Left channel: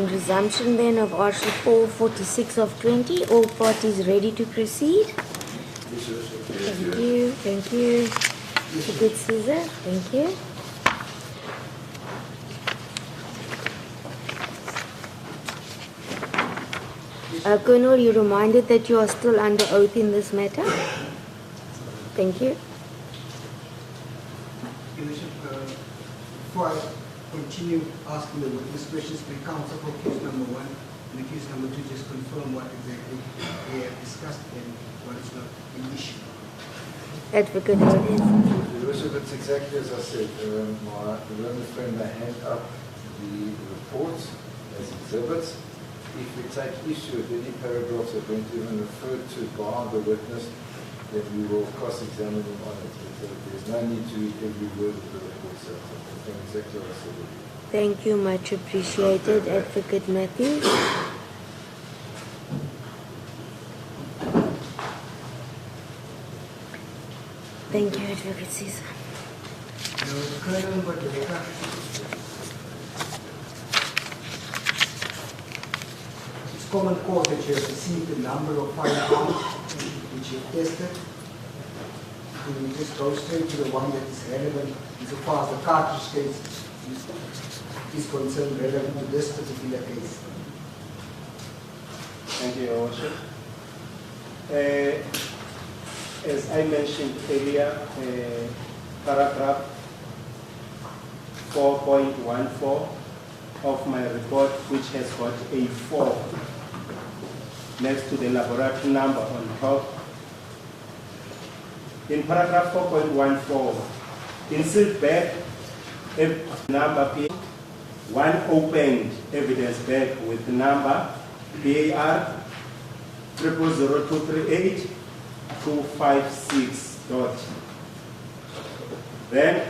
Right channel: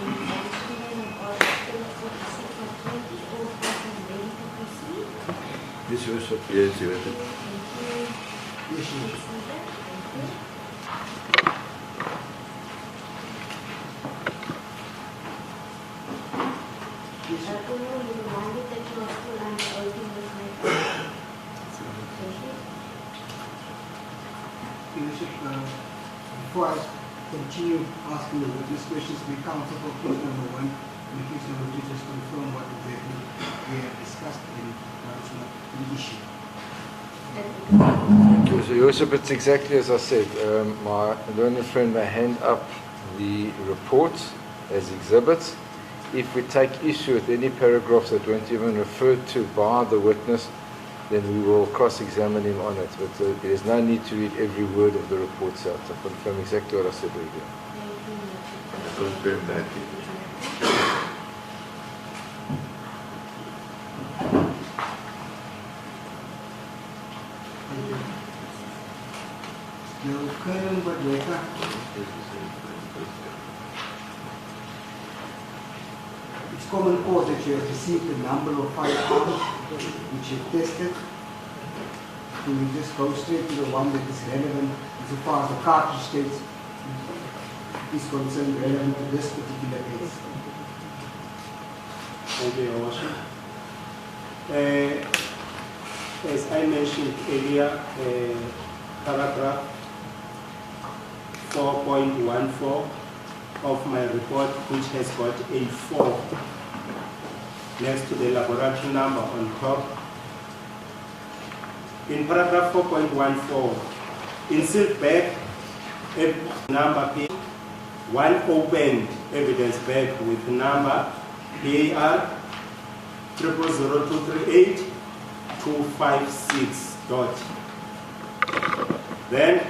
on resumption then of Article 446 of 20. All parties ready to proceed? Yes, Worship. Thank you. Thank you. Good Caesar. Thank you. Colonel, you're reminded that you are still under oath in this matter. Thank you. Before I continue asking the witness questions, may counsel for case number 1 and case number 2 just confirm what exactly we have discussed and what is not an issue. Advocate. Okay, so Your Worship, it's exactly as I said. My learned friend may hand up the report as exhibits. If we take issue with any paragraphs that weren't even referred to by the witness, then we will cross-examine him on it. But there's no need to read every word of the report out. I confirm exactly what I said earlier. Thank you, much appreciated, Advocate Matthews. Thank you, Advocate Caesar. Colonel Ballistic, it's common cause that you have received a number of firearms which you have tested. Do we just go straight to the one that is relevant insofar as the cartridge case is concerned, relevant to this particular case? Thank you, Your Worship. As I mentioned earlier, paragraph 4.14 of my report, which has got a 4 next to the laboratory number on top. In paragraph 4.14, in sealed bag, number P, one opened evidence bag with number PAR 000238 256 dot. Then,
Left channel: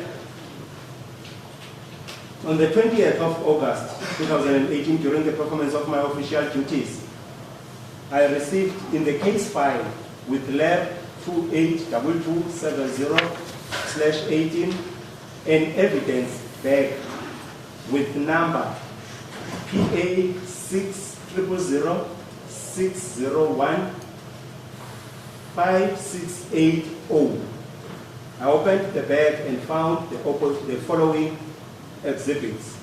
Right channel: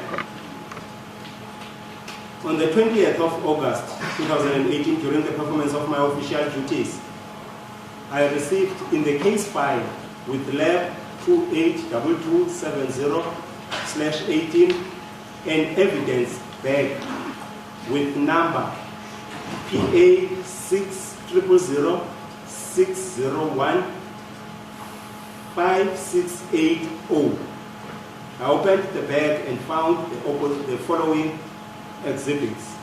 on the 20th of August 2018, during the performance of my official duties, I received in the case file with lab 282270/18 an evidence bag with number PA 600601 5680. I opened the bag and found the following exhibits.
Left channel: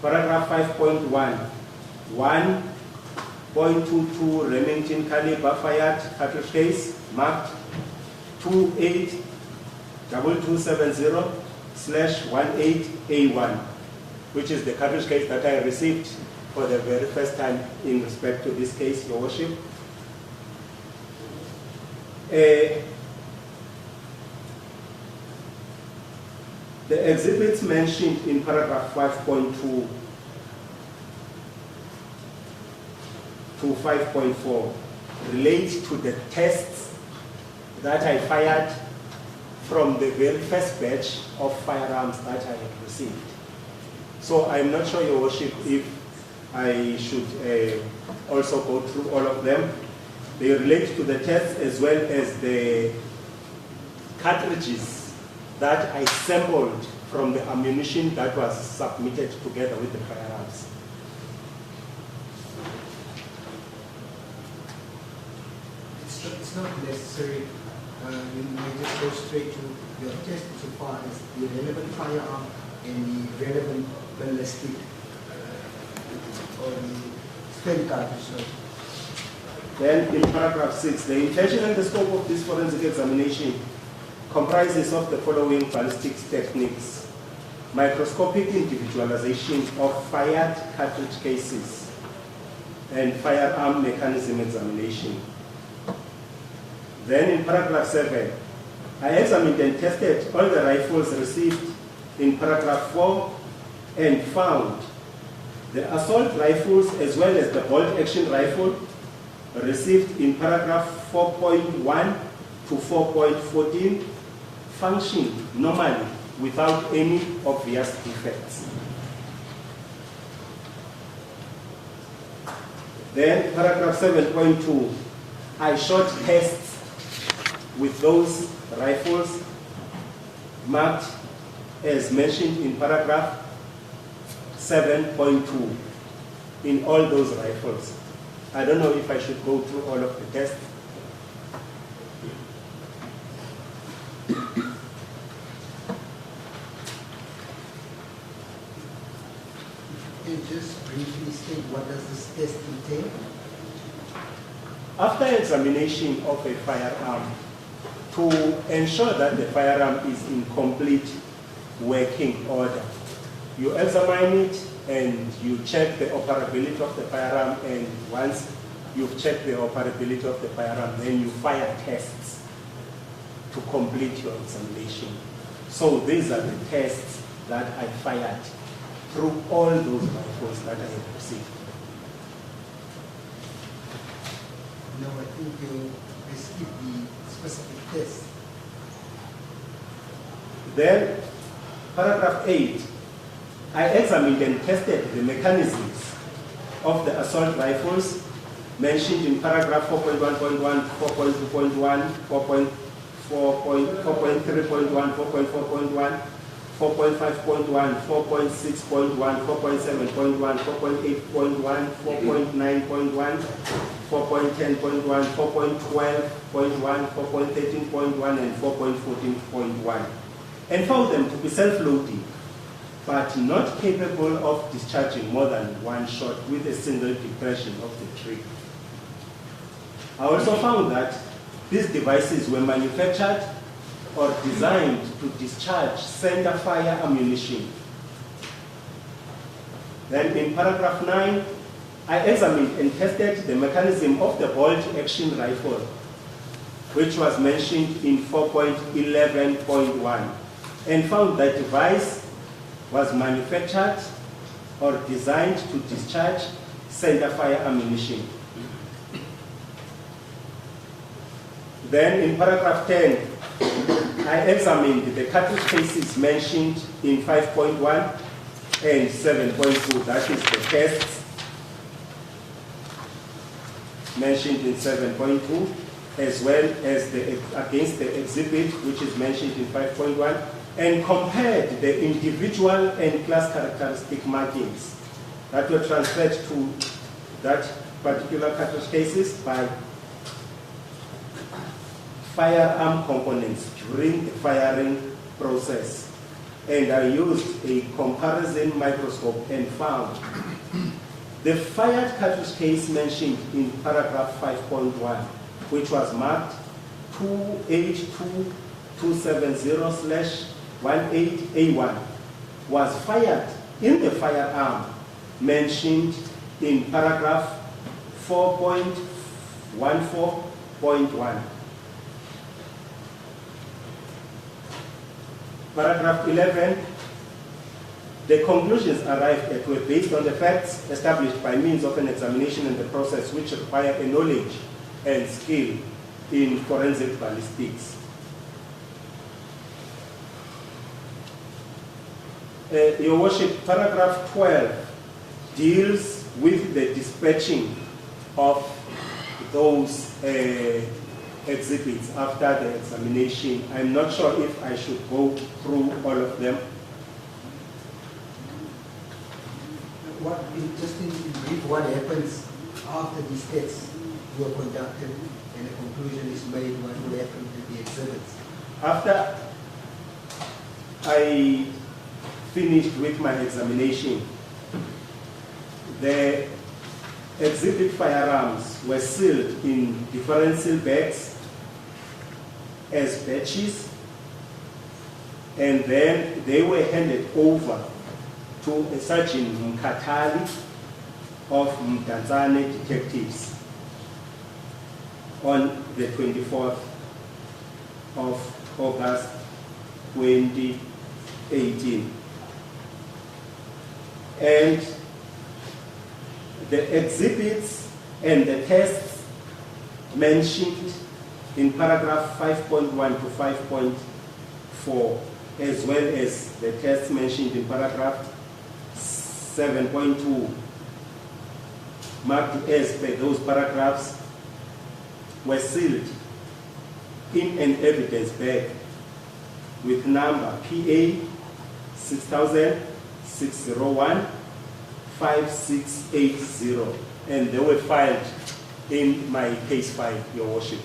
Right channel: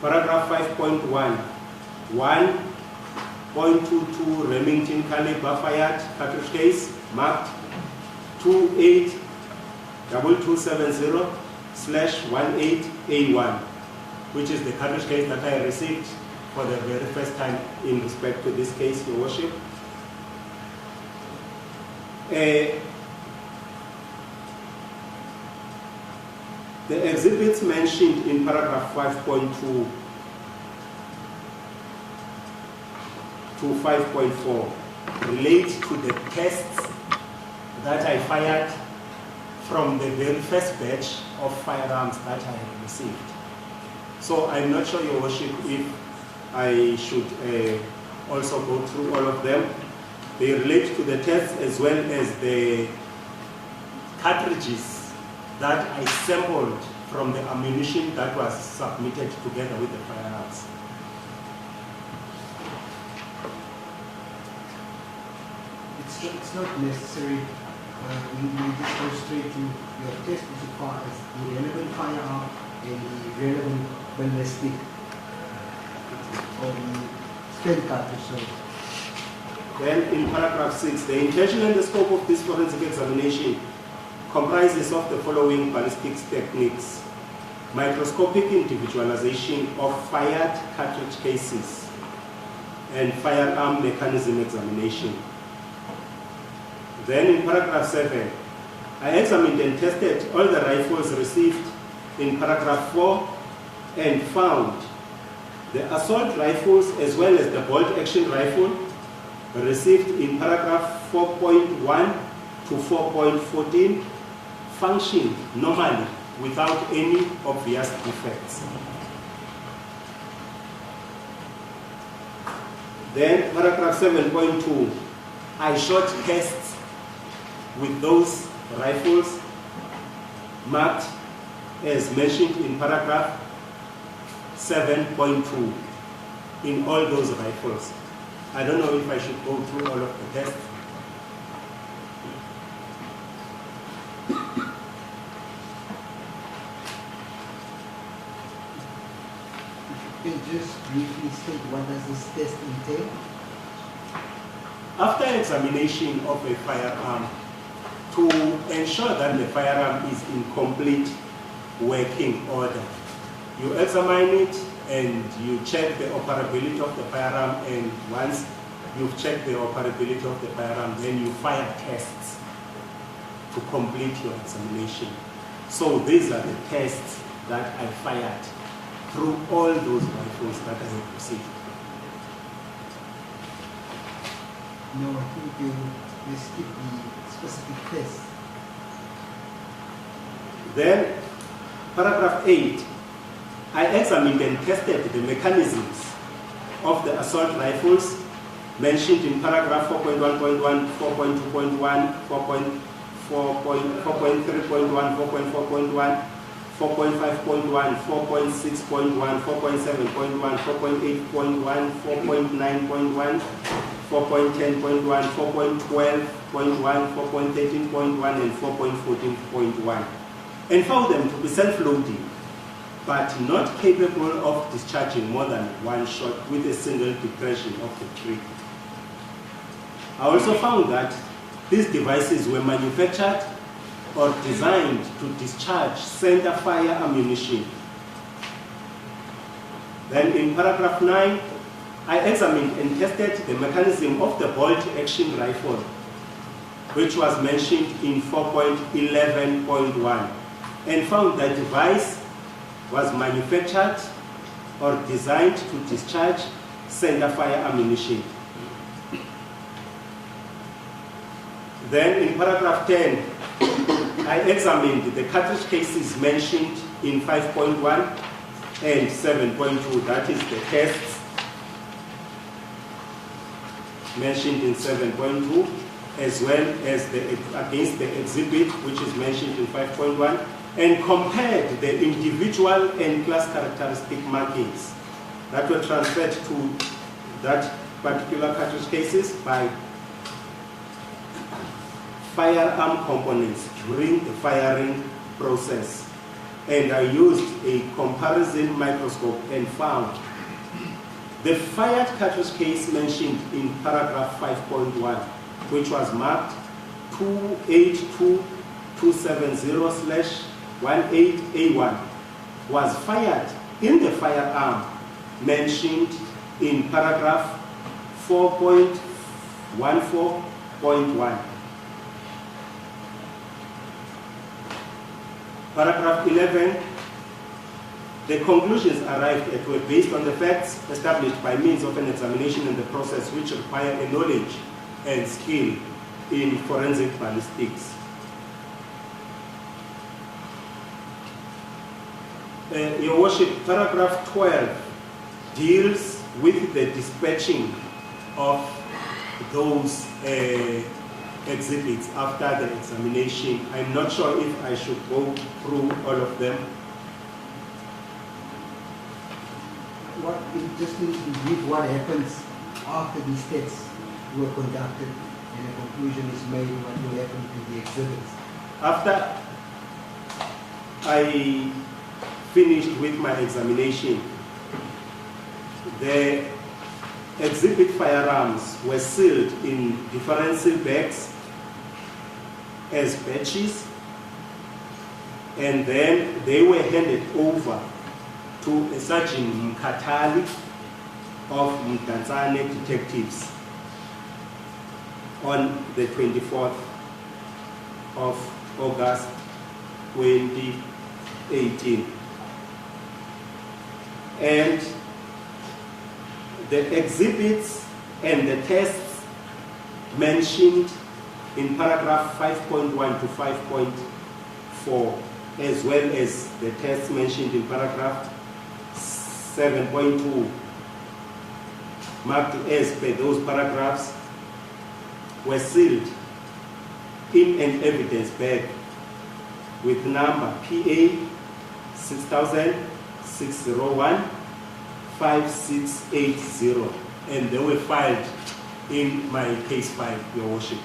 Paragraph 5.1, 1.22 Remington caliber fired cartridge case marked 282270/18A1, which is the cartridge case that I received for the very first time in respect to this case, Your Worship. The exhibits mentioned in paragraph 5.2 to 5.4 relate to the tests that I fired from the very first batch of firearms that I received. So I'm not sure, Your Worship, if I should also go through all of them. They relate to the tests as well as the cartridges that I sampled from the ammunition that was submitted together with the firearms. It's not necessary. We just go straight to your test insofar as the relevant firearm and the relevant ballistic or the spent cartridge. So. Then in paragraph 6, the intention and the scope of this forensic examination comprises of the following ballistics techniques: microscopic individualization of fired cartridge cases and firearm mechanism examination. Then in paragraph 7, I examined and tested all the rifles received in paragraph 4 and found the assault rifles as well as the bolt action rifle received in paragraph 4.1 to 4.14 functioned normally without any obvious defects. Then paragraph 7.2, I shot tests with those rifles marked as mentioned in paragraph 7.2 in all those rifles. I don't know if I should go through all of the tests. Can you just briefly state what does this test entail? After examination of a firearm, to ensure that the firearm is in complete working order, you examine it and you check the operability of the firearm, and once you've checked the operability of the firearm, then you fire tests to complete your examination. So these are the tests that I fired through all those rifles that I have received. No, I think you skip the specific test. Then, paragraph 8, I examined and tested the mechanisms of the assault rifles mentioned in paragraph 4.1.1, 4.2.1, 4.3.1, 4.4.1, 4.5.1, 4.6.1, 4.7.1, 4.8.1, 4.9.1, 4.10.1, 4.12.1, 4.13.1, and 4.14.1, and found them to be self-loading, but not capable of discharging more than one shot with a single depression of the trigger. I also found that these devices were manufactured or designed to discharge center fire ammunition. Then in paragraph 9, I examined and tested the mechanism of the bolt-action rifle, which was mentioned in 4.11.1, and found that the device was manufactured or designed to discharge center fire ammunition. Then in paragraph 10, I examined the cartridge cases mentioned in 5.1 and 7.2, that is the tests mentioned in 7.2, as well as against the exhibit, which is mentioned in 5.1, and compared the individual and class characteristic markings that were transferred to that particular cartridge cases by firearm components during the firing process. And I used a comparison microscope and found the fired cartridge case mentioned in paragraph 5.1, which was marked 2H2270/18A1, was fired in the firearm mentioned in paragraph 4.14.1. Paragraph 11, the conclusions arrived at were based on the facts established by means of an examination and the process which require a knowledge and skill in forensic ballistics. Your Worship, paragraph 12 deals with the dispatching of those exhibits after the examination. I'm not sure if I should go through all of them. Just in brief, what happens after these tests were conducted and a conclusion is made, what will happen to the exhibits? After I finished with my examination, the exhibit firearms were sealed in differential bags as batches, and then they were handed over to Sergeant Mkatali of Mdantsane Detectives on the 24th of August 2018. And the exhibits and the tests mentioned in paragraph 5.1 to 5.4, as well as the tests mentioned in paragraph 7.2, marked as per those paragraphs, were sealed in an evidence bag with number PA 6000-601 5680, and they were filed in my case file, Your Worship.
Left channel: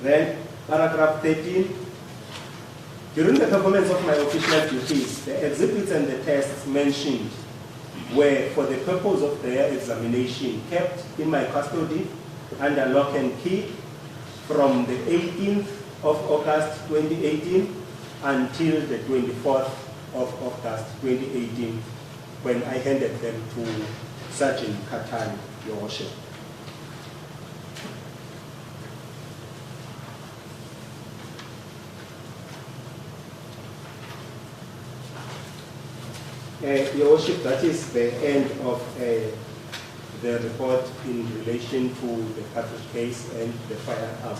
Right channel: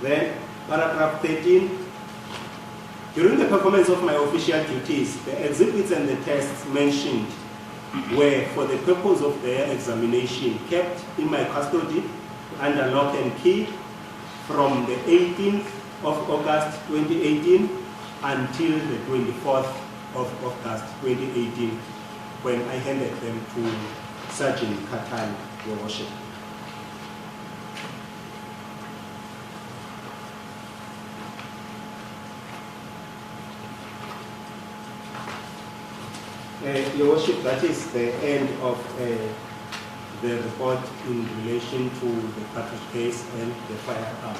Then, paragraph 13. During the performance of my official duties, the exhibits and the tests mentioned were, for the purpose of their examination, kept in my custody under lock and key from the 18th of August 2018 until the 24th of August 2018, when I handed them to Sergeant Katan, Your Worship. Your Worship, that is the end of the report in relation to the cartridge case and the firearm.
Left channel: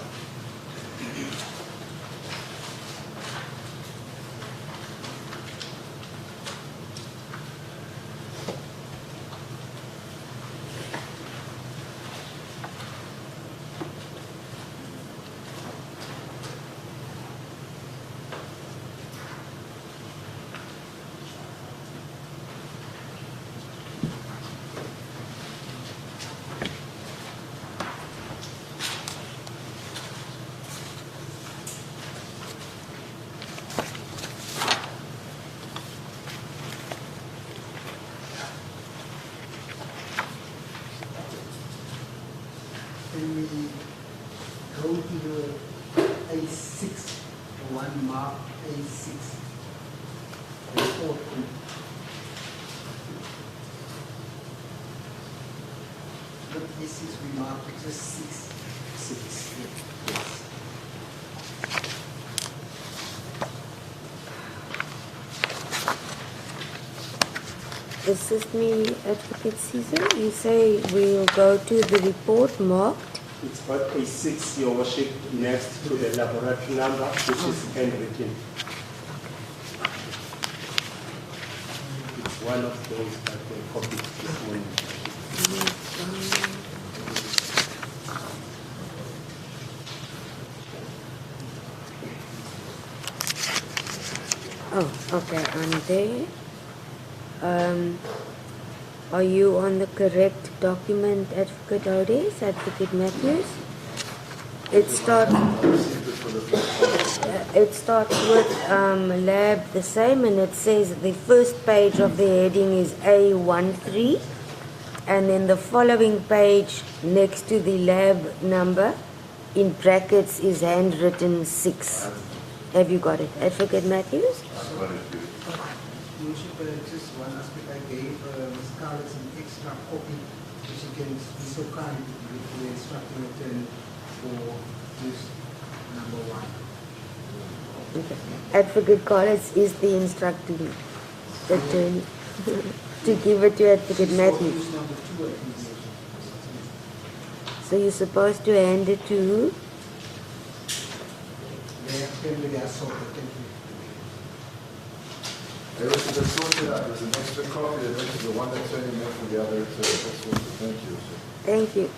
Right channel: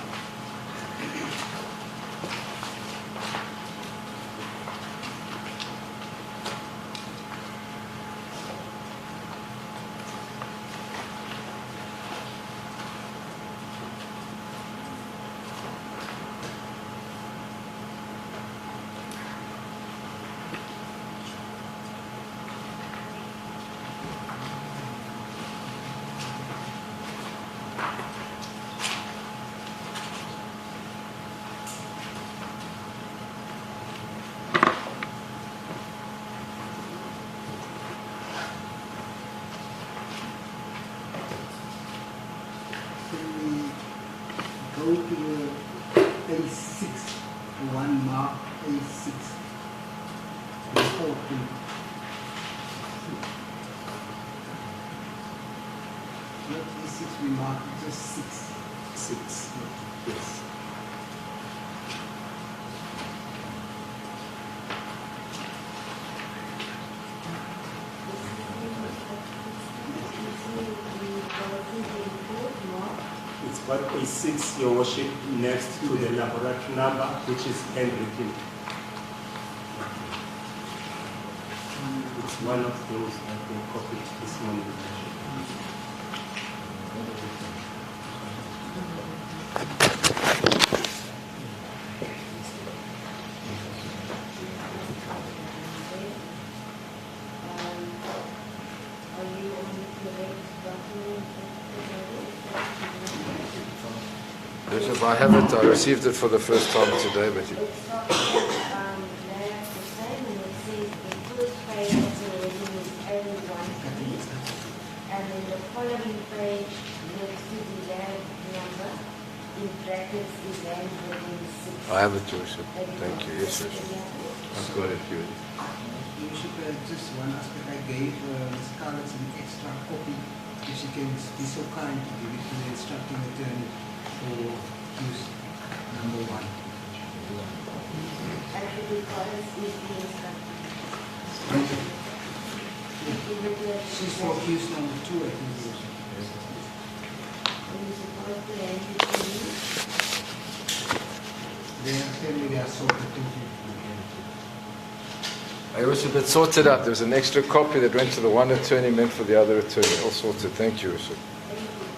Go to the A6, one mark A6. Not A6 we mark, it's just 6. 6. Yes. Assistant Advocate Caesar, you say we will go to the report marked. It's got a 6, Your Worship, next to the laboratory number, which is handwritten. It's one of those that were copied this morning. Oh, okay, I'm there. Are you on the correct document, Advocate Odes, Advocate Matthews? Bishop, I haven't. I received it for the first time today. It starts with lab the same, and it says the first page of the heading is A13, and then the following page next to the lab number in brackets is handwritten 6. I have it, Bishop. Have you got it? Advocate Matthews? I've got it, too. You should just one aspect I gave Ms. Scarlett an extra copy, if she can be so kind to give it to the instructing attorney for use number 1. Okay. Advocate Collins is the instructing attorney to give it to Advocate Matthews. Use number 2, I think. So you're supposed to hand it to who? They are sorted. Thank you. I also did sort it out. There was an extra copy that went to the one attorney meant for the other attorney. All sorted. Thank you, Bishop. Thank you.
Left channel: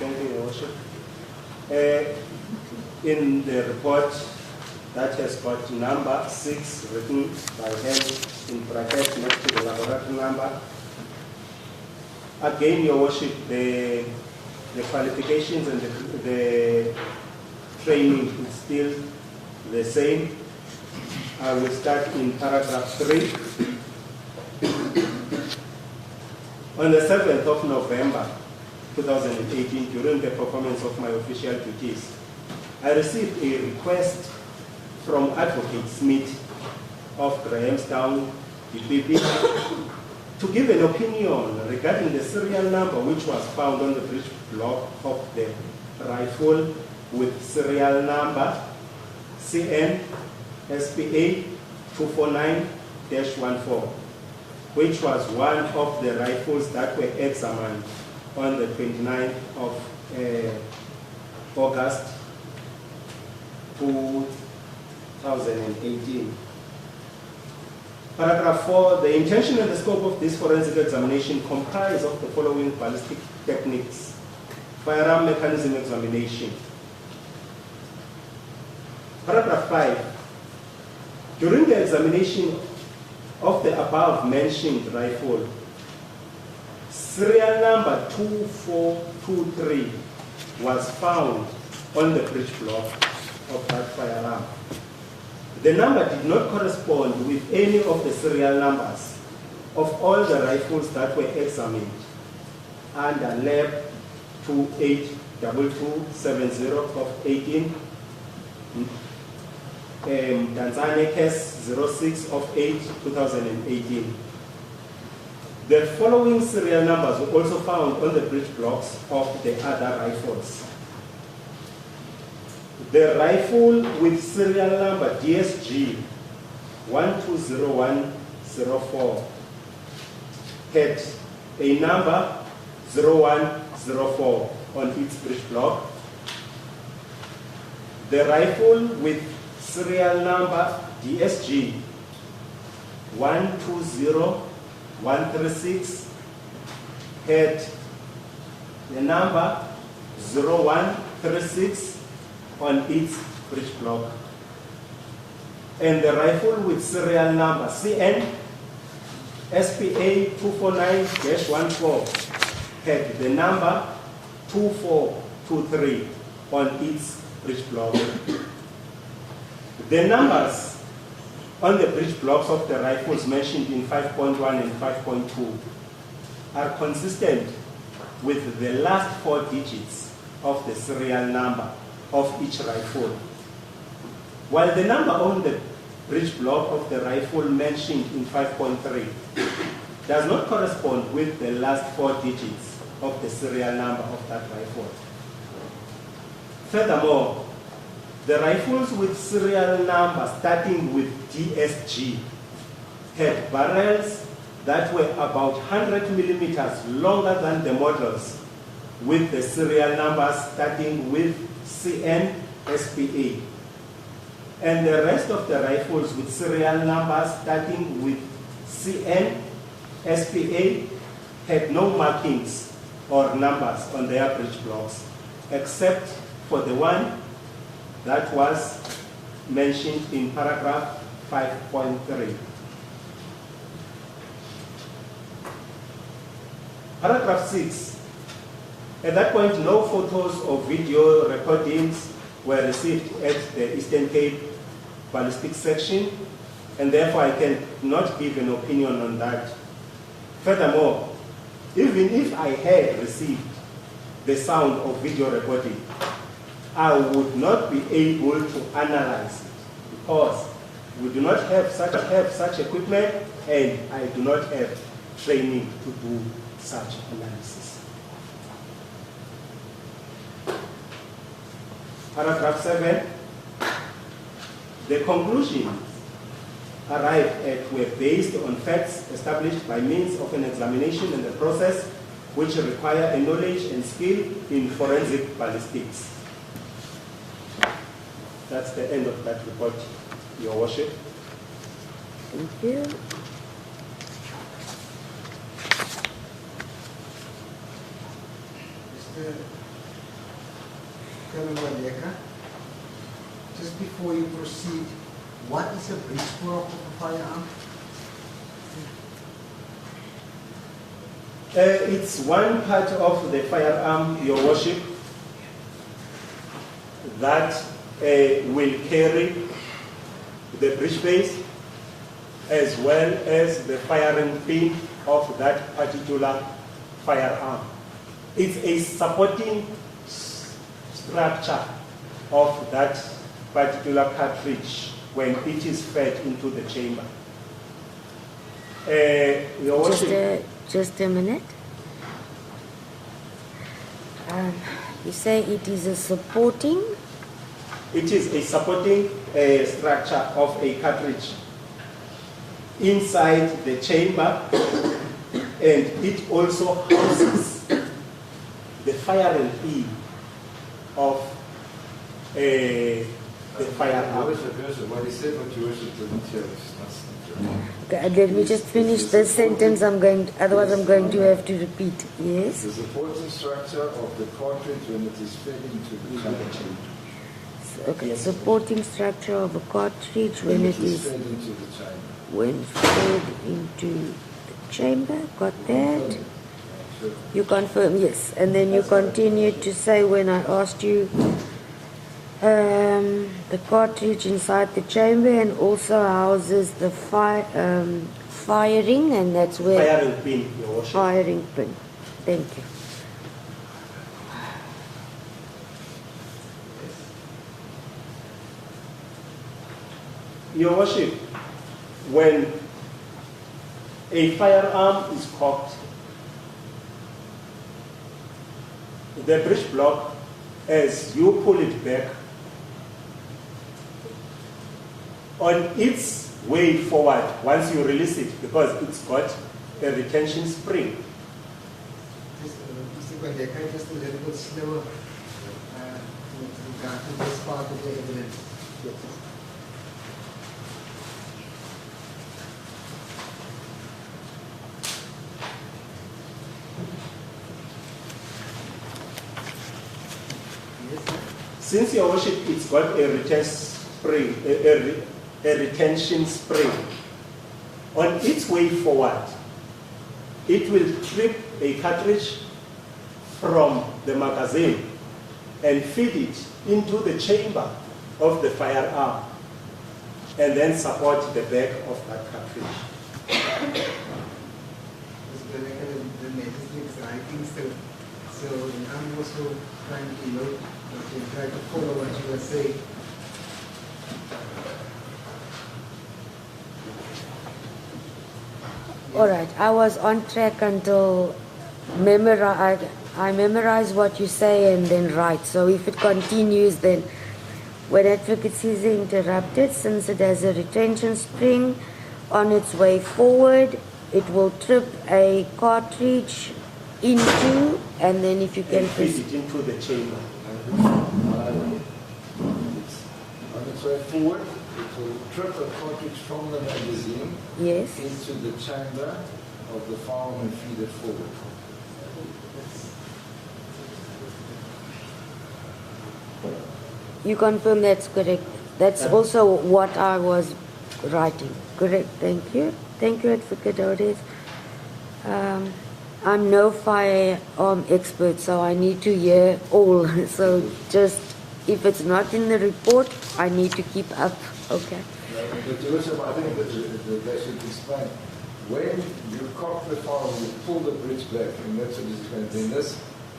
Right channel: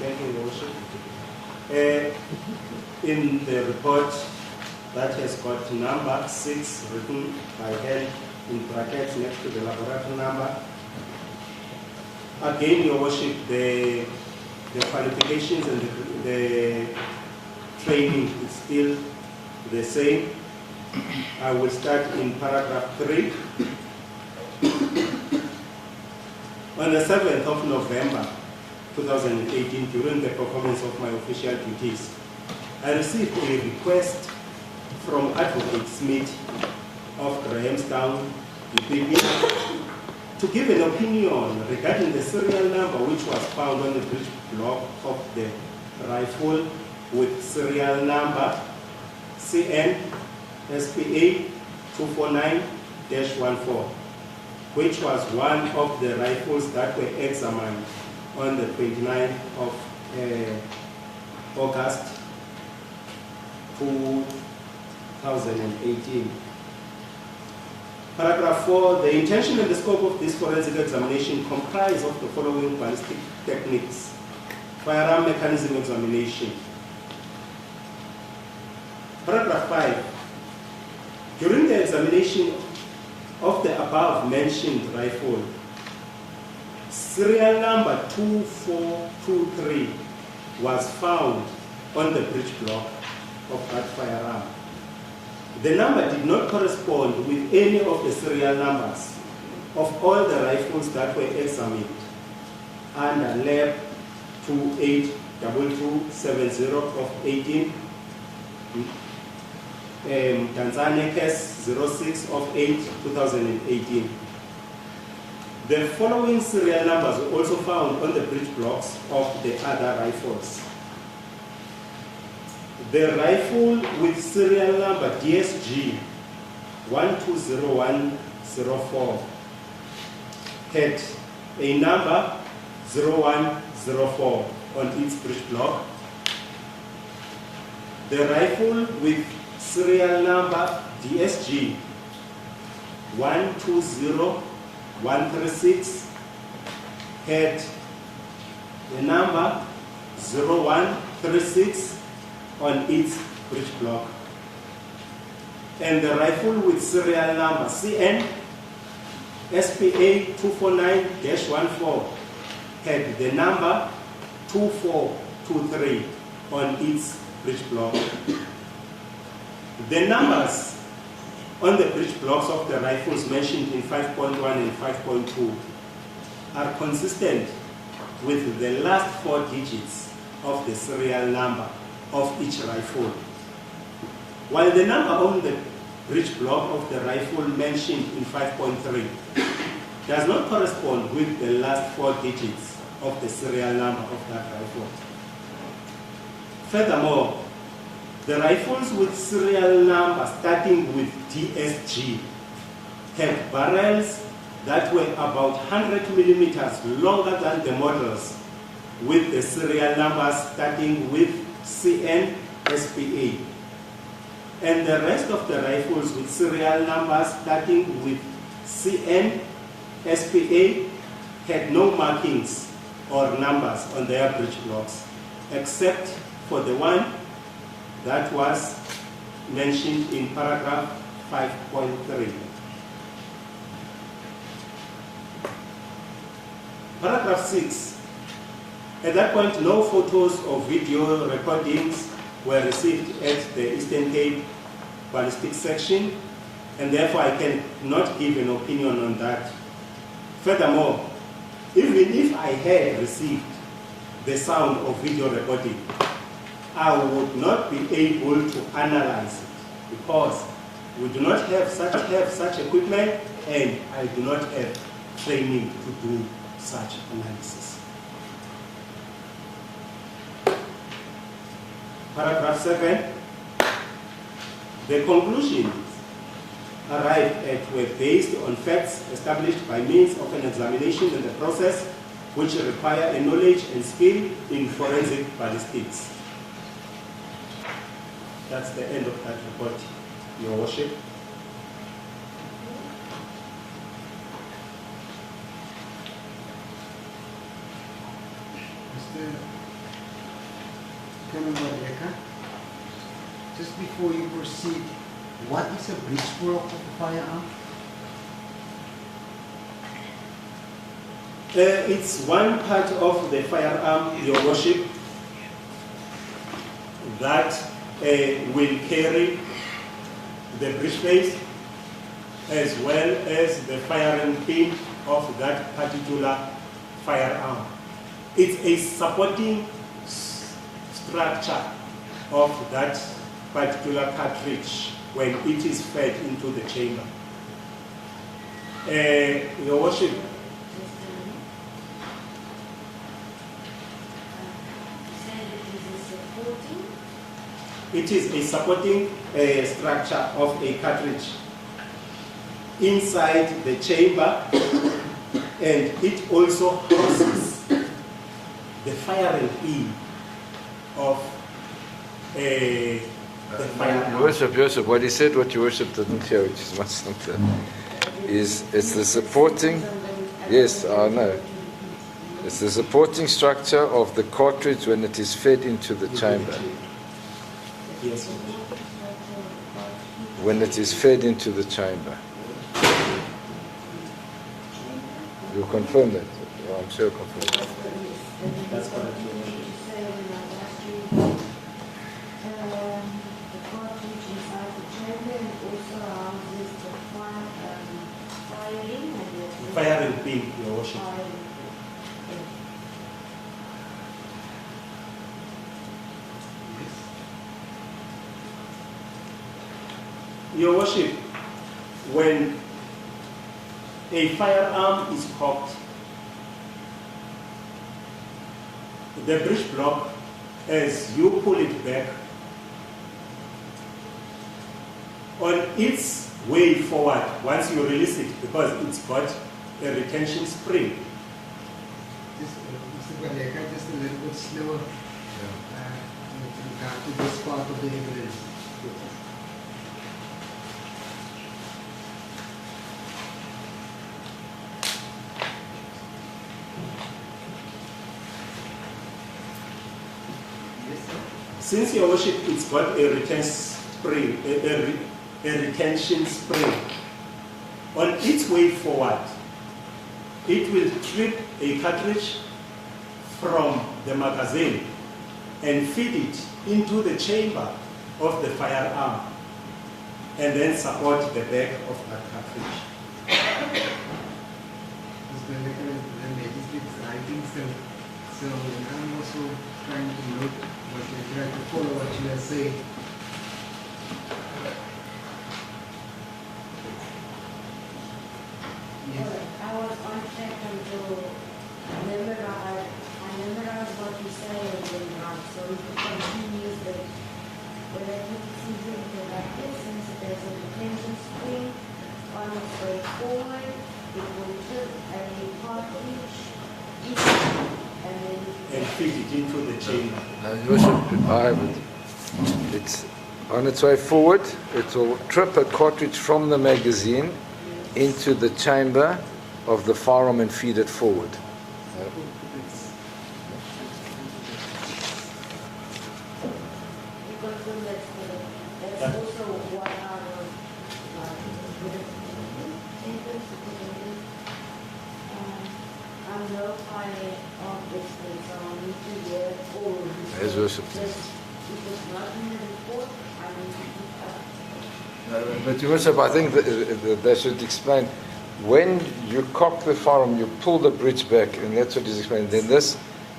Thank you, Your Worship. In the report that has got number 6 written by hand in brackets next to the laboratory number, again, Your Worship, the qualifications and the training is still the same. I will start in paragraph 3. On the 7th of November 2018, during the performance of my official duties, I received a request from Advocate Smith of Grahamstown, DPP, to give an opinion regarding the serial number which was found on the breech block of the rifle with serial number CN SPA 249-14, which was one of the rifles that were examined on the 29th of August 2018. Paragraph 4, the intention and the scope of this forensic examination comprise of the following ballistic techniques. Firearm mechanism examination. Paragraph 5, during the examination of the above mentioned rifle, serial number 2423 was found on the breech block of that firearm. The number did not correspond with any of the serial numbers of all the rifles that were examined under Lab 282270 of 18, Tanzania Case 06 of 8, 2018. The following serial numbers were also found on the breech blocks of the other rifles. The rifle with serial number DSG 120104 had a number 0104 on its breech block. The rifle with serial number DSG 120136 had the number 0136 on its breech block. And the rifle with serial number CN SPA 249-14 had the number 2423 on its breech block. The numbers on the breech blocks of the rifles mentioned in 5.1 and 5.2 are consistent with the last 4 digits of the serial number of each rifle. While the number on the breech block of the rifle mentioned in 5.3 does not correspond with the last 4 digits of the serial number of that rifle. Furthermore, the rifles with serial number starting with DSG had barrels that were about 100 millimeters longer than the models with the serial numbers starting with CN SPA. And the rest of the rifles with serial numbers starting with CN SPA had no markings or numbers on their breech blocks, except for the one that was mentioned in paragraph 5.3. Paragraph 6. At that point, no photos or video recordings were received at the Eastern Cape Ballistic section, and therefore I cannot give an opinion on that. Furthermore, even if I had received the sound of video recording, I would not be able to analyze it because we do not have such equipment, and I do not have training to do such analysis. Paragraph 7. The conclusions arrived at were based on facts established by means of an examination and the process which require a knowledge and skill in forensic ballistics. That's the end of that report, Your Worship. Thank you. Mr. Colonel Malema, just before you proceed, what is a breech block of a firearm? It's one part of the firearm, Your Worship, that will carry the breech face as well as the firing pin of that particular firearm. It's a supporting structure of that particular cartridge when it is fed into the chamber. Your Worship, Just a minute. You say it is a supporting? it is a supporting structure of a cartridge inside the chamber, and it also houses the firing pin of the firearm. Worship, what he said, what your worship didn't hear, which is much simpler. Let me Is- just is finish the this supporting- sentence. Otherwise Yes, I'm going I to know. have to repeat. It's Yes. the supporting structure of the cartridge when it is fed into the chamber. Okay. Yes. Supporting structure of a cartridge When it is fed into the chamber. when fed into the chamber. Got You that? confirm it. I'm sure confirm. You confirm, yes. And then you That's correct. continued to say when I asked you the cartridge inside the chamber and also houses the firing, and that's where Firing pin, Your Worship. firing pin. Thank you. Your Worship, when a firearm is cocked, the breech block, as you pull it back, on its way forward, once you release it, because it's got a retention spring, Just, Mr. Baleka, just a little bit slower with regard to this part of the evidence. Yes, sir. since Your Worship, it's got a retention spring, a retention spring, on its way forward, it will trip a cartridge from the magazine and feed it into the chamber of the firearm and then support the back of that cartridge. Mr. Baleka, the magistrate's writing still. So I'm also trying to note what you try to follow what you are saying. All right. I was on track until I memorize what you say and then write. So if it continues, then when advocacy is interrupted, since it has a retention spring on its way forward, it will trip a cartridge into, and then if you can And feed it into the chamber. Your Worship, it's on its way forward. It will trip a cartridge from the magazine yes. into the chamber of the firearm and feed it forward. You confirm that's correct. That's also what I was writing. Correct. Thank you. Thank you, Advocate Odes. I'm no firearm expert, so I need to hear all. So Yes, just if it's not in the report, I need to keep up. Okay. But Your Worship, I think that they should explain, when you cock the firearm, you pull the breech back, and that's what he's explaining. Then this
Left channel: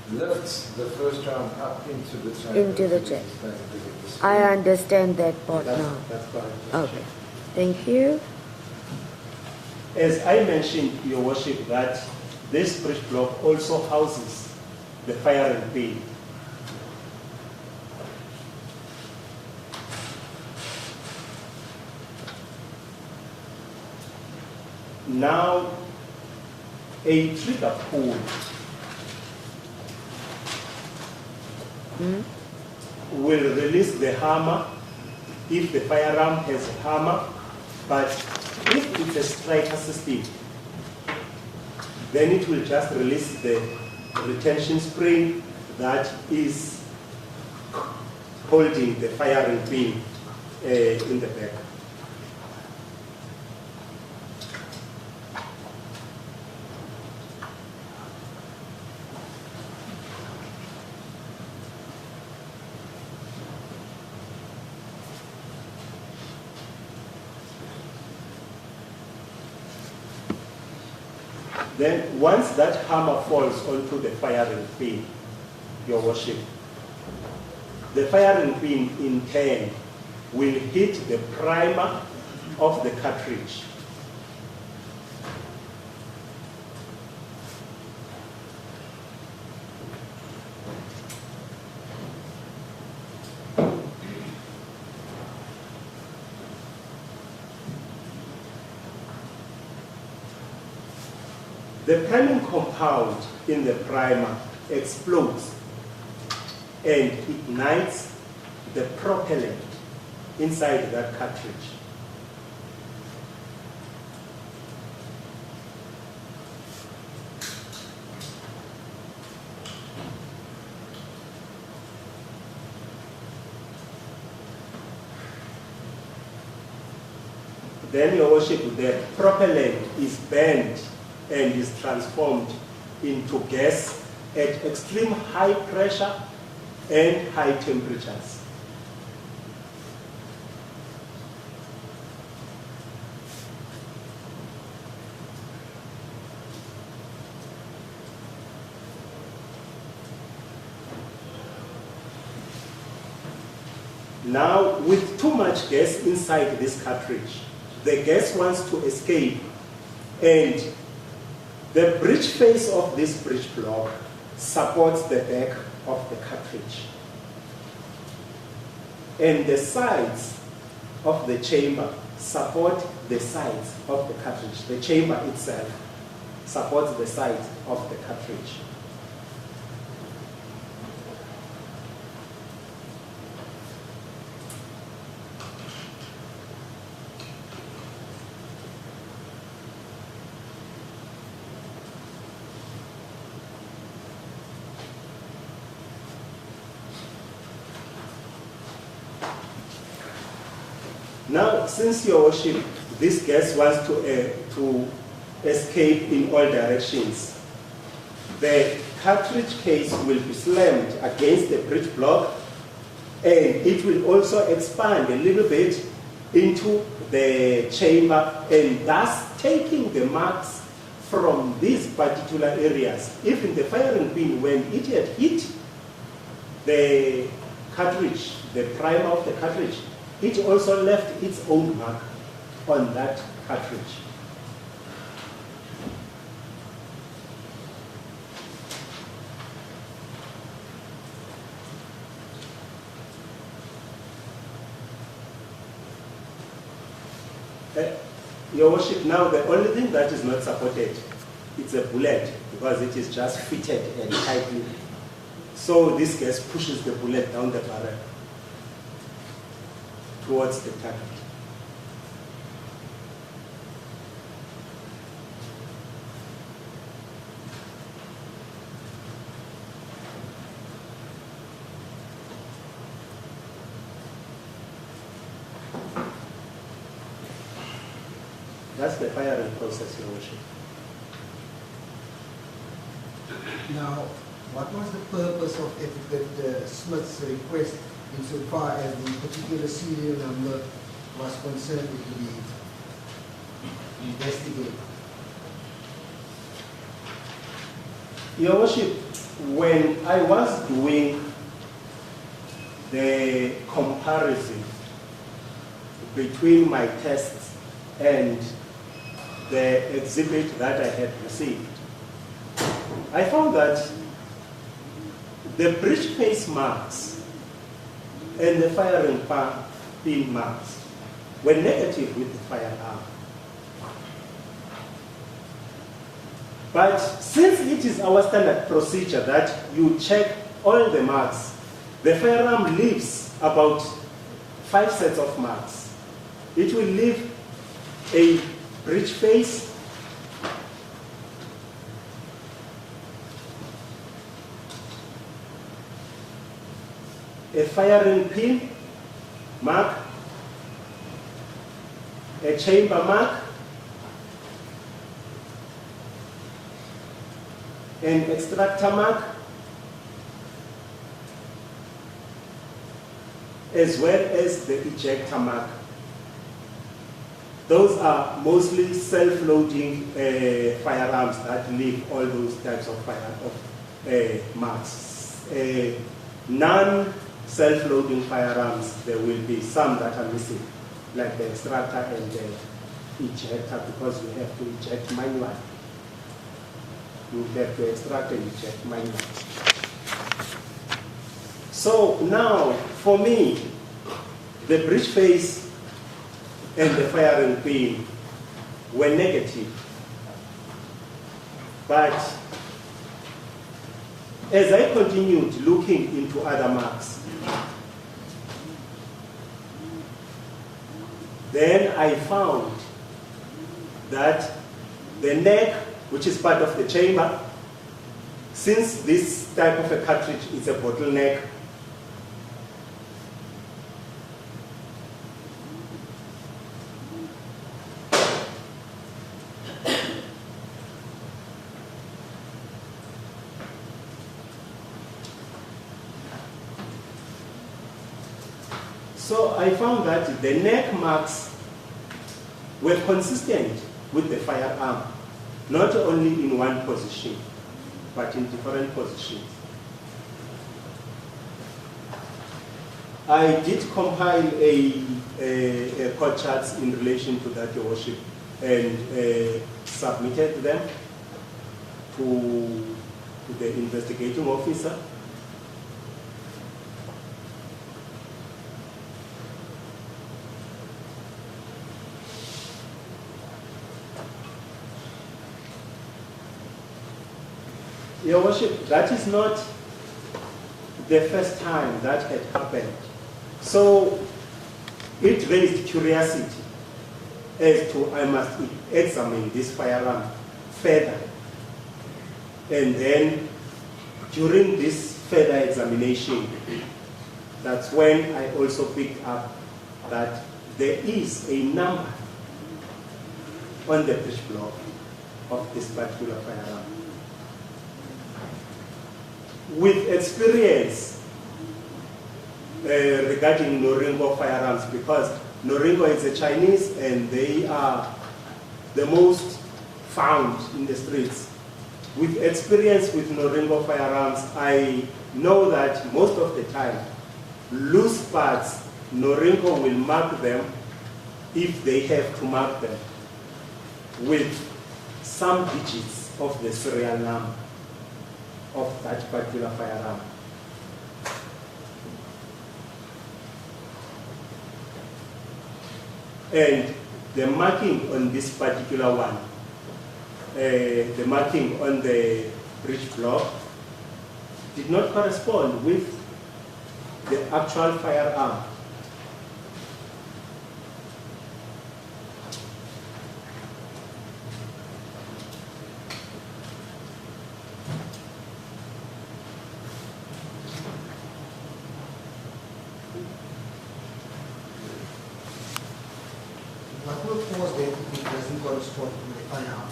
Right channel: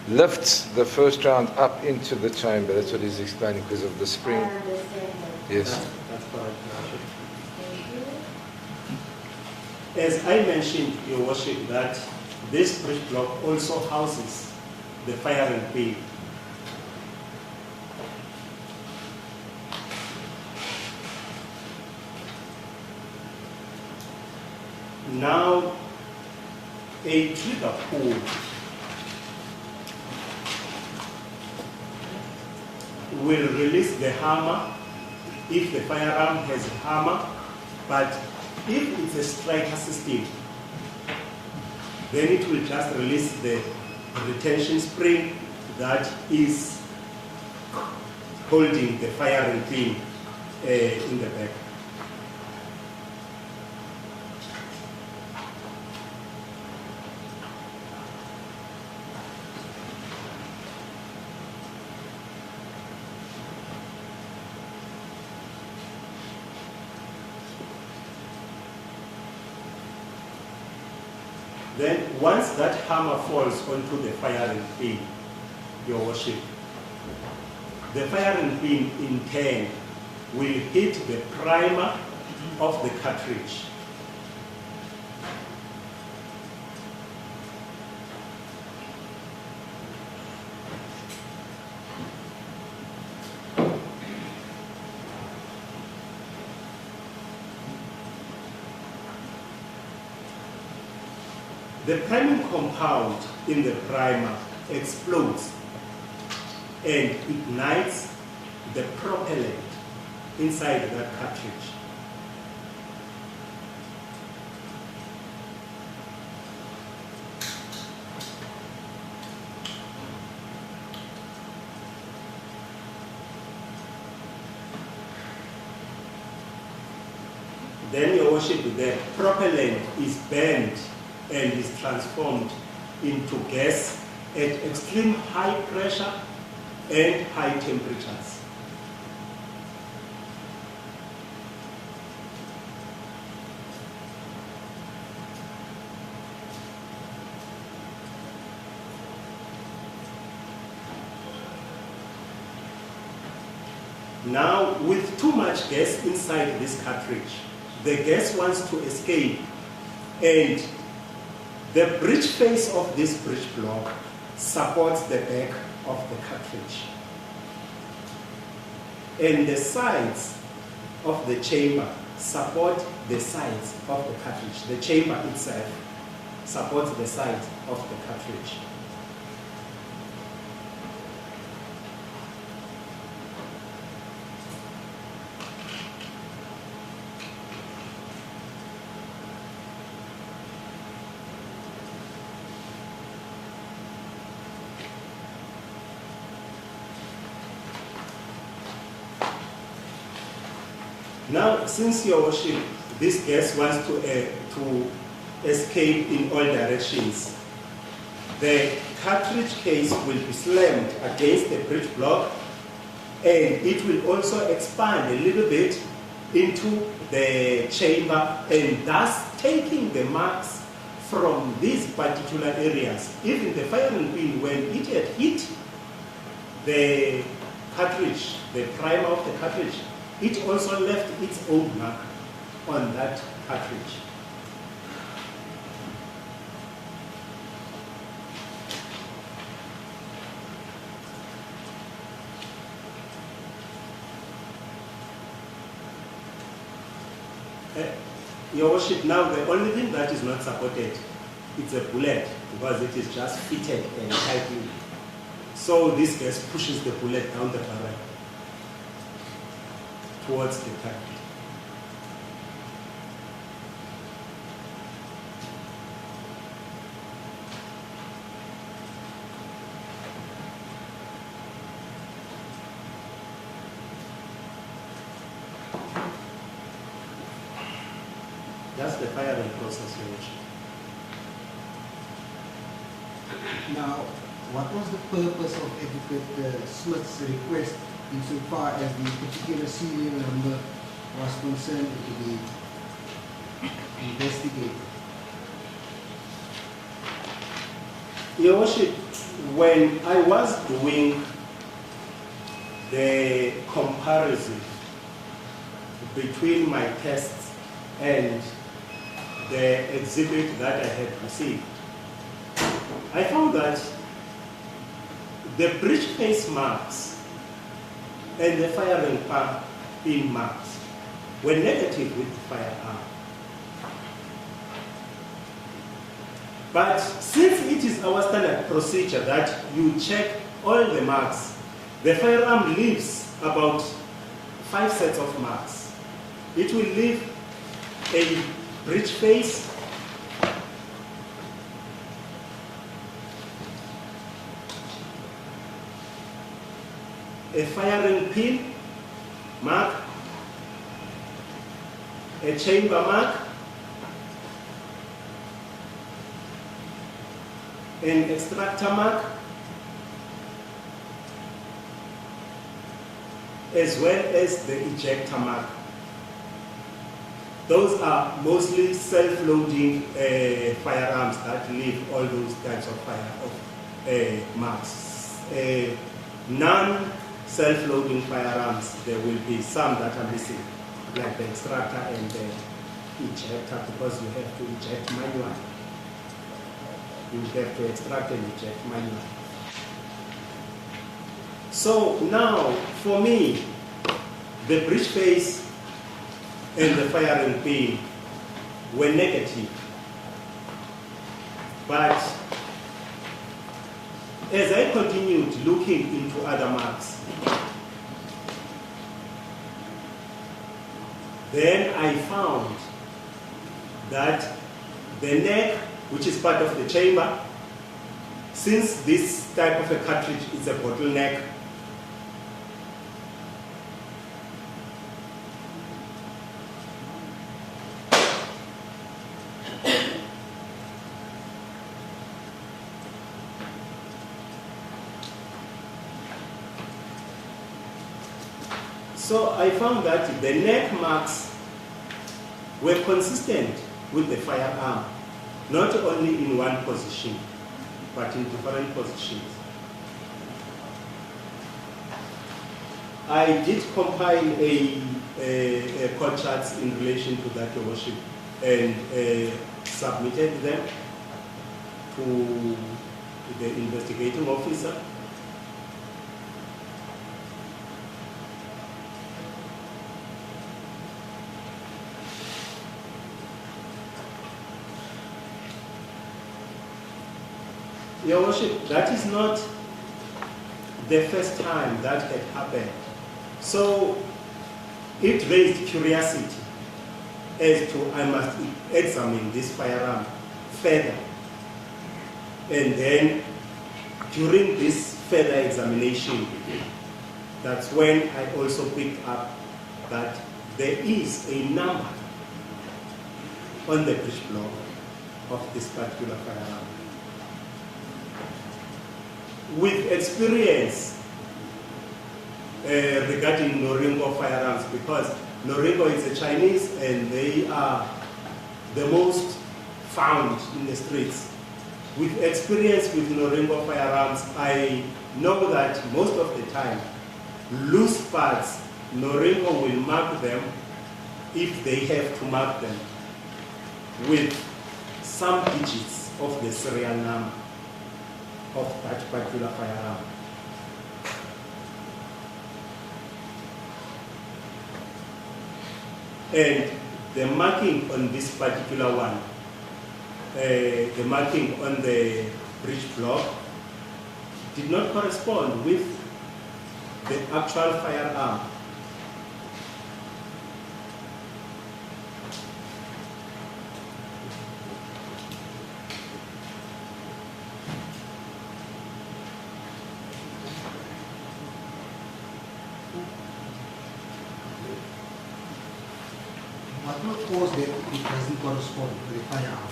lifts the first round up into the chamber. Into That's the what he's chamber. explaining because of the spring. I understand that part Yes. now. That's correct. Okay. Thank you. As I mentioned, Your Worship, that this breech block also houses the firing pin. Now, a trigger pull will release the hammer if the firearm has a hammer, but if it's a striker system, then it will just release the retention spring that is holding the firing pin in the back. Then once that hammer falls onto the firing pin, Your Worship, the firing pin in turn will hit the primer of the cartridge. The priming compound in the primer explodes and ignites the propellant inside that cartridge. Then, Your Worship, the propellant is burned and is transformed into gas at extreme high pressure and high temperatures. Now, with too much gas inside this cartridge, the gas wants to escape, and the breech face of this breech block supports the back of the cartridge. And the sides of the chamber support the sides of the cartridge. The chamber itself supports the sides of the cartridge. Now, since, Your Worship, this gas wants to escape in all directions, the cartridge case will be slammed against the breech block, and it will also expand a little bit into the chamber, and thus taking the marks from these particular areas. Even the firing pin, when it had hit the cartridge, the primer of the cartridge, it also left its own mark on that cartridge. Your Worship, now the only thing that is not supported, it's a bullet, because it is just fitted and tightened. So this gas pushes the bullet down the barrel towards the target. That's the firing process, Your Worship. Now, what was the purpose of Etiquette Smith's request insofar as the particular serial number was concerned to be investigated? Your Worship, when I was doing the comparison between my tests and the exhibit that I had received, I found that the breech face marks and the firing pin marks were negative with the firearm. But since it is our standard procedure that you check all the marks, the firearm leaves about 5 sets of marks. It will leave a breech face, a firing pin mark, a chamber mark, an extractor mark, as well as the ejector mark. Those are mostly self-loading firearms that leave all those types of marks. Non-self-loading firearms, there will be some that are missing, like the extractor and the ejector, because you have to eject manually. You have to extract and eject manually. So now, for me, the breech face and the firing pin were negative. But as I continued looking into other marks, Then I found that the neck, which is part of the chamber, since this type of a cartridge is a bottleneck, so I found that the neck marks were consistent with the firearm, not only in one position, but in different positions. I did compile a court charts in relation to that, Your Worship, and submitted them to the investigating officer. Your Worship, that is not the first time that had happened. So it raised curiosity as to I must examine this firearm further. And then during this further examination, that's when I also picked up that there is a number on the breech block of this particular firearm. With experience regarding Noringo firearms, because Noringo is a Chinese and they are the most found in the streets. With experience with Noringo firearms, I know that most of the time, loose parts, Noringo will mark them if they have to mark them with some digits of the serial number of that particular firearm. And the marking on this particular one, the marking on the breech block, did not correspond with the actual firearm. What will cause that if it doesn't correspond to the firearm?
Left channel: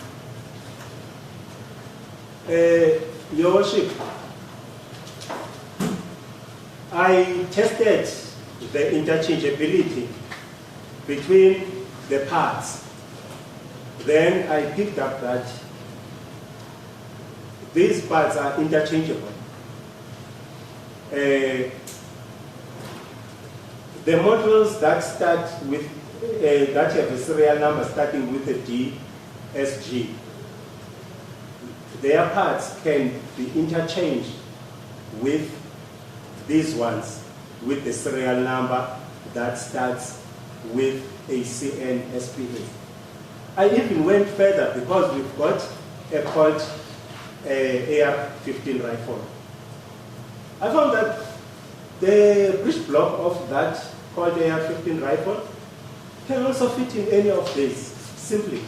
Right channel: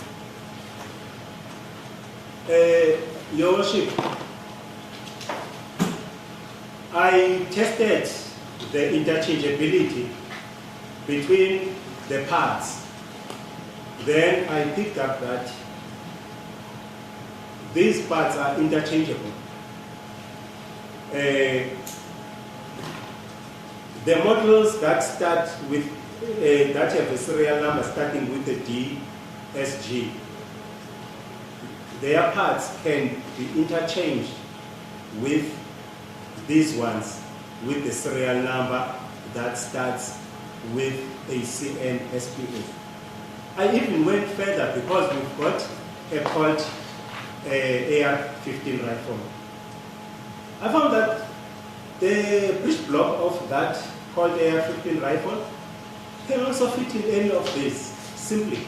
Your Worship, I tested the interchangeability between the parts. Then I picked up that these parts are interchangeable. The models that start with that have a serial number starting with a DSG, their parts can be interchanged with these ones with the serial number that starts with a CNSPA. I even went further because we've got a Colt AR-15 rifle. I found that the breech block of that Colt AR-15 rifle can also fit in any of these, simply.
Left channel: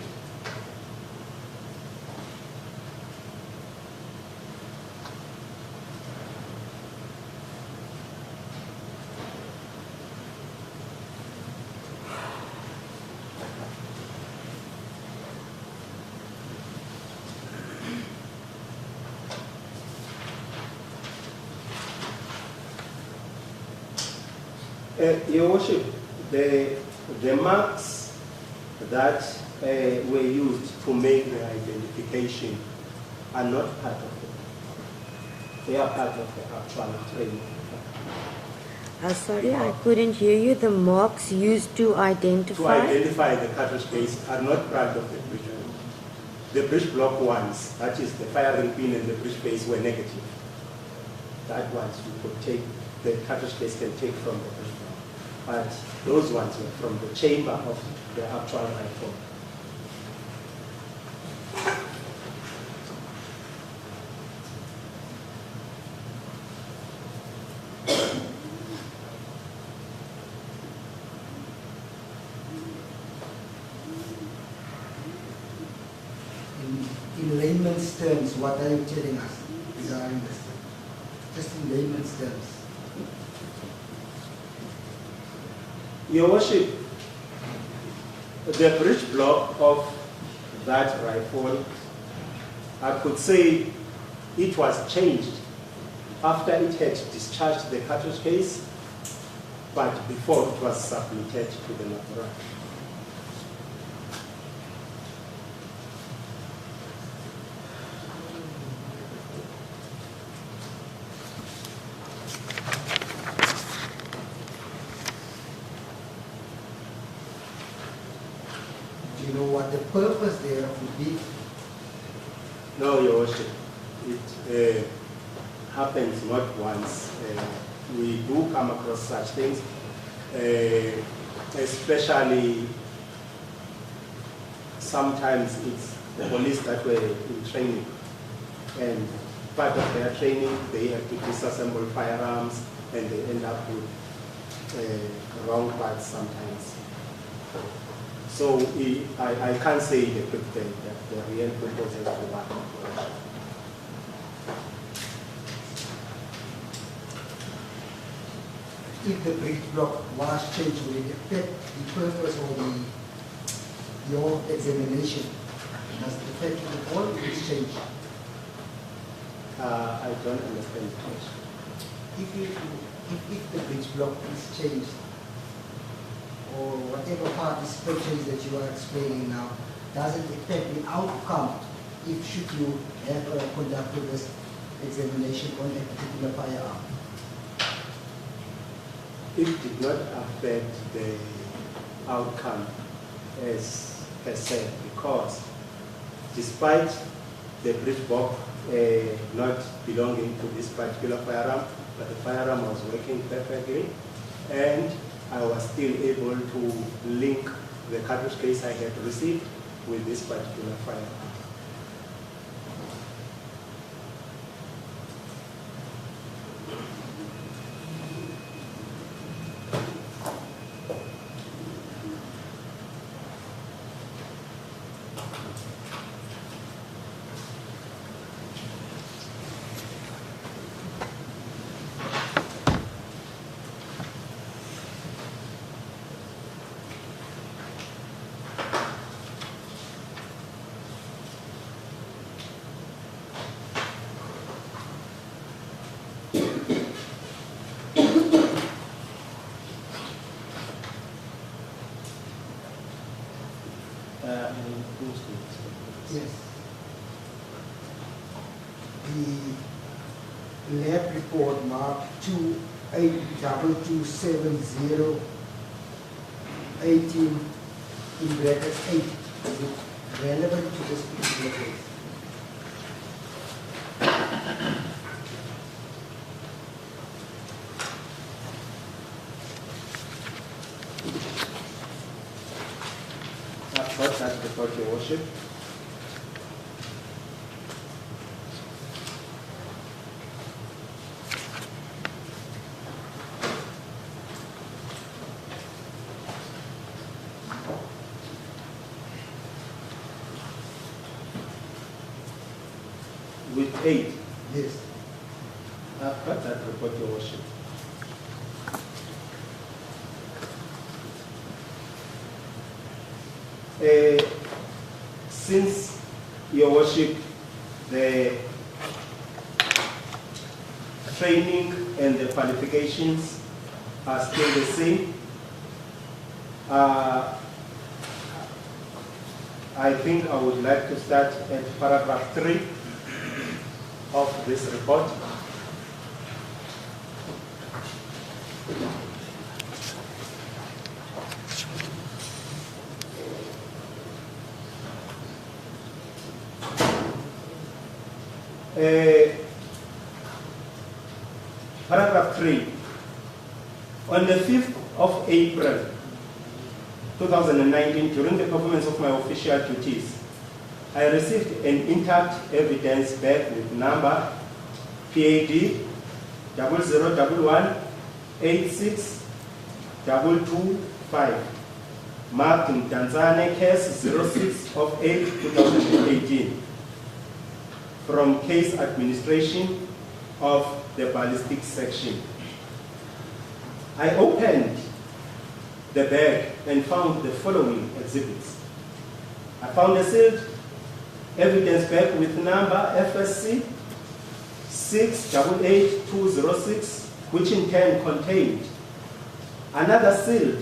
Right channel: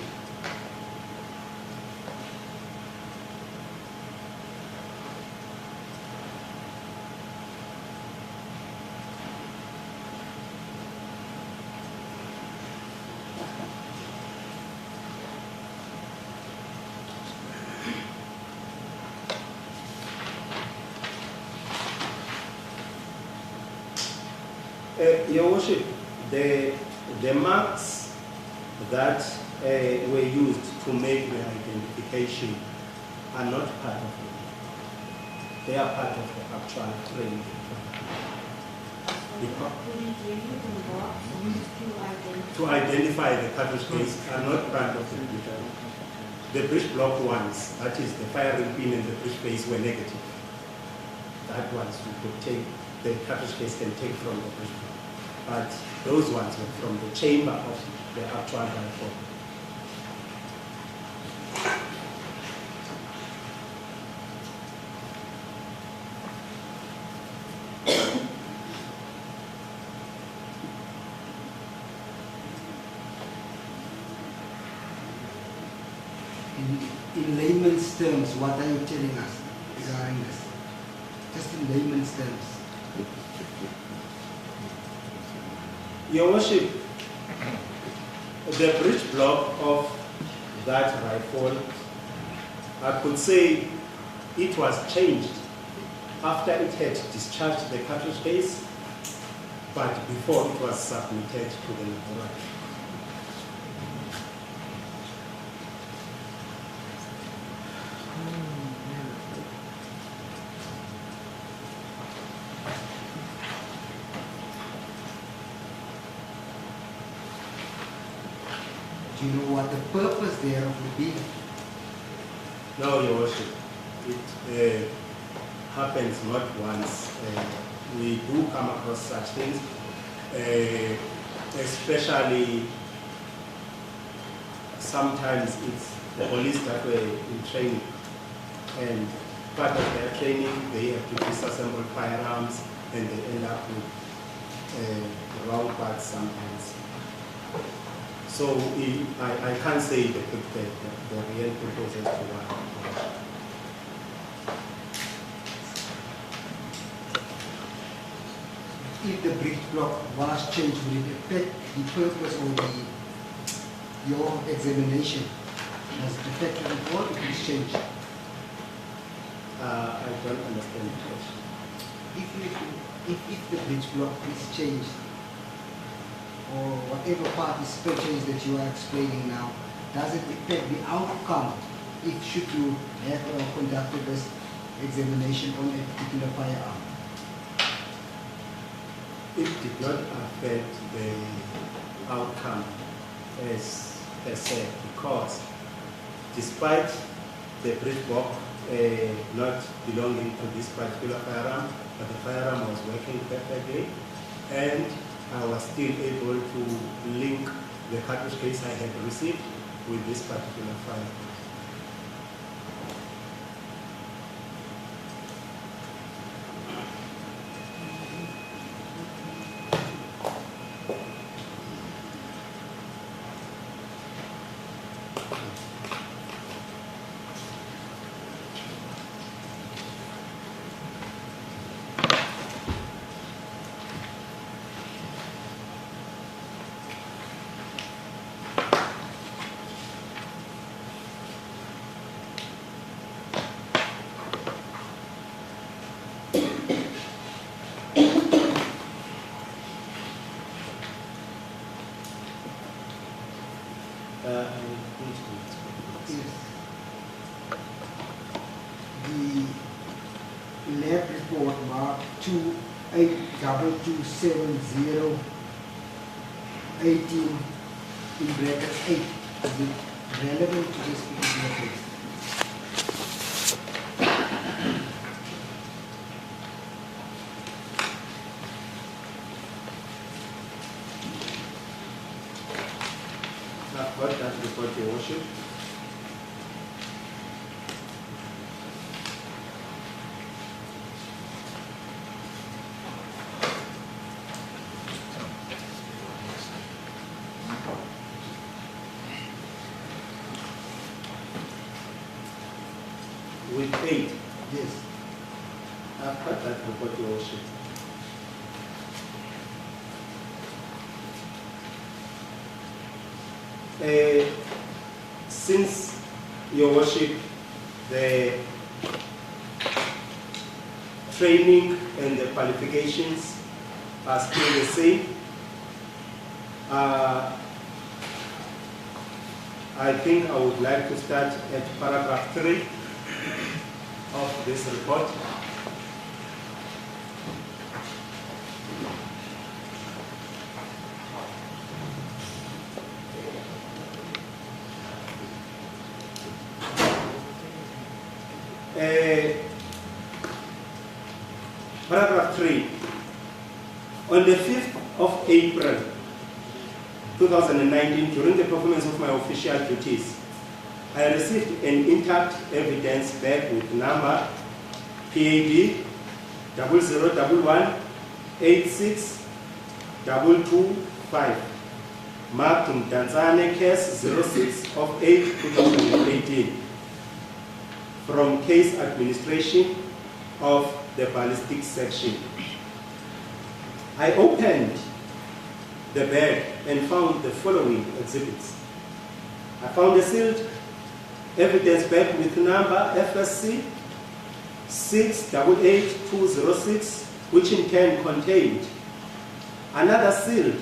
Your Worship, the marks that were used to make the identification are not part of it. They are part of the actual training. Sorry, I couldn't hear you. The marks used to identify? To identify the cartridge case are not part of the breech. The breech block ones, that is the firing pin and the breech face, were negative. That ones you could take, the cartridge case can take from the breech block. But those ones were from the chamber of the actual rifle. layman's terms, what are you telling us regarding this? Just in layman's terms. Your Worship, the breech block of that rifle, I could say it was changed after it had discharged the cartridge case, but before it was submitted to the laboratory. Do you know what the purpose thereof would be? No, Your Worship, it happens not once. We do come across such things, especially sometimes it's the police that were in training, and part of their training they have to disassemble firearms and they end up with wrong parts sometimes. So I can't say the real purpose of that. If the breech block was changed, will it affect the purpose of your examination? Does it affect it at all if it's changed? I don't understand the question. If the breech block is changed, or whatever part is still changed that you are explaining now, does it affect the outcome if should you have conducted this examination on a particular firearm? It did not affect the outcome as said, because despite the breech block not belonging to this particular firearm, but the firearm was working perfectly, and I was still able to link the cartridge case I had received with this particular firearm. Yes. The lab report marked 28227018 in brackets 8. Is it relevant to this particular case? I've got that report, Your Worship. With 8. Yes. I've got that report, Your Worship. Since, Your Worship, the training and the qualifications are still the same, I think I would like to start at paragraph 3 of this report. Paragraph 3. On the 5th of April 2019, during the performance of my official duties, I received an intact evidence bag with number PAD 0011-86-225, marked in Tanzania case 06 of 8 2018. from case administration of the ballistic section. I opened the bag and found the following exhibits. I found a sealed evidence bag with number FSC 688206, which in turn contained another sealed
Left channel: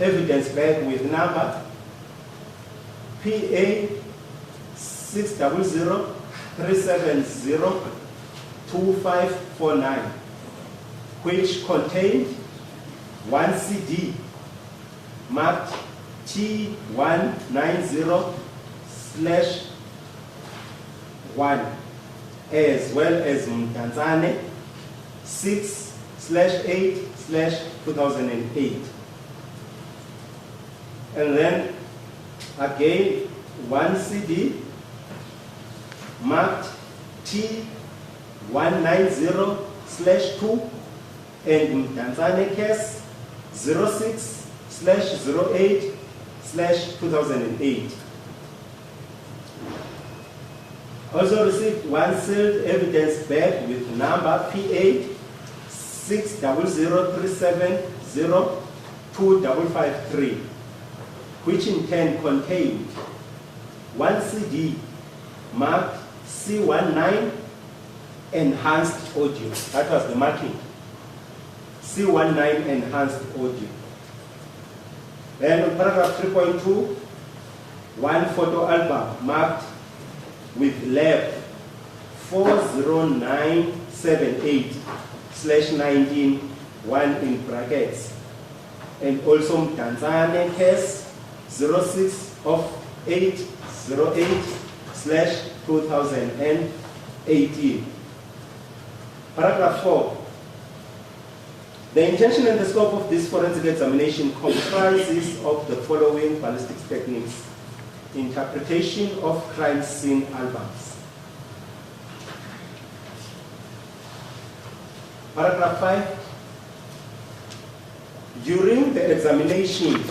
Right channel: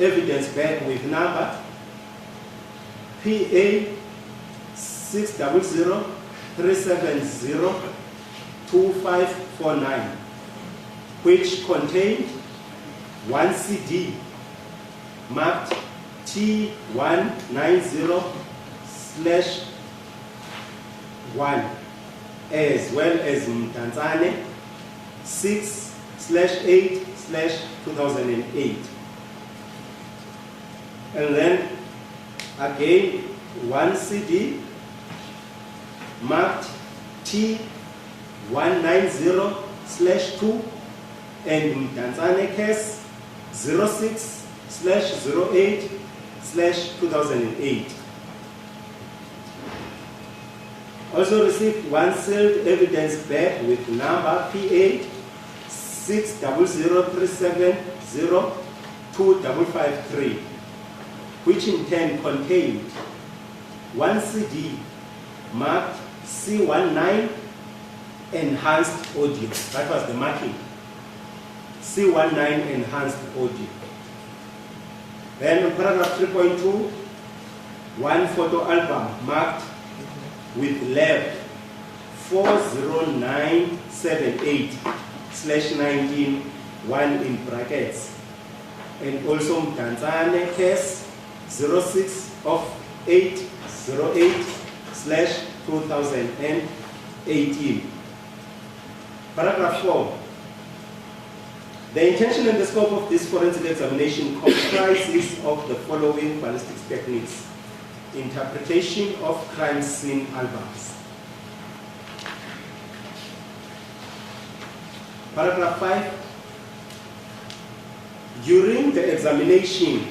evidence bag with number PA 600-370-2549, which contained one CD marked T190/1, as well as Mtanzane 6/8/2008. And then again one CD marked T190/2 and Mtanzane case 06/08/2008. Also received one sealed evidence bag with number PA 600-370-2553, which in turn contained one CD marked C19 enhanced audio. That was the marking. C19 enhanced audio. Then in paragraph 3.2, one photo album marked with lab 40978/19, one in brackets, and also Tanzania case 06/8/2018. Paragraph 4. The intention and the scope of this forensic examination comprises of the following ballistic techniques: interpretation of crime scene albums. Paragraph 5. During the examination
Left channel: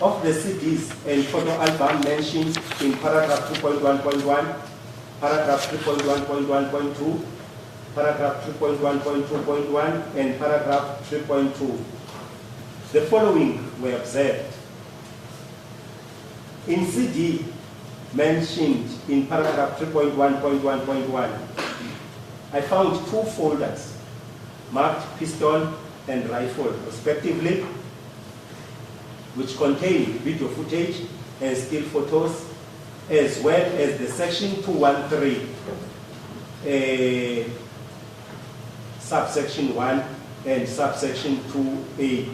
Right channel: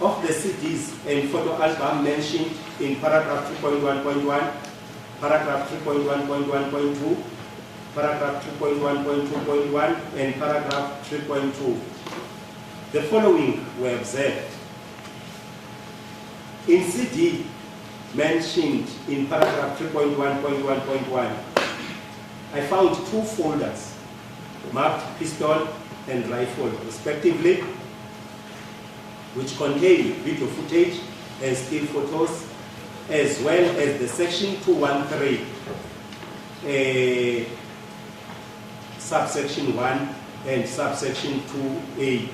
of the CDs and photo album mentioned in paragraph 2.1.1, paragraph 3.1.1.2, paragraph 3.1.2.1, and paragraph 3.2, the following were observed. In CD mentioned in paragraph 3.1.1.1, I found two folders marked pistol and rifle respectively, which contain video footage and still photos, as well as the section 213, subsection 1 and subsection 2A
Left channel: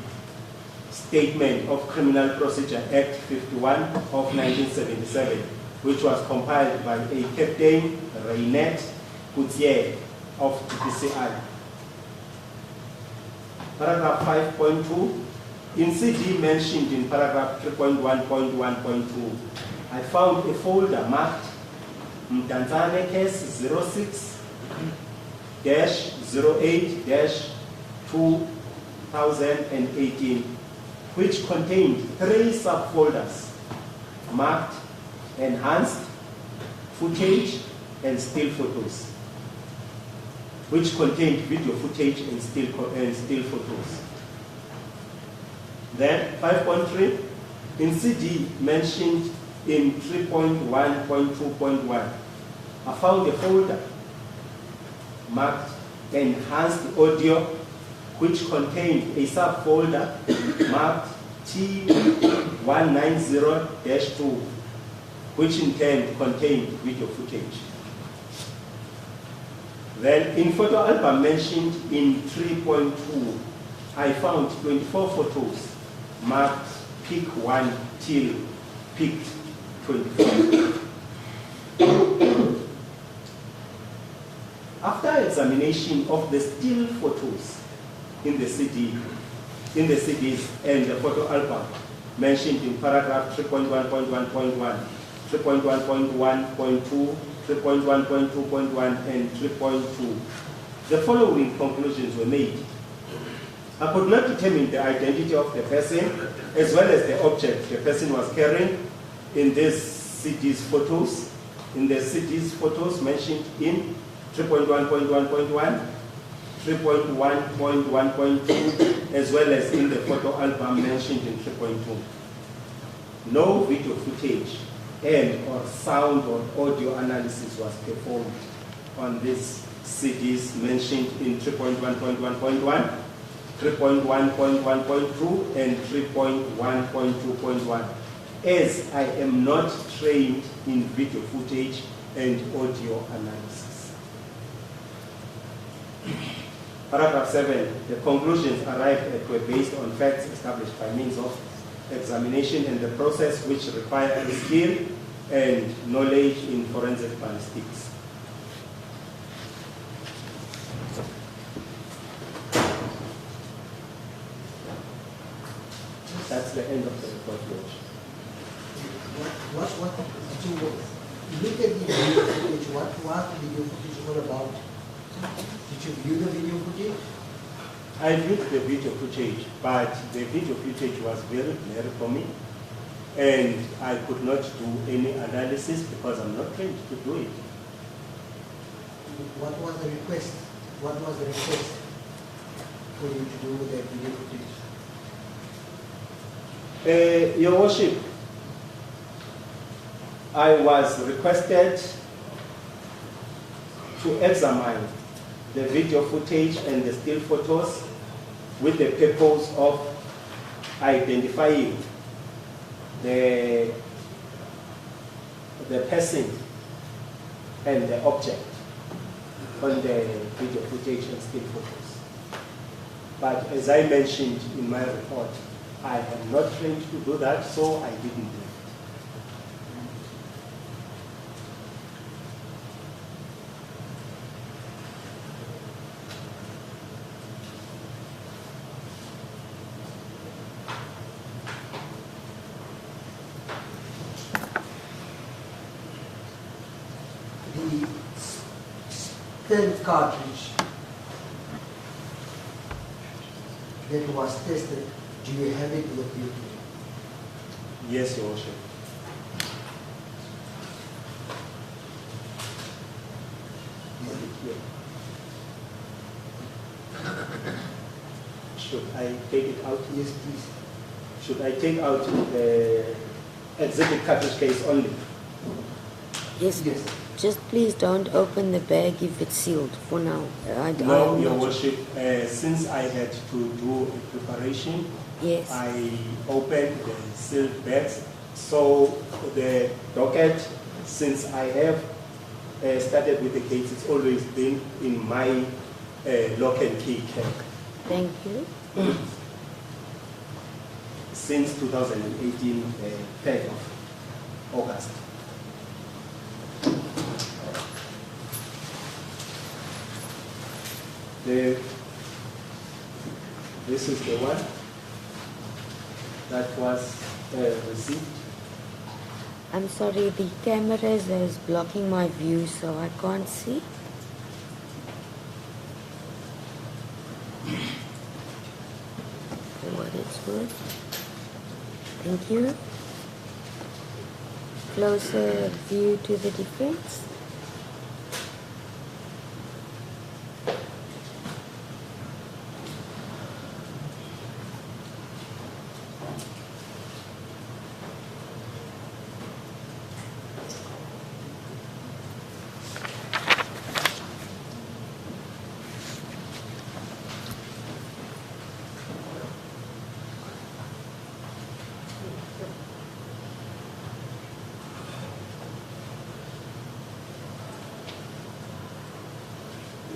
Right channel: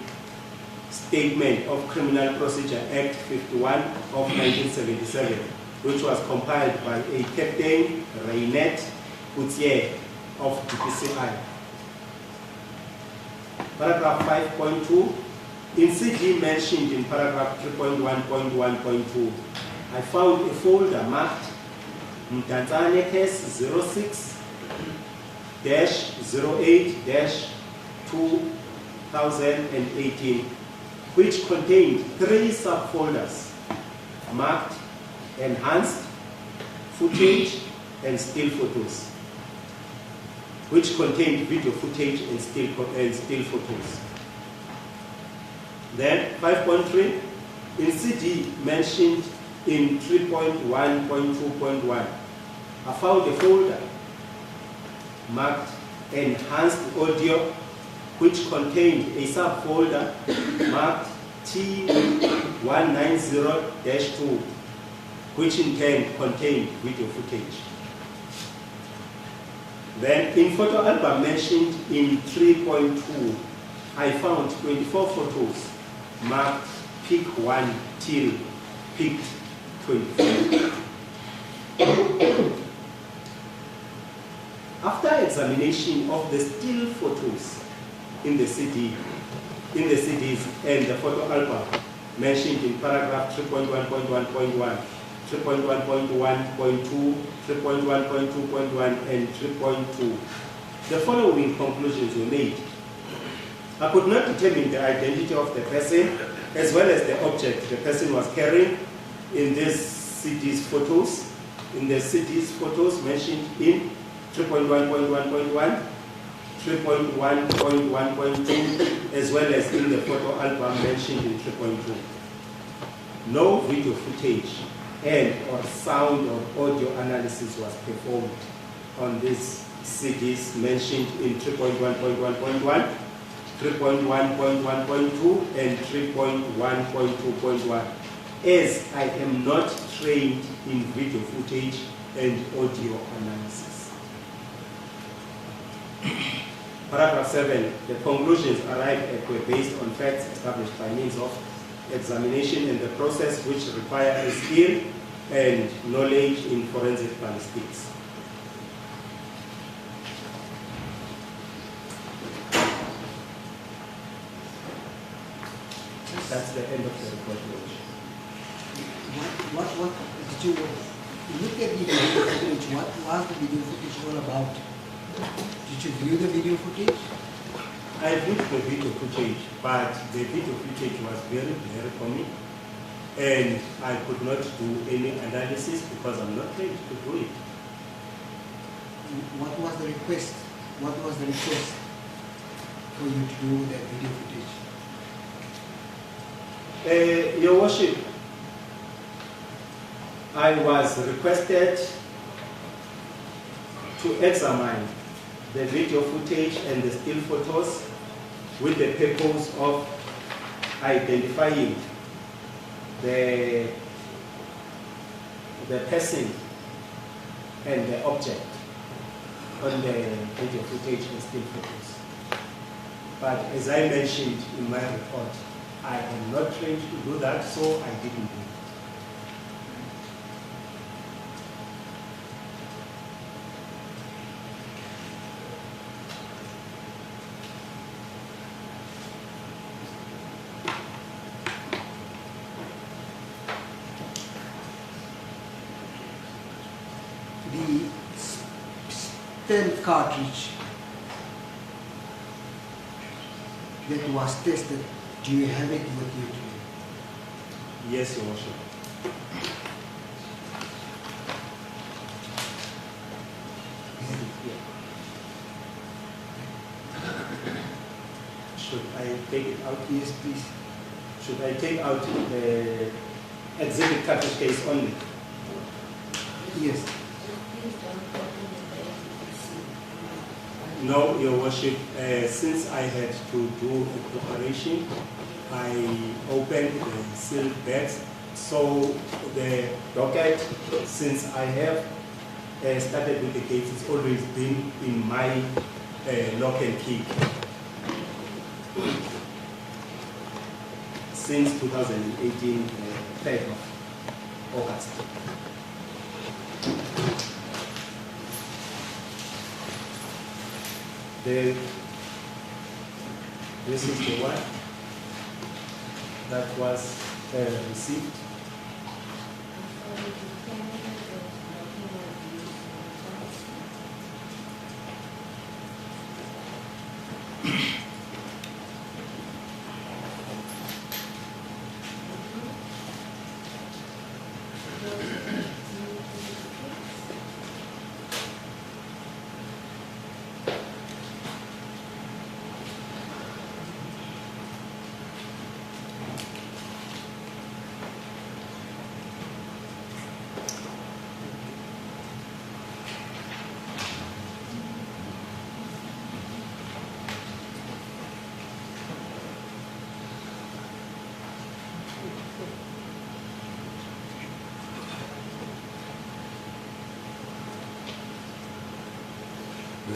statement of Criminal Procedure Act 51 of 1977, which was compiled by a Captain Reinette Coutier of DPCI. Paragraph 5.2, in CD mentioned in paragraph 3.1.1.2, I found a folder marked Mtanzane case 06/08/2018, which contained three subfolders marked enhanced footage and still photos, which contained video footage and still photos. Then 5.3, in CD mentioned in 3.1.2.1, I found a folder marked enhanced audio, which contained a subfolder marked T190-2, which in turn contained video footage. Then in photo album mentioned in 3.2, I found 24 photos marked pick 1 till pick 24. After examination of the still photos in the CDs and the photo album mentioned in paragraph 3.1.1.1, 3.1.1.2, 3.1.2.1, and 3.2, the following conclusions were made. I could not determine the identity of the person as well as the object the person was carrying in these CDs photos, in the CD's photos mentioned in 3.1.1.1, 3.1.1.2, as well as in the photo album mentioned in 3.2. No video footage and or sound or audio analysis was performed on these CDs mentioned in 3.1.1.1, 3.1.1.2, and 3.1.2.1, as I am not trained in video footage and audio analysis. Paragraph 7, the conclusions arrived at were based on facts established by means of examination and the process which require a skill and knowledge in forensic ballistics. That's the end of the report. What did you look at the video footage? What was the video footage all about? Did you view the video footage? I viewed the video footage, but the video footage was very blurry for me, and I could not do any analysis because I'm not trained to do it. What was the request? What was the request for you to do with that video footage? Your Worship, I was requested to examine the video footage and the still photos with the purpose of identifying the person and the object on the video footage and still photos. But as I mentioned in my report, I am not trained to do that, so I didn't do it. The 10th cartridge that was tested, do you have it with you today? Yes, Your Worship. Should I take it out? Yes, please. Should I take out the exhibit cartridge case only? Yes. Yes. Just please don't open the bag if it's sealed for now. No, Your Worship. Since I had to do a preparation, Yes. I opened the sealed bags. So the docket, since I have started with the case, it's always been in my lock and key Thank you. since 2018, 3rd of August. This is the one that was received. I'm sorry, the camera is blocking my view, so I can't see. So what is this? Thank you. Closer view to the defense.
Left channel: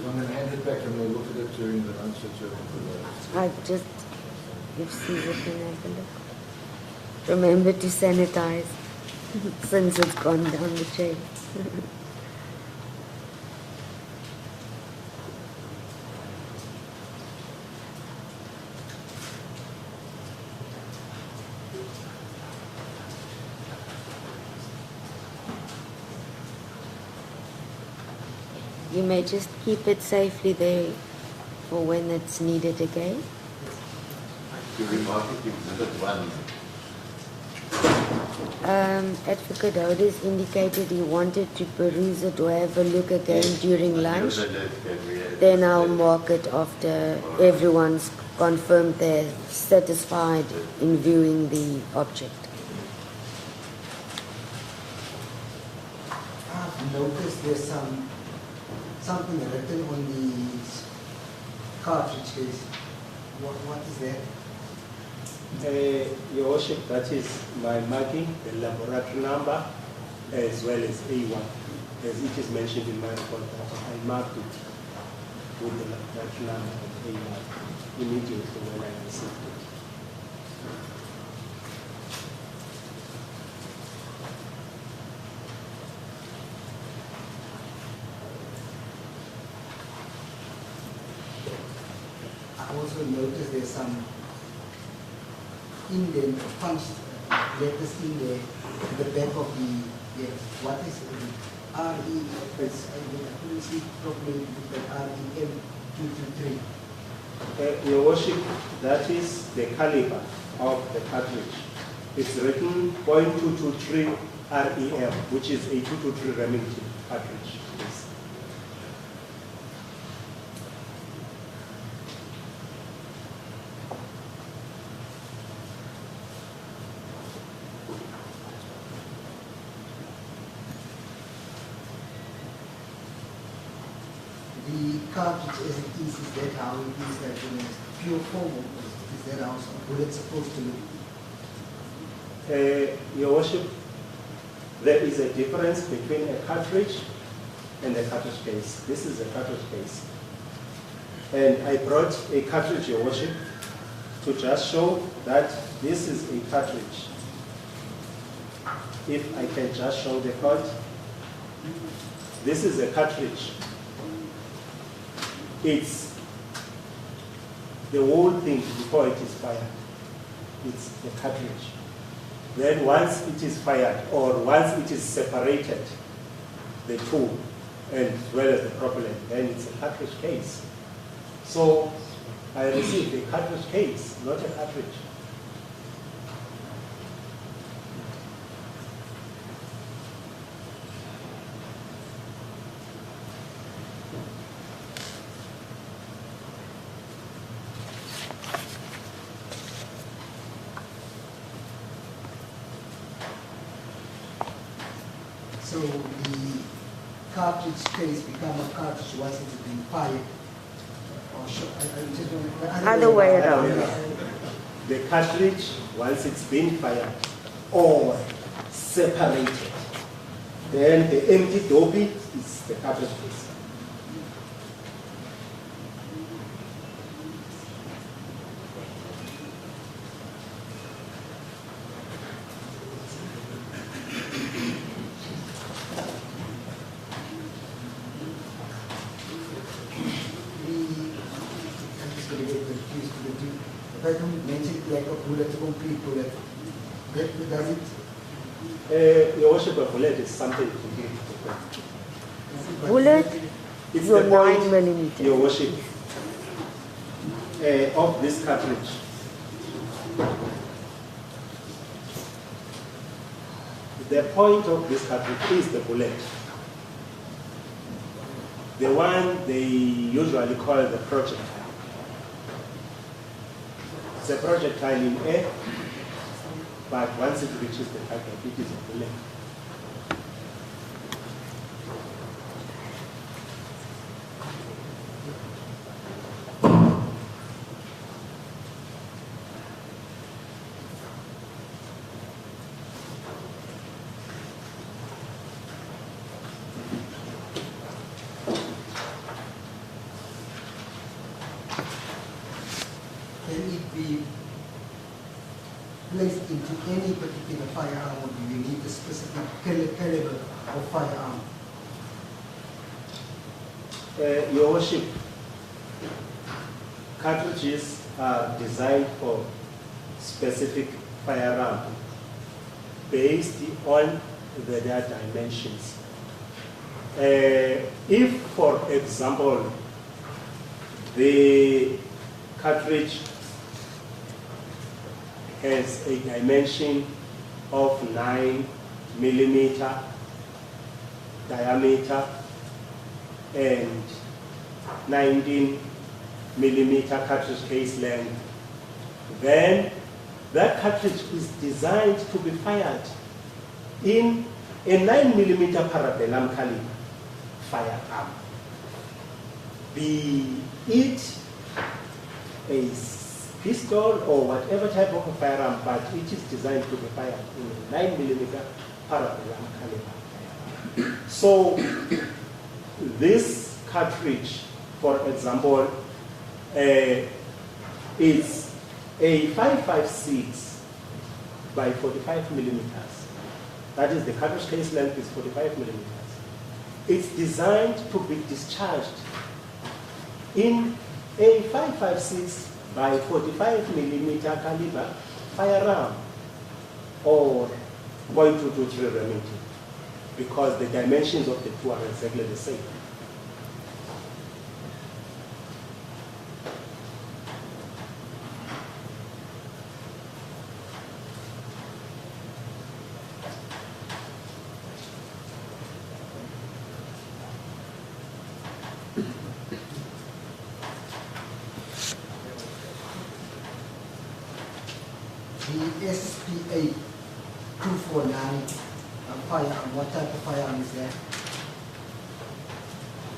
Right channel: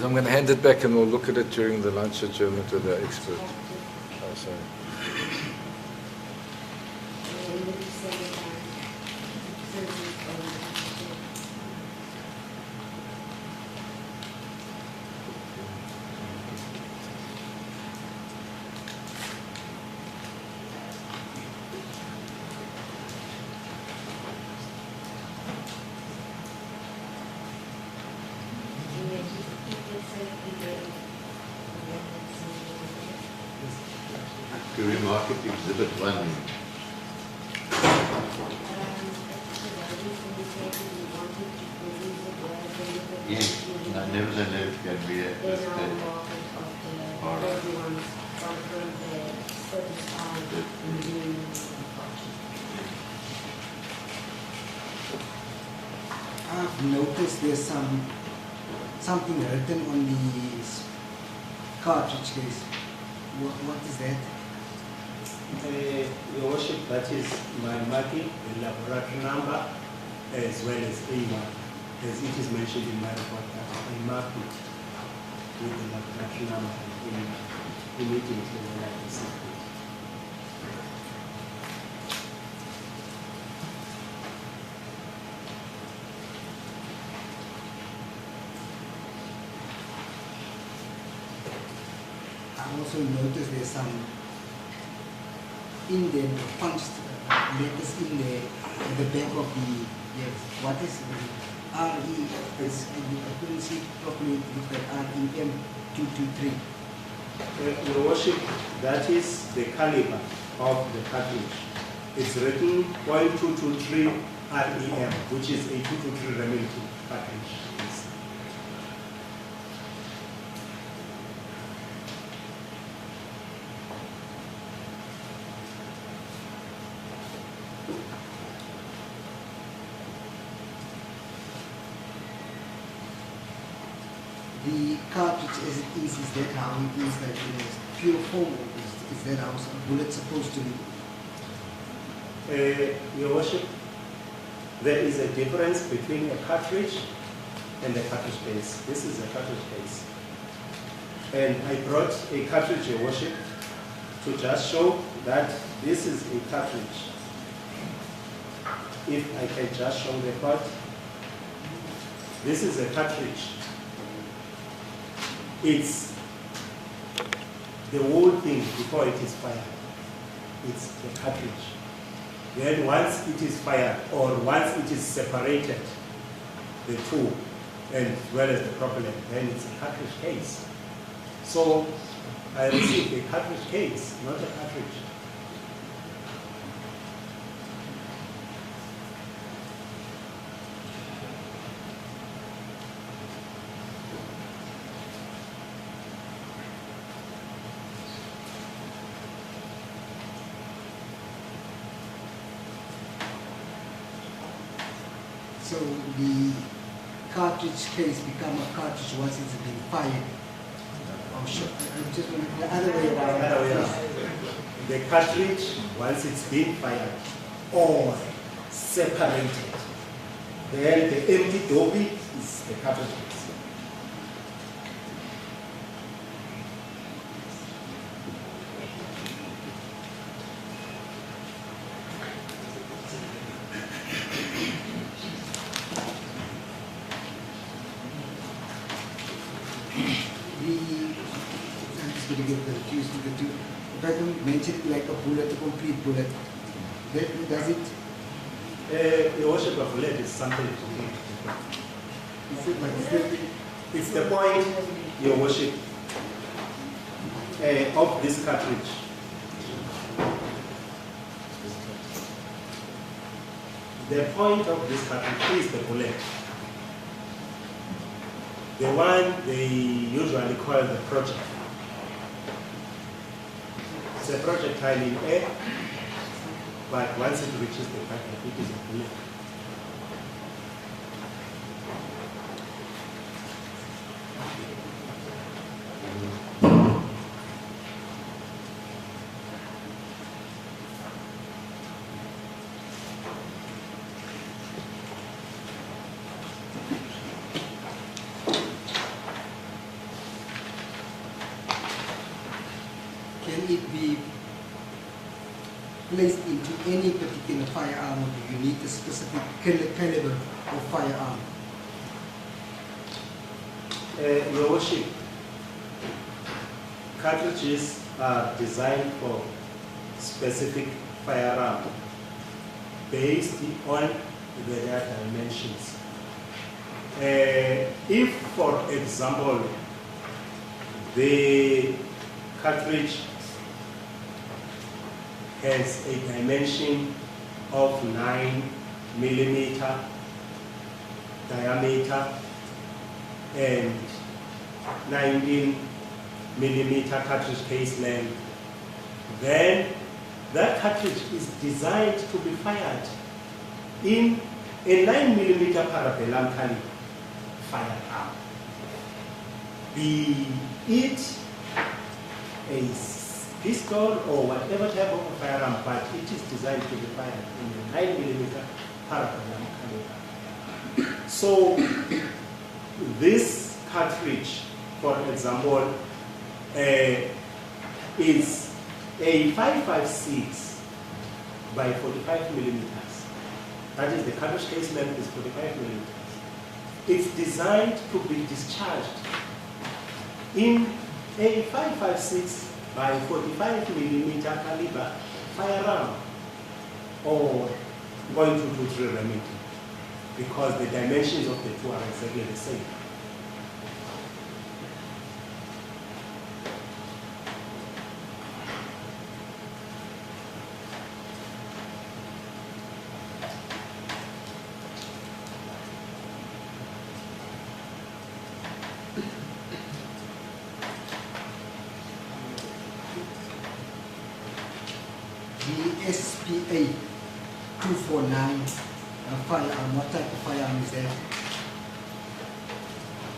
I'm going to hand it back and we'll look at it during the lunch adjournment to the expert. I just received it and opened it. Remember to sanitize since it's gone down the chain. You may just keep it safely there for when it's needed again. To remark it, exhibit 1. Advocate Houders indicated he wanted to peruse it or have a look again during lunch. Then I'll mark it after everyone's confirmed they're satisfied in viewing the object. I've noticed there's something written on the cartridge case. What is that? Your Worship, that is my marking, the laboratory number, as well as A1, as it is mentioned in my report. I marked it with the laboratory number immediately when I received it. I also noticed there's some indent or punched letters in there at the back of the what is it? RE, I couldn't see properly with that REM 223. Your Worship, that is the caliber of the cartridge. It's written .223 REM, which is a 223 Remington cartridge. Yes. The cartridge as it is that how it is, that in a pure form, or is that how a bullet supposed to look? Your Worship, there is a difference between a cartridge and a cartridge case. This is a cartridge case. And I brought a cartridge, Your Worship, to just show that this is a cartridge. If I can just show the court, this is a cartridge. It's the whole thing before it is fired. It's the cartridge. Then once it is fired, or once it is separated, the tool, and as well as the propellant, then it's a cartridge case. So I received a cartridge case, not a cartridge. So the cartridge case become a cartridge once it's been fired. Or should, I'm just going to, the Other way around. The cartridge, once it's been fired or separated, then the empty dopey is the cartridge case. I'm just going to get confused with the two. If I don't mention it like a bullet, a complete bullet, that does it? Your Worship, a bullet is something to do. Is it like Bullet? It's Your the 9 point, millimeter. Your Worship, of this cartridge. The point of this cartridge is the bullet. The one they usually call the projectile. It's a projectile in air, but once it reaches the target, it is a bullet. Can it be placed into any particular firearm, or do you need a specific caliber of firearm? Your Worship, cartridges are designed for specific firearm based on their dimensions. If, for example, the cartridge has a dimension of 9 millimeter diameter and 19 millimeter cartridge case length, then that cartridge is designed to be fired in a 9 millimeter parabellum caliber firearm. Be it a pistol or whatever type of a firearm, but it is designed to be fired in a 9 millimeter parabellum caliber. So this cartridge, for example, is a 5.56 by 45 millimeters. That is, the cartridge case length is 45 millimeters. It's designed to be discharged in a 5.56 by 45 millimeter caliber firearm or .223 Remington, because the dimensions of the two are exactly the same. The SPA 249 firearm, what type of firearm is that?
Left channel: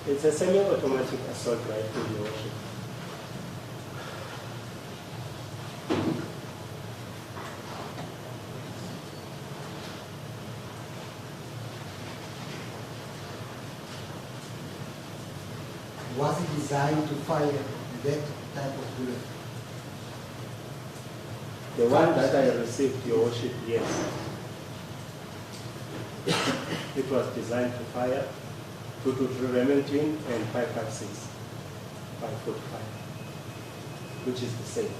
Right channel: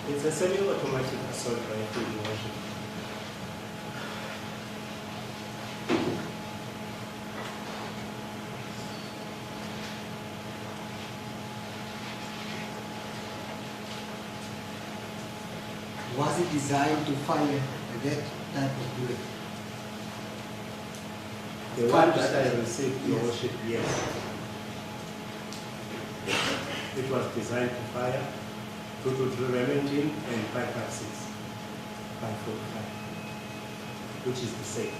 It's a semi-automatic assault rifle, Your Worship. Was it designed to fire that type of bullet? The one that I received, Your Worship, yes. It was designed to fire 223 Remington and 5.56 by 45, which is the same.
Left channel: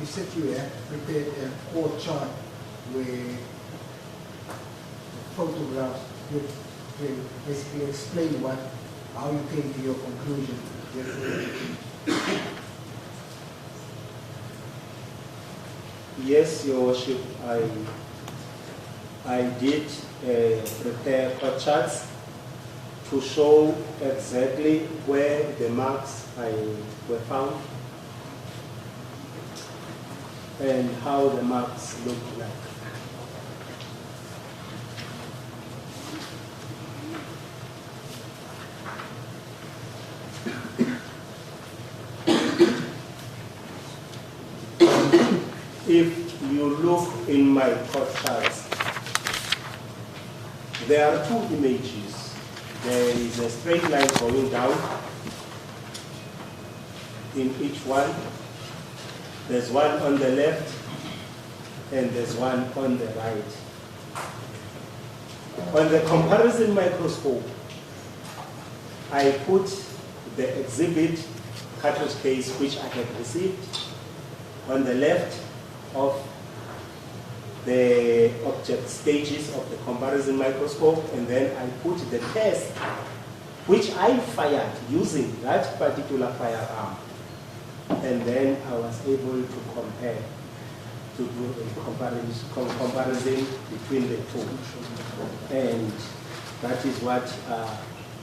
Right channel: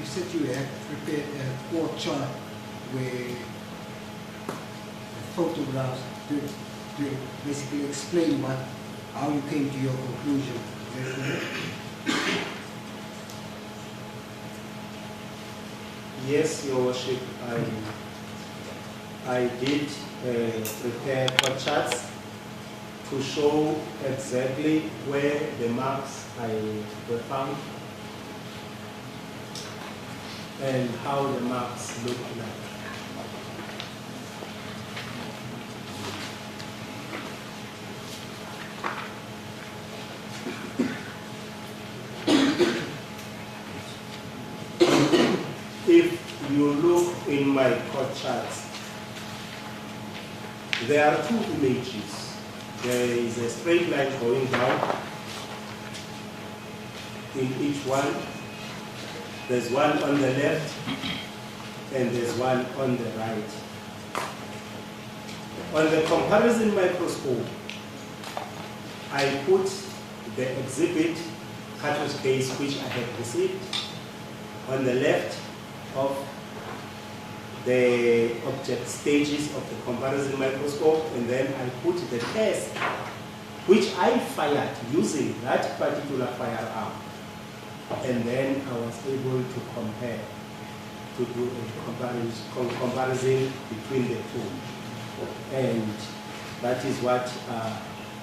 You said you had prepared a court chart where photographs to basically explain how you came to your conclusion. Yes, Your Worship, I did prepare court charts to show exactly where the marks were found and how the marks look like. If you look in my court charts, there are two images. There is a straight line going down in each one. There's one on the left and there's one on the right. On the comparison microscope, I put the exhibit cartridge case which I have received on the left of the object stages of the comparison microscope, and then I put the test which I fired using that particular firearm. And then I was able to compare, to do a comparison between the two. And that is what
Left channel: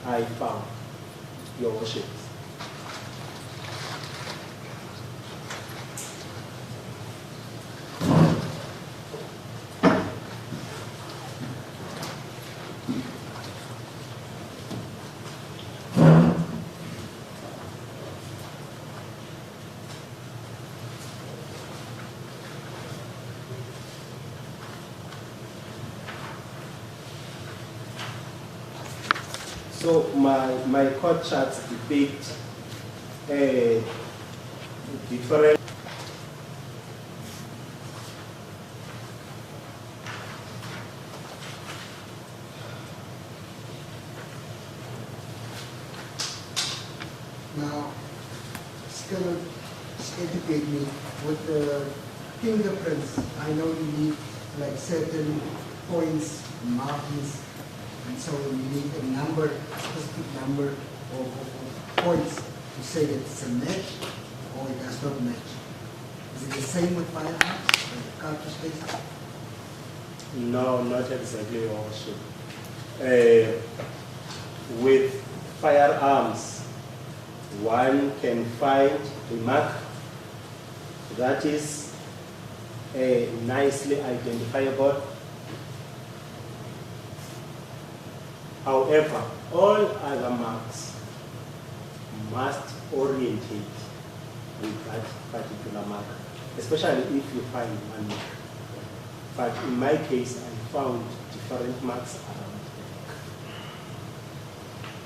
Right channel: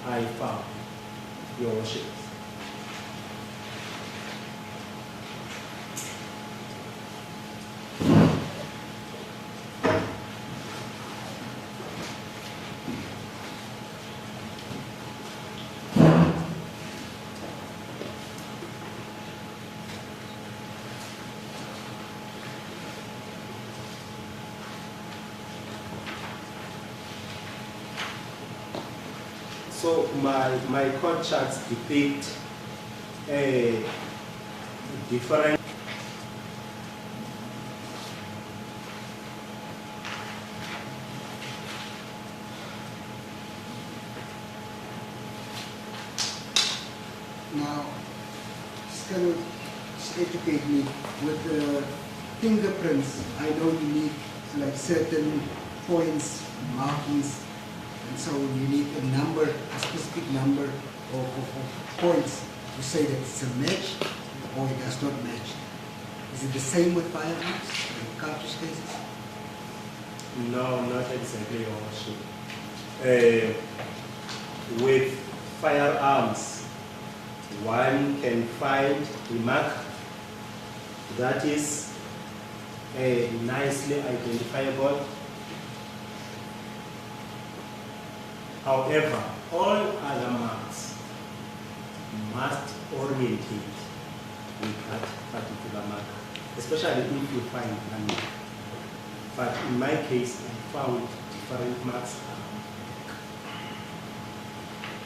I found, Your Worship. So my court charts depict a different Now, still educate me with the fingerprints. I know you need like certain points, markings, and so you need a number, a specific number of points to say that it's a match or it does not match. Is it the same with firearms, like cartridge cases? No, not exactly, Your Worship. With firearms, one can find a mark that is nicely identifiable. However, all other marks must orientate with that particular mark, especially if you find one mark. But in my case, I found different marks around the neck.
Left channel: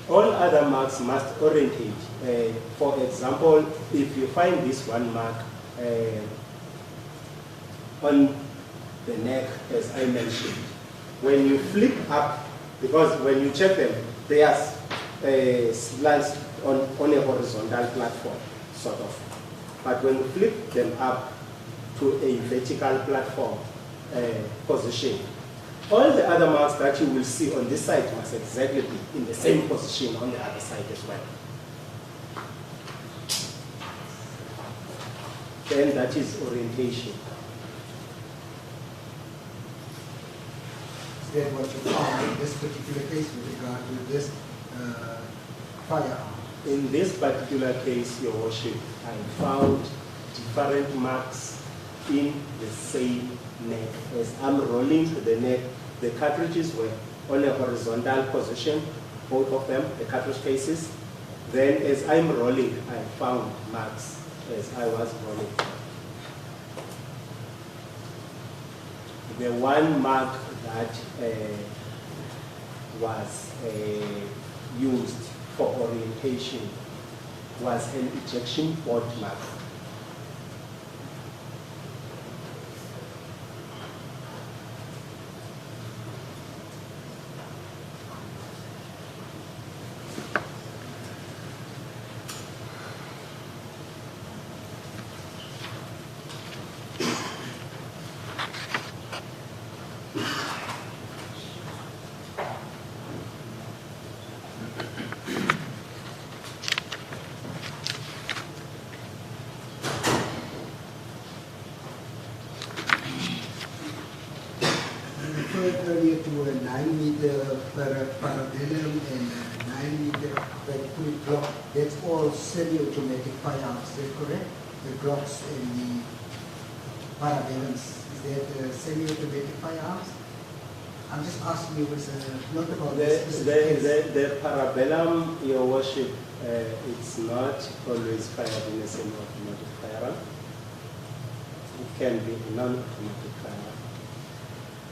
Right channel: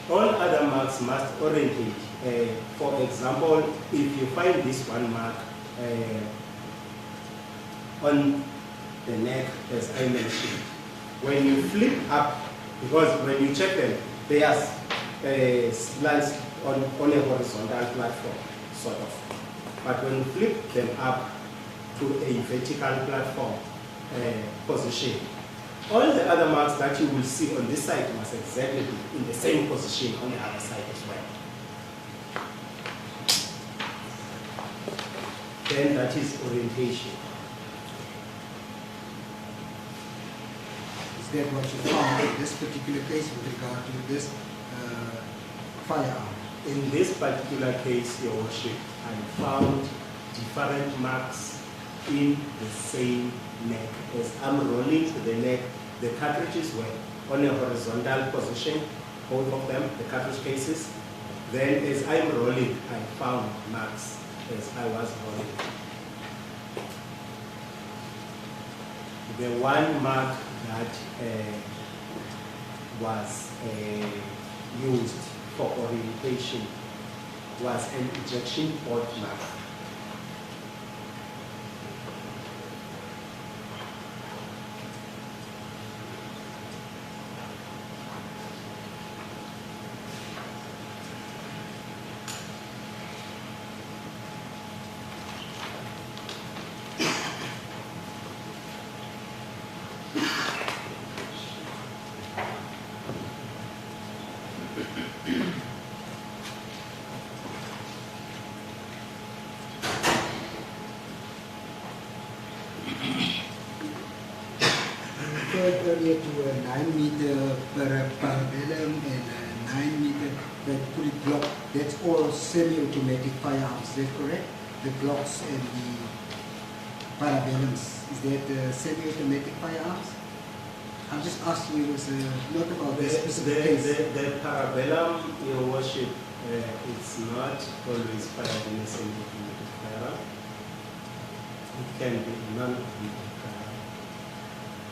All other marks must orientate. For example, if you find this one mark on the neck, as I mentioned, when you flip up, because when you check them, they are slants on a horizontal platform, sort of. But when you flip them up to a vertical platform position, all the other marks that you will see on this side must exactly be in the same position on the other side as well. Then that is orientation. Is that what you found in this particular case with regard to this firearm? In this particular case, Your Worship, I found different marks in the same neck. As I'm rolling the neck, the cartridges were on a horizontal position, both of them, the cartridge cases. Then as I'm rolling, I found marks as I was rolling. The one mark that was used for orientation was an ejection board mark. Earlier to a 9-meter parabellum and a 9-meter fully block. That's all semi-automatic firearms. Is that correct? The Glocks and the parabellums. Is that semi-automatic firearms? I'm just asking you, not about this. The parabellum, Your Worship, it's not always fired in a semi-automatic firearm. It can be a non-automatic firearm.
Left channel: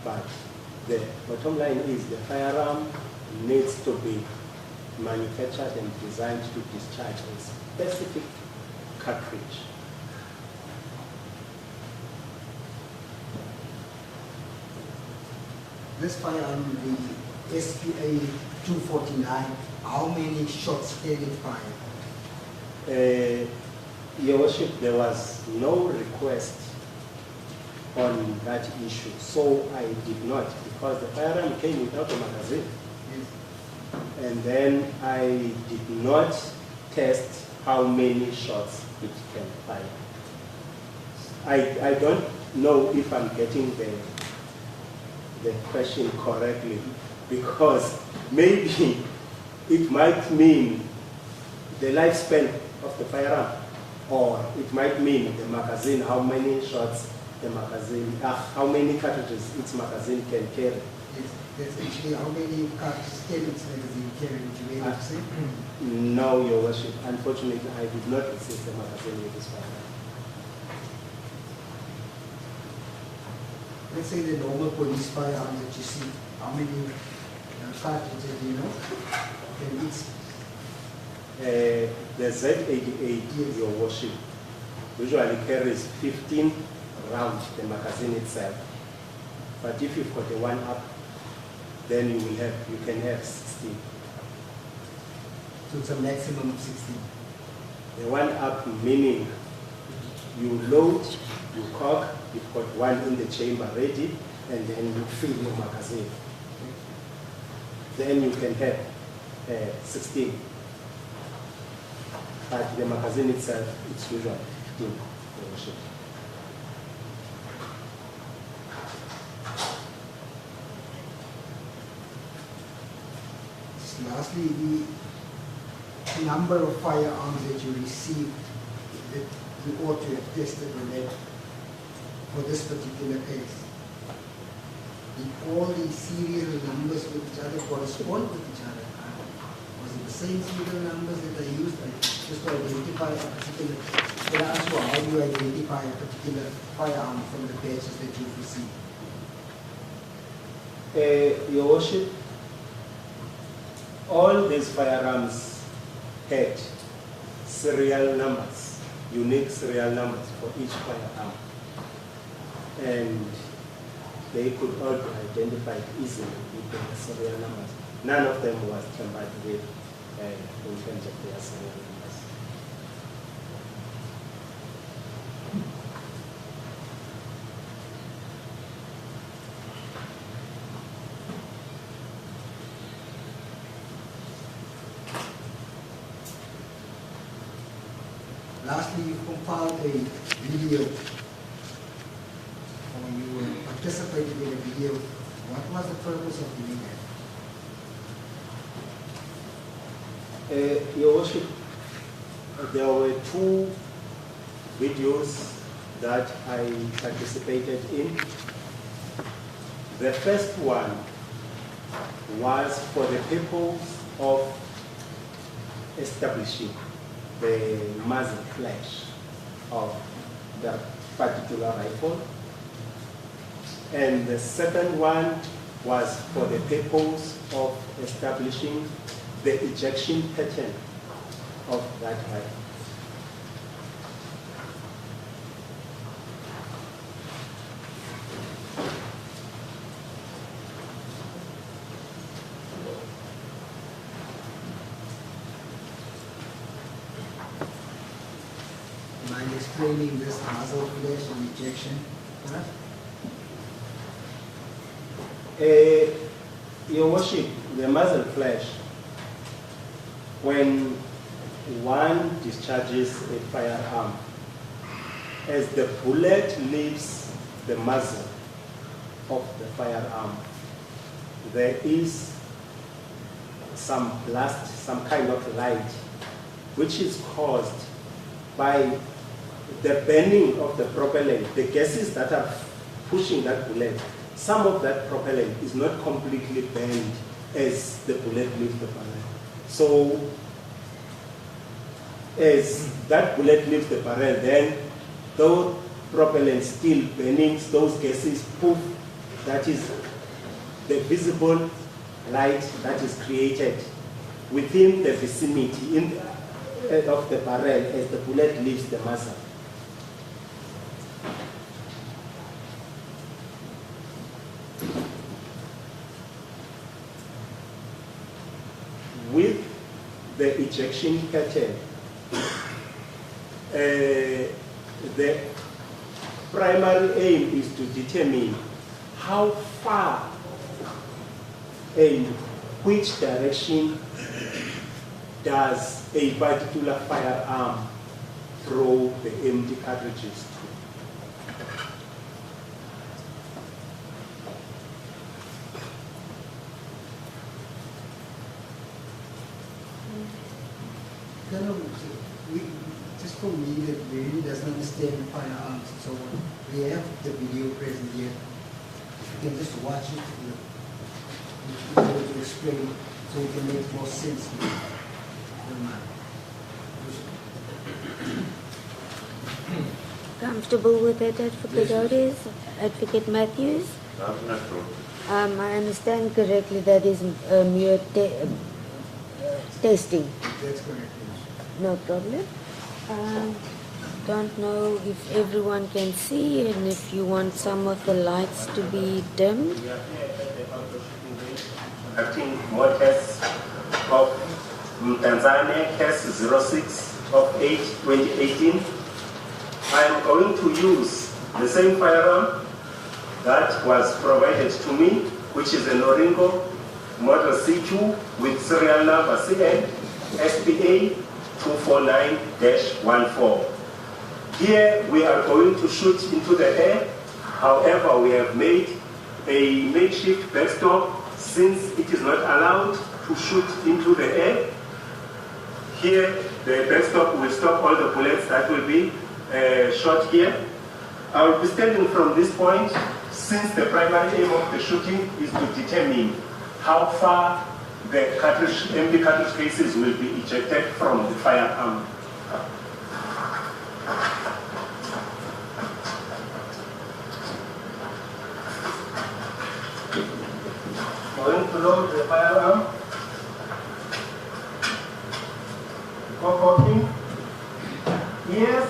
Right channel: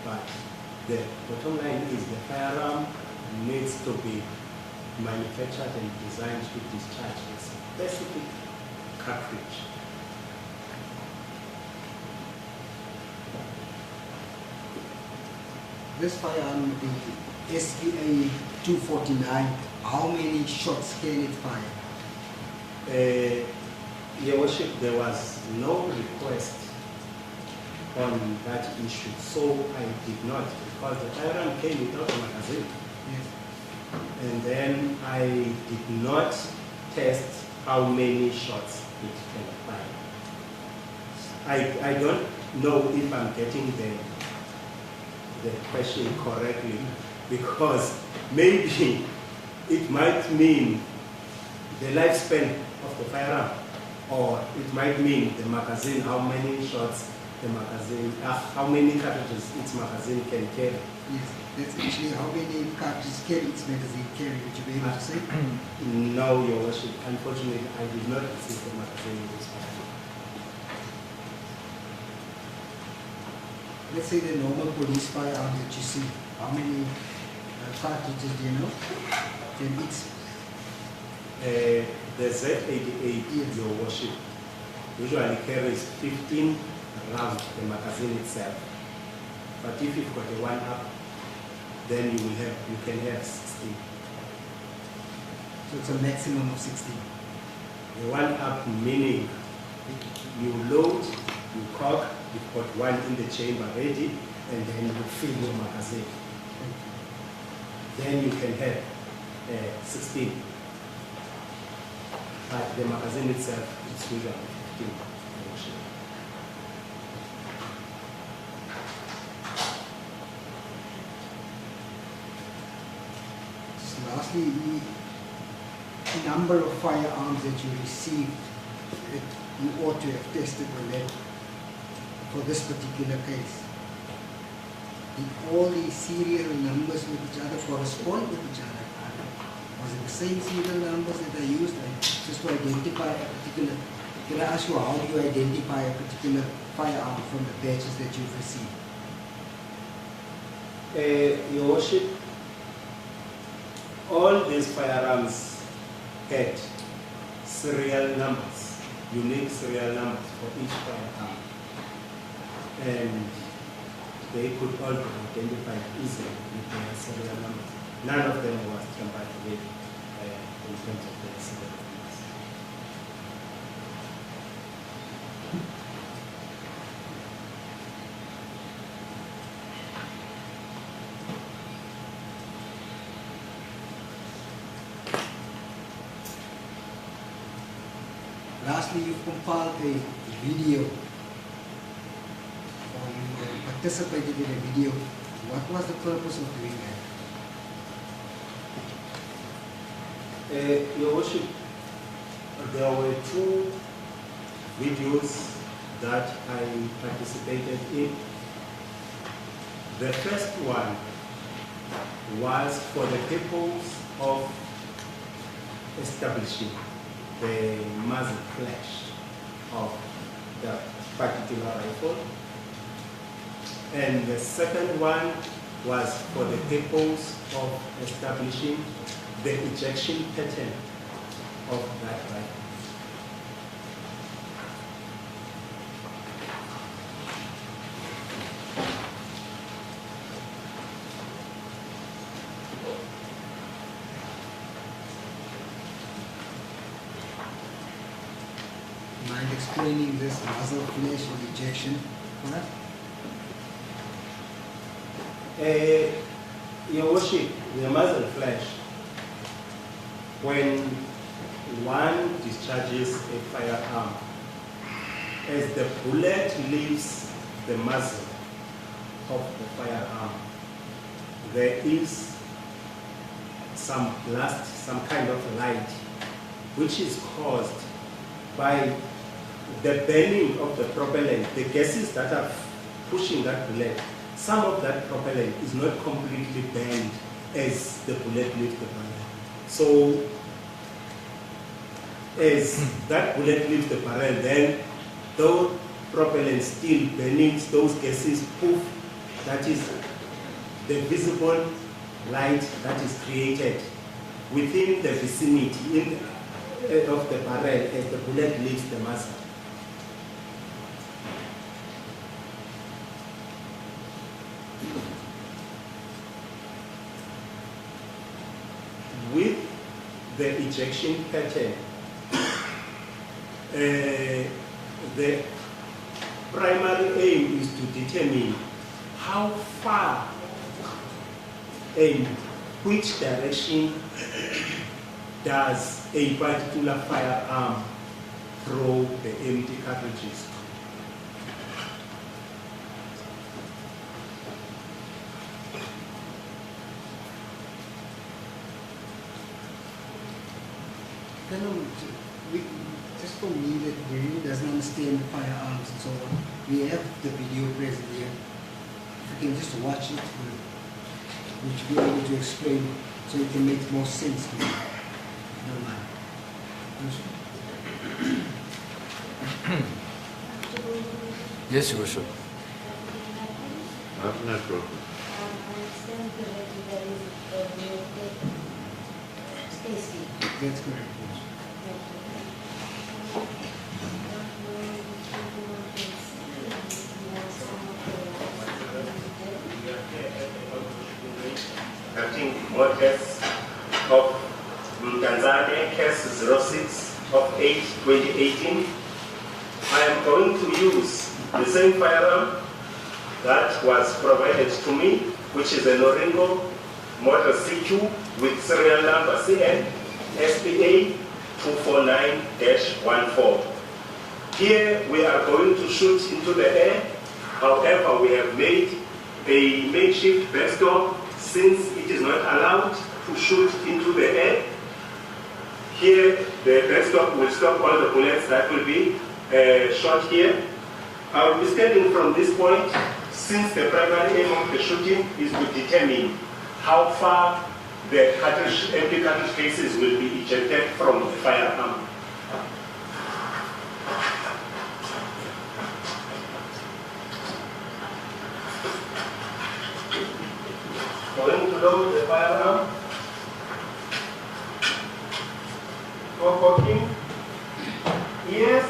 But the bottom line is the firearm needs to be manufactured and designed to discharge a specific cartridge. This firearm, the SPA 249, how many shots can it fire? Your Worship, there was no request on that issue, so I did not, because the firearm came without a magazine. Yes. And then I did not test how many shots it can fire. I don't know if I'm getting the question correctly, because maybe it might mean the lifespan of the firearm, or it might mean the magazine, how many shots the magazine, how many cartridges its magazine can carry. Yes, that's actually how many cartridges can its magazine carry, would you be able to say? No, Your Worship. Unfortunately, I did not receive the magazine in this firearm. Let's say the normal police firearm that you see, how many cartridges do you know? Can it? The Z88, yes, Your Worship, usually carries 15 rounds, the magazine itself. But if you've got a 1-up, then you can have 16. So it's a maximum of 16. A 1-up meaning you load, you cock, you've got one in the chamber ready, and then you fill your magazine. Then you can have 16. But the magazine itself, it's usually 15. Lastly, the number of firearms that you received, that you ought to have tested with it for this particular case. Did all these serial numbers with each other correspond with each other? Was it the same serial numbers that are used just to identify a particular, when I ask you how do you identify a particular firearm from the batches that you've received? Your Worship, all these firearms had serial numbers, unique serial numbers for each firearm. And they could all be identified easily with their serial numbers. None of them was tampered with in terms of their serial numbers. Lastly, you've compiled a video, or you participated in a video. What was the purpose of doing that? Your Worship, there were 2 videos that I participated in. The first one was for the purpose of establishing the muzzle flash of the particular rifle. And the second one was for the purpose of establishing the ejection pattern of that rifle. Mind explaining this muzzle flash and ejection? Your Worship, the muzzle flash, when one discharges a firearm, as the bullet leaves the muzzle of the firearm, there is some blast, some kind of light, which is caused by the bending of the propellant, the gases that are pushing that bullet. Some of that propellant is not completely bent as the bullet leaves the barrel. So, as that bullet leaves the barrel, then those propellant still burning, those gases poof, that is the visible light that is created within the vicinity of the barrel as the bullet leaves the muzzle. With the ejection pattern, the primary aim is to determine how far and which direction does a particular firearm throw the empty cartridges. Just for me that really doesn't understand firearms and so on, we have the video present here. If you can just watch it, we'll be able to explain so it can make more sense. I don't mind. Comfortable with it, Advocate Yes, Your Otis? Advocate Matthews? No problem. I understand correctly that is mere testing. That's correct. No problem. Don't know if everyone can see and if you want some of the lights to be dimmed. Acting more case of Tanzania, case 06 of 8/2018. I am going to use the same firearm that was provided to me, which is a Norinco Model CQ with serial number CN SPA 249-14. Here we are going to shoot into the air. However, we have made a makeshift backstop since it is not allowed to shoot into the air. Here, the backstop will stop all the bullets that will be shot here. I will be standing from this point since the primary aim of the shooting is to determine how far the empty cartridge cases will be ejected from the firearm. Going to load the firearm. For cocking. Yes.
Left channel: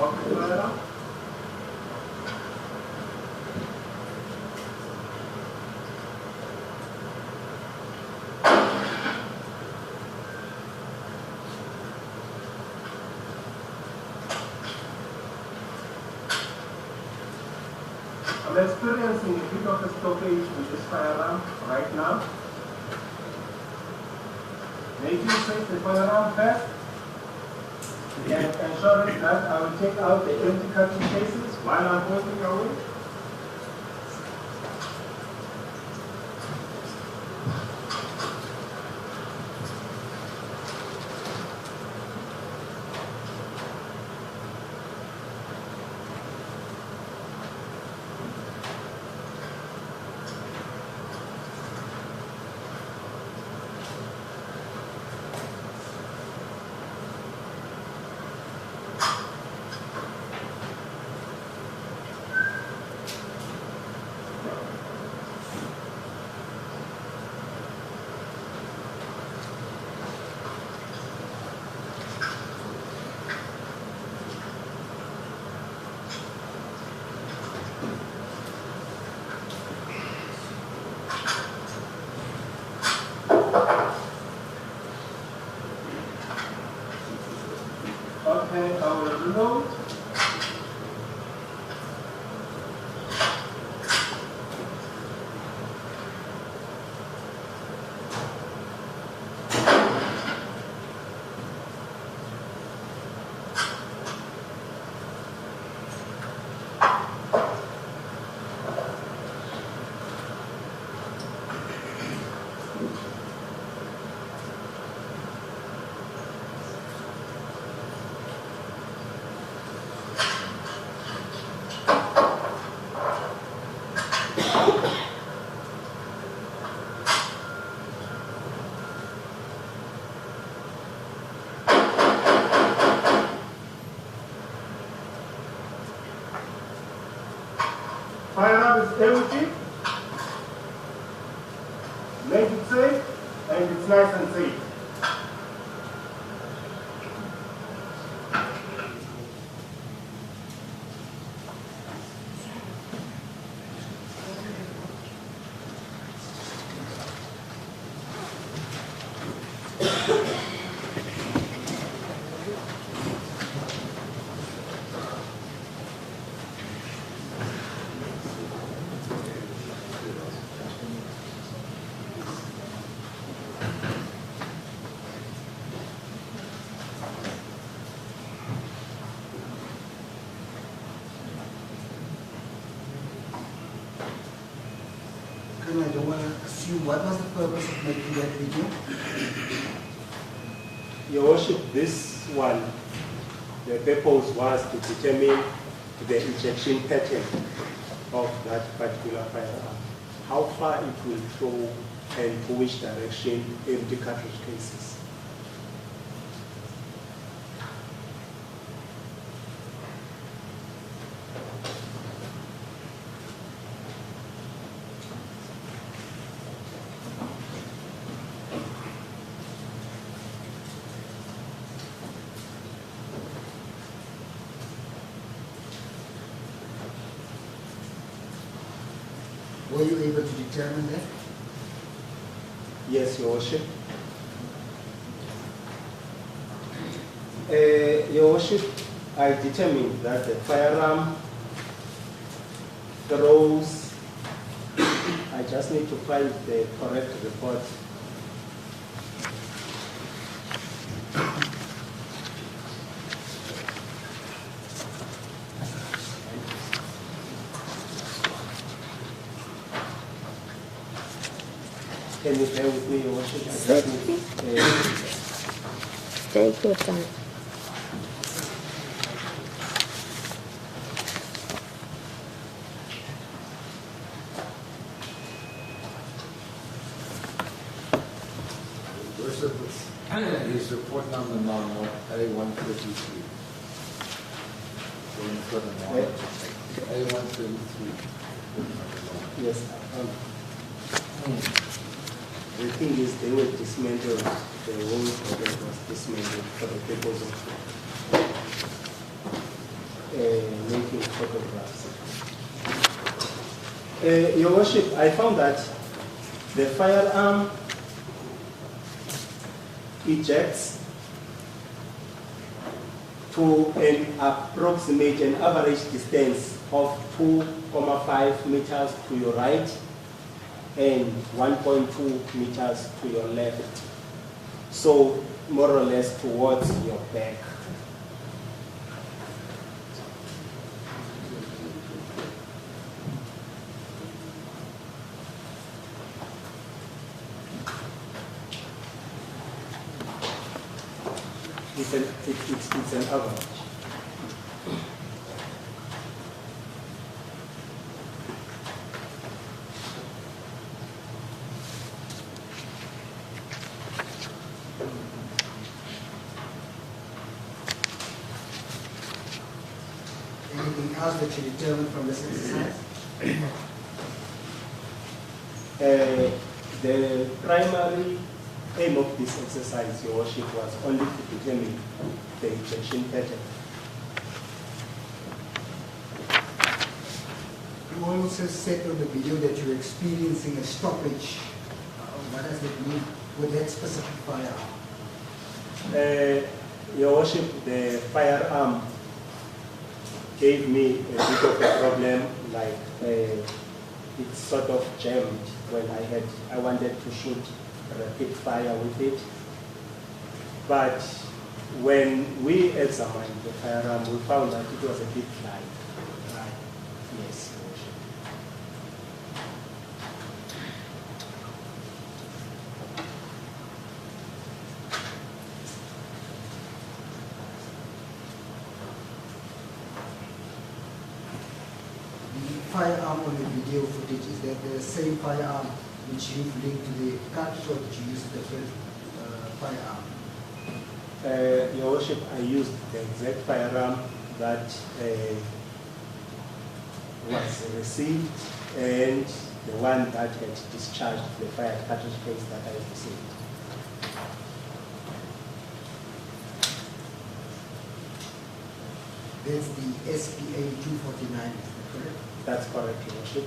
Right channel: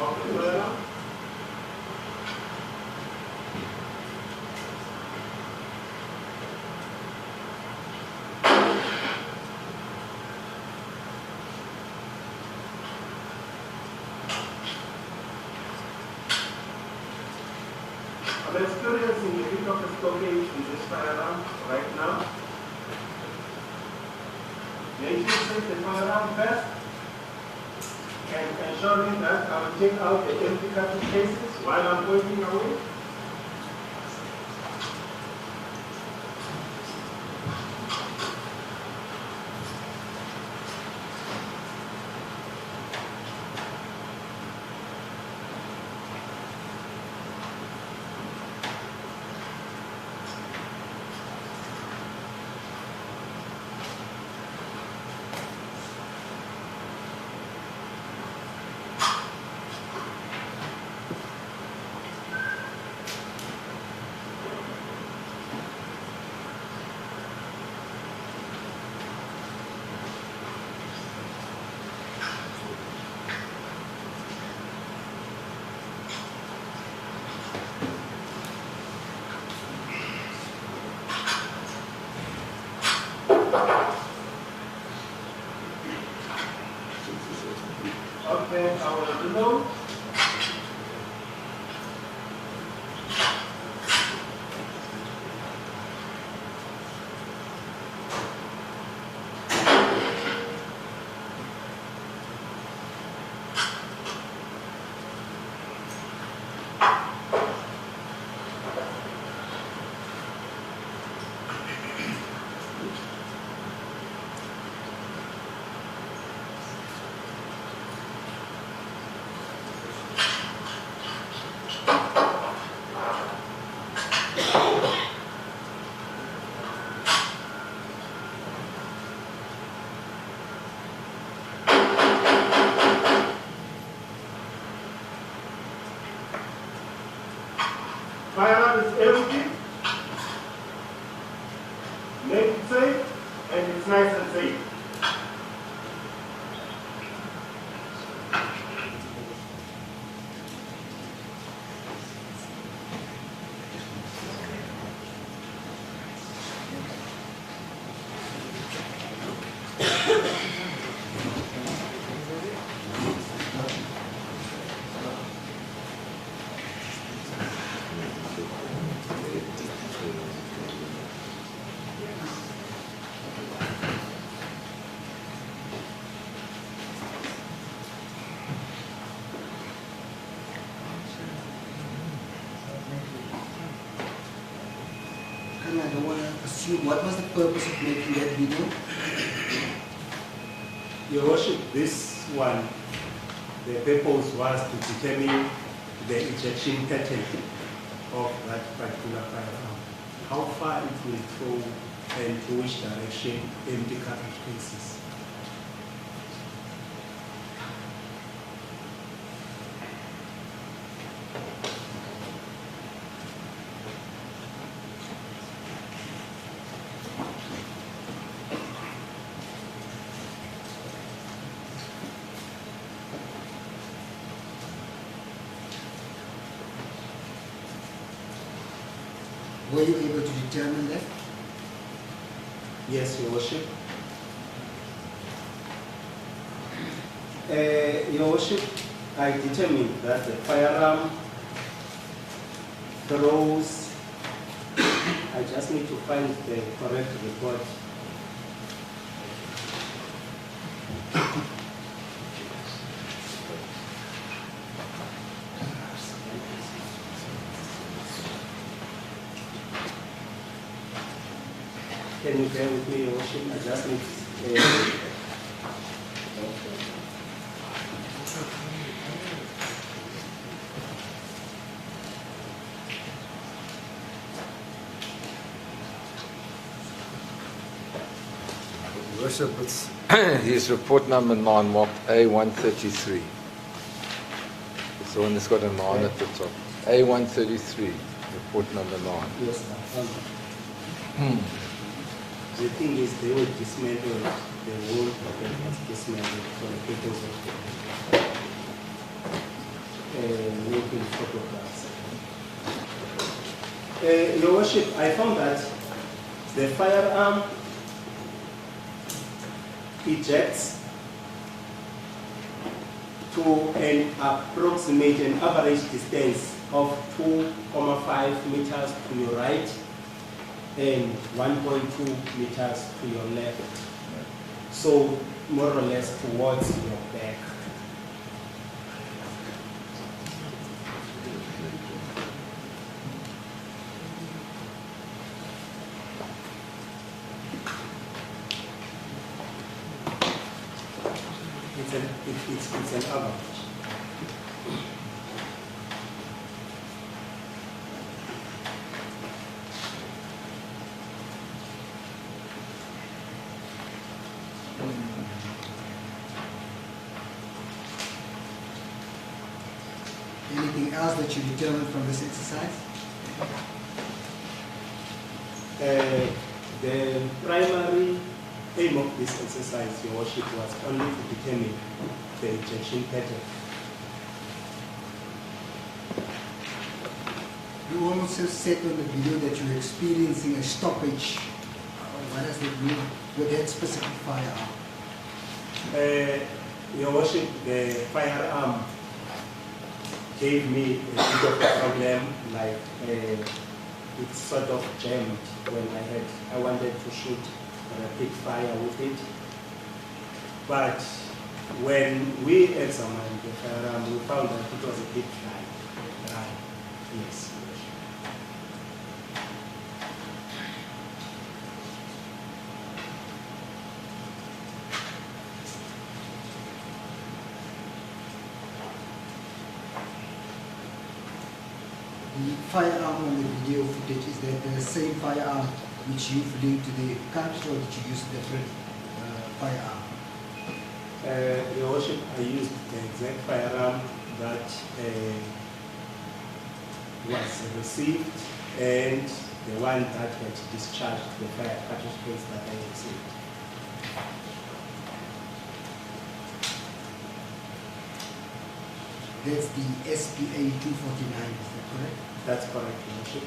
Okay, firearm. I'm experiencing a bit of a stoppage in this firearm right now. Making safe the firearm first and ensuring that I will take out the empty cartridge cases while I'm working away. Okay, I will reload. Firearm is empty. Make it safe, and it's nice and safe. And I don't want to assume what was the purpose of making that video. Your Worship, this one, the purpose was to determine the ejection pattern of that particular firearm. How far it will throw and to which direction empty cartridge cases. Were you able to determine that? Yes, Your Worship. Your Worship, I determined that the firearm throws, I just need to find the correct report. Can you bear with me, Your Worship? I just need, Take your time. Worship, it's his report number 9 marked A133. It's the one that's got a 9 at the top. A133, report number 9. yes, the thing is, they will dismantle the whole project was dismantled for the purpose of making photographs. Your Worship, I found that the firearm ejects to an approximate an average distance of 2.5 meters to your right and 1.2 meters to your left. So more or less towards your back. It's an average. Anything else that you determined from this exercise? The primary aim of this exercise, Your Worship, was only to determine the ejection pattern. You also said on the video that you were experiencing a stoppage. What does that mean with that specific firearm? Your Worship, the firearm gave me a bit of a problem, like it sort of jammed when I wanted to shoot rapid fire with it. But when we examined the firearm, we found that it was a bit dry. Yes. The firearm on the video footage, is that the same firearm which you've linked to the cartridge, or did you use a different firearm? Your Worship, I used the exact firearm that was received and the one that had discharged the fire cartridge case that I received. That's the SPA 249, is that correct? That's correct, Your Worship.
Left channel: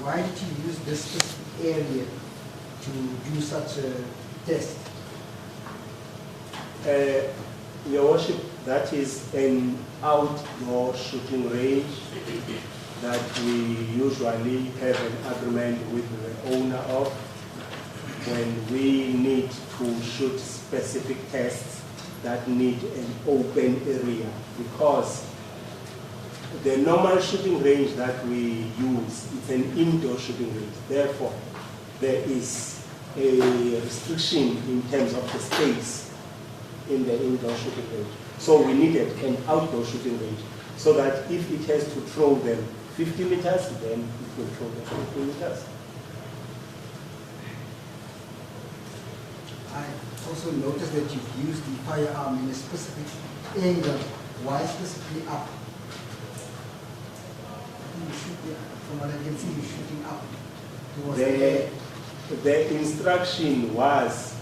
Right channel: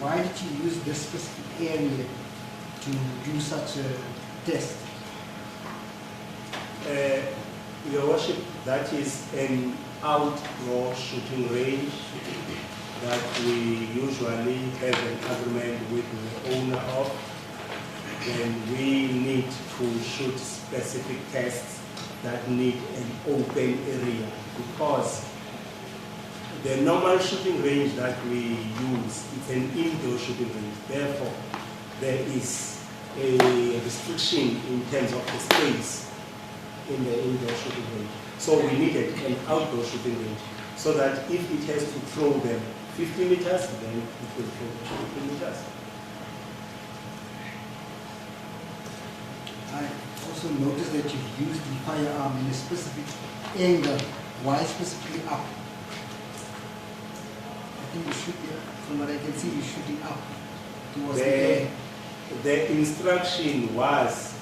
Why did you use this specific area to do such a test? Your Worship, that is an outdoor shooting range that we usually have an agreement with the owner of when we need to shoot specific tests that need an open area, because the normal shooting range that we use is an indoor shooting range. Therefore, there is a restriction in terms of the space in the indoor shooting range. So we needed an outdoor shooting range so that if it has to throw them 50 meters, then it will throw them 50 meters. I also noticed that you've used the firearm in a specific angle. Why specifically up? I think you should be, from what I can see, you're shooting up towards the air. The instruction was,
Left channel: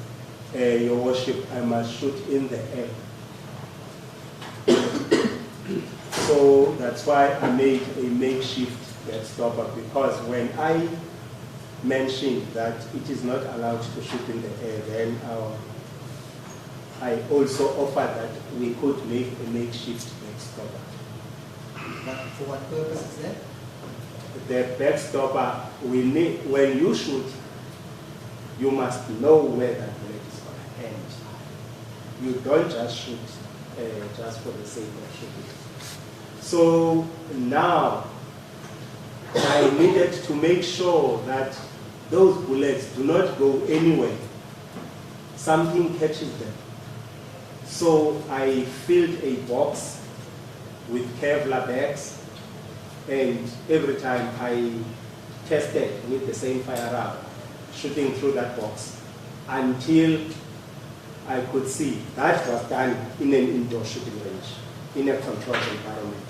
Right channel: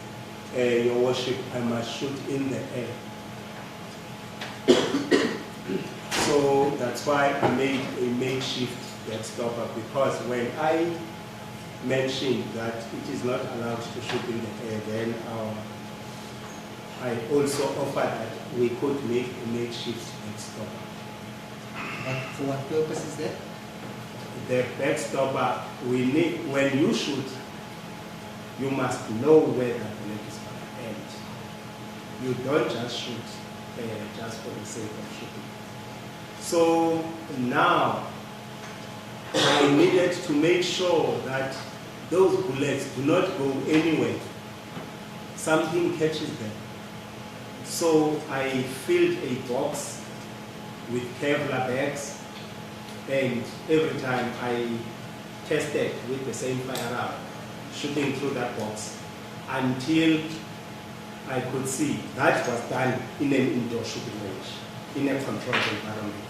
Your Worship, I must shoot in the air. So that's why I made a makeshift backstopper, because when I mentioned that it is not allowed to shoot in the air, then I also offered that we could make a makeshift backstopper. But for what purpose is that? The backstopper, we need, when you shoot, you must know where that bullet is going to end. You don't just shoot just for the sake of shooting. So now I needed to make sure that those bullets do not go anywhere. Something catches them. So I filled a box with Kevlar bags, and every time I tested with the same firearm, shooting through that box, until I could see that was done in an indoor shooting range, in a controlled environment,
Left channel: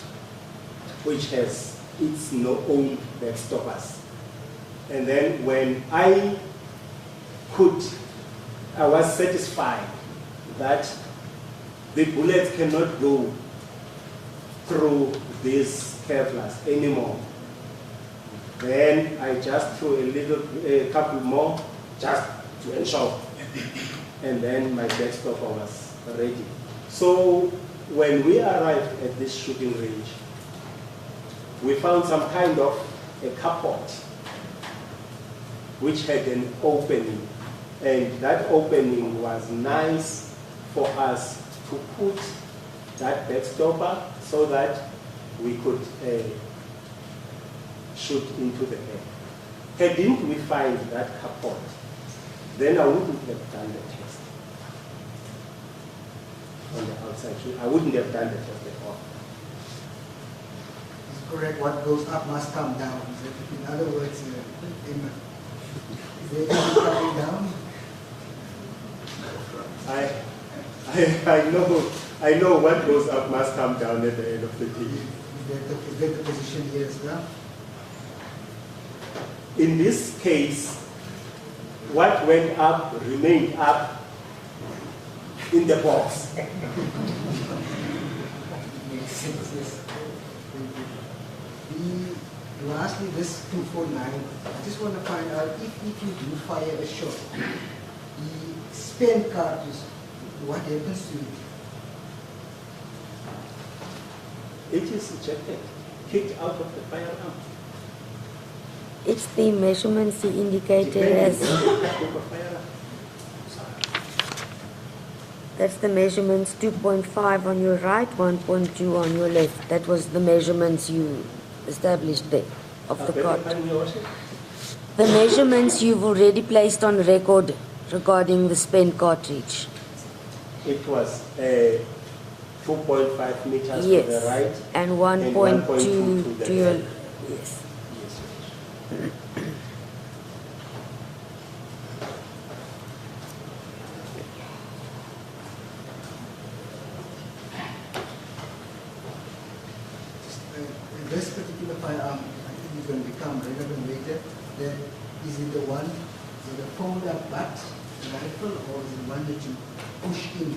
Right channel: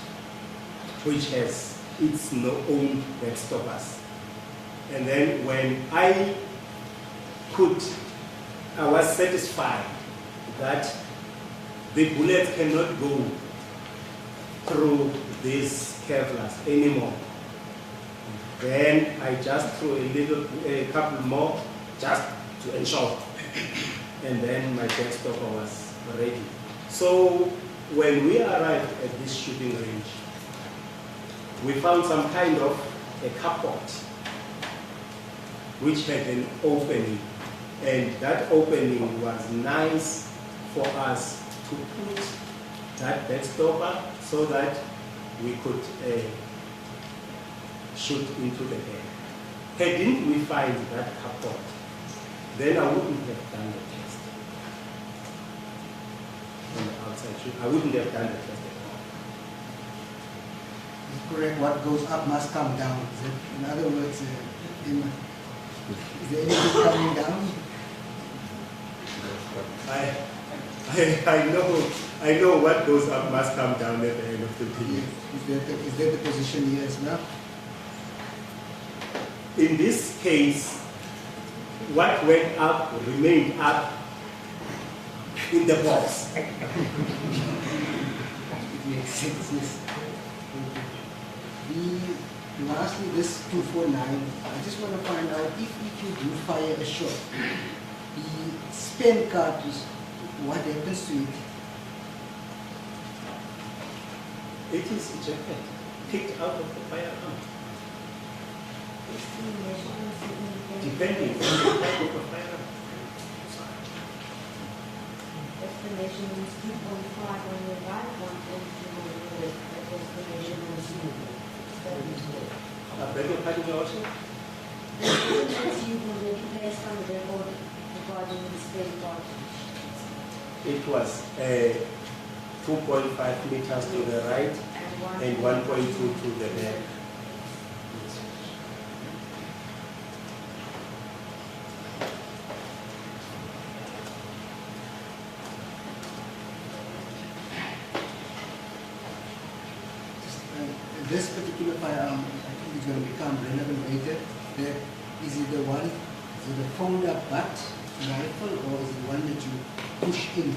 which has its own backstoppers. And then when I was satisfied that the bullet cannot go through these Kevlars anymore, then I just threw a couple more just to ensure. And then my backstopper was ready. So when we arrived at this shooting range, we found some kind of a carport which had an opening, and that opening was nice for us to put that backstopper so that we could shoot into the air. Hadn't we find that carport, then I wouldn't have done the test on the outside shoot. I wouldn't have done the test at all. It's correct, what goes up must come down. In other words, is there anything coming down? I know what goes up must come down at the end of the day. Is that the position here as well? In this case, what went up remained up in the box. It makes sense, yes. Lastly, this 249, I just want to find out if you do fire a shot, the spent cartridge, what happens to it? It is ejected, kicked out of the firearm. It's the measurements he indicated as. That's the measurements 2.5 on your right, 1.2 on your left. That was the measurements you established there of the cartridge. The measurements you've already placed on record regarding the spent cartridge. It was 2.5 meters to the right and 1.2 to your left. Yes. This particular firearm, I think it's going to become relevant later. Is it the one, is it the fold-up butt rifle, or is it the one that you push in?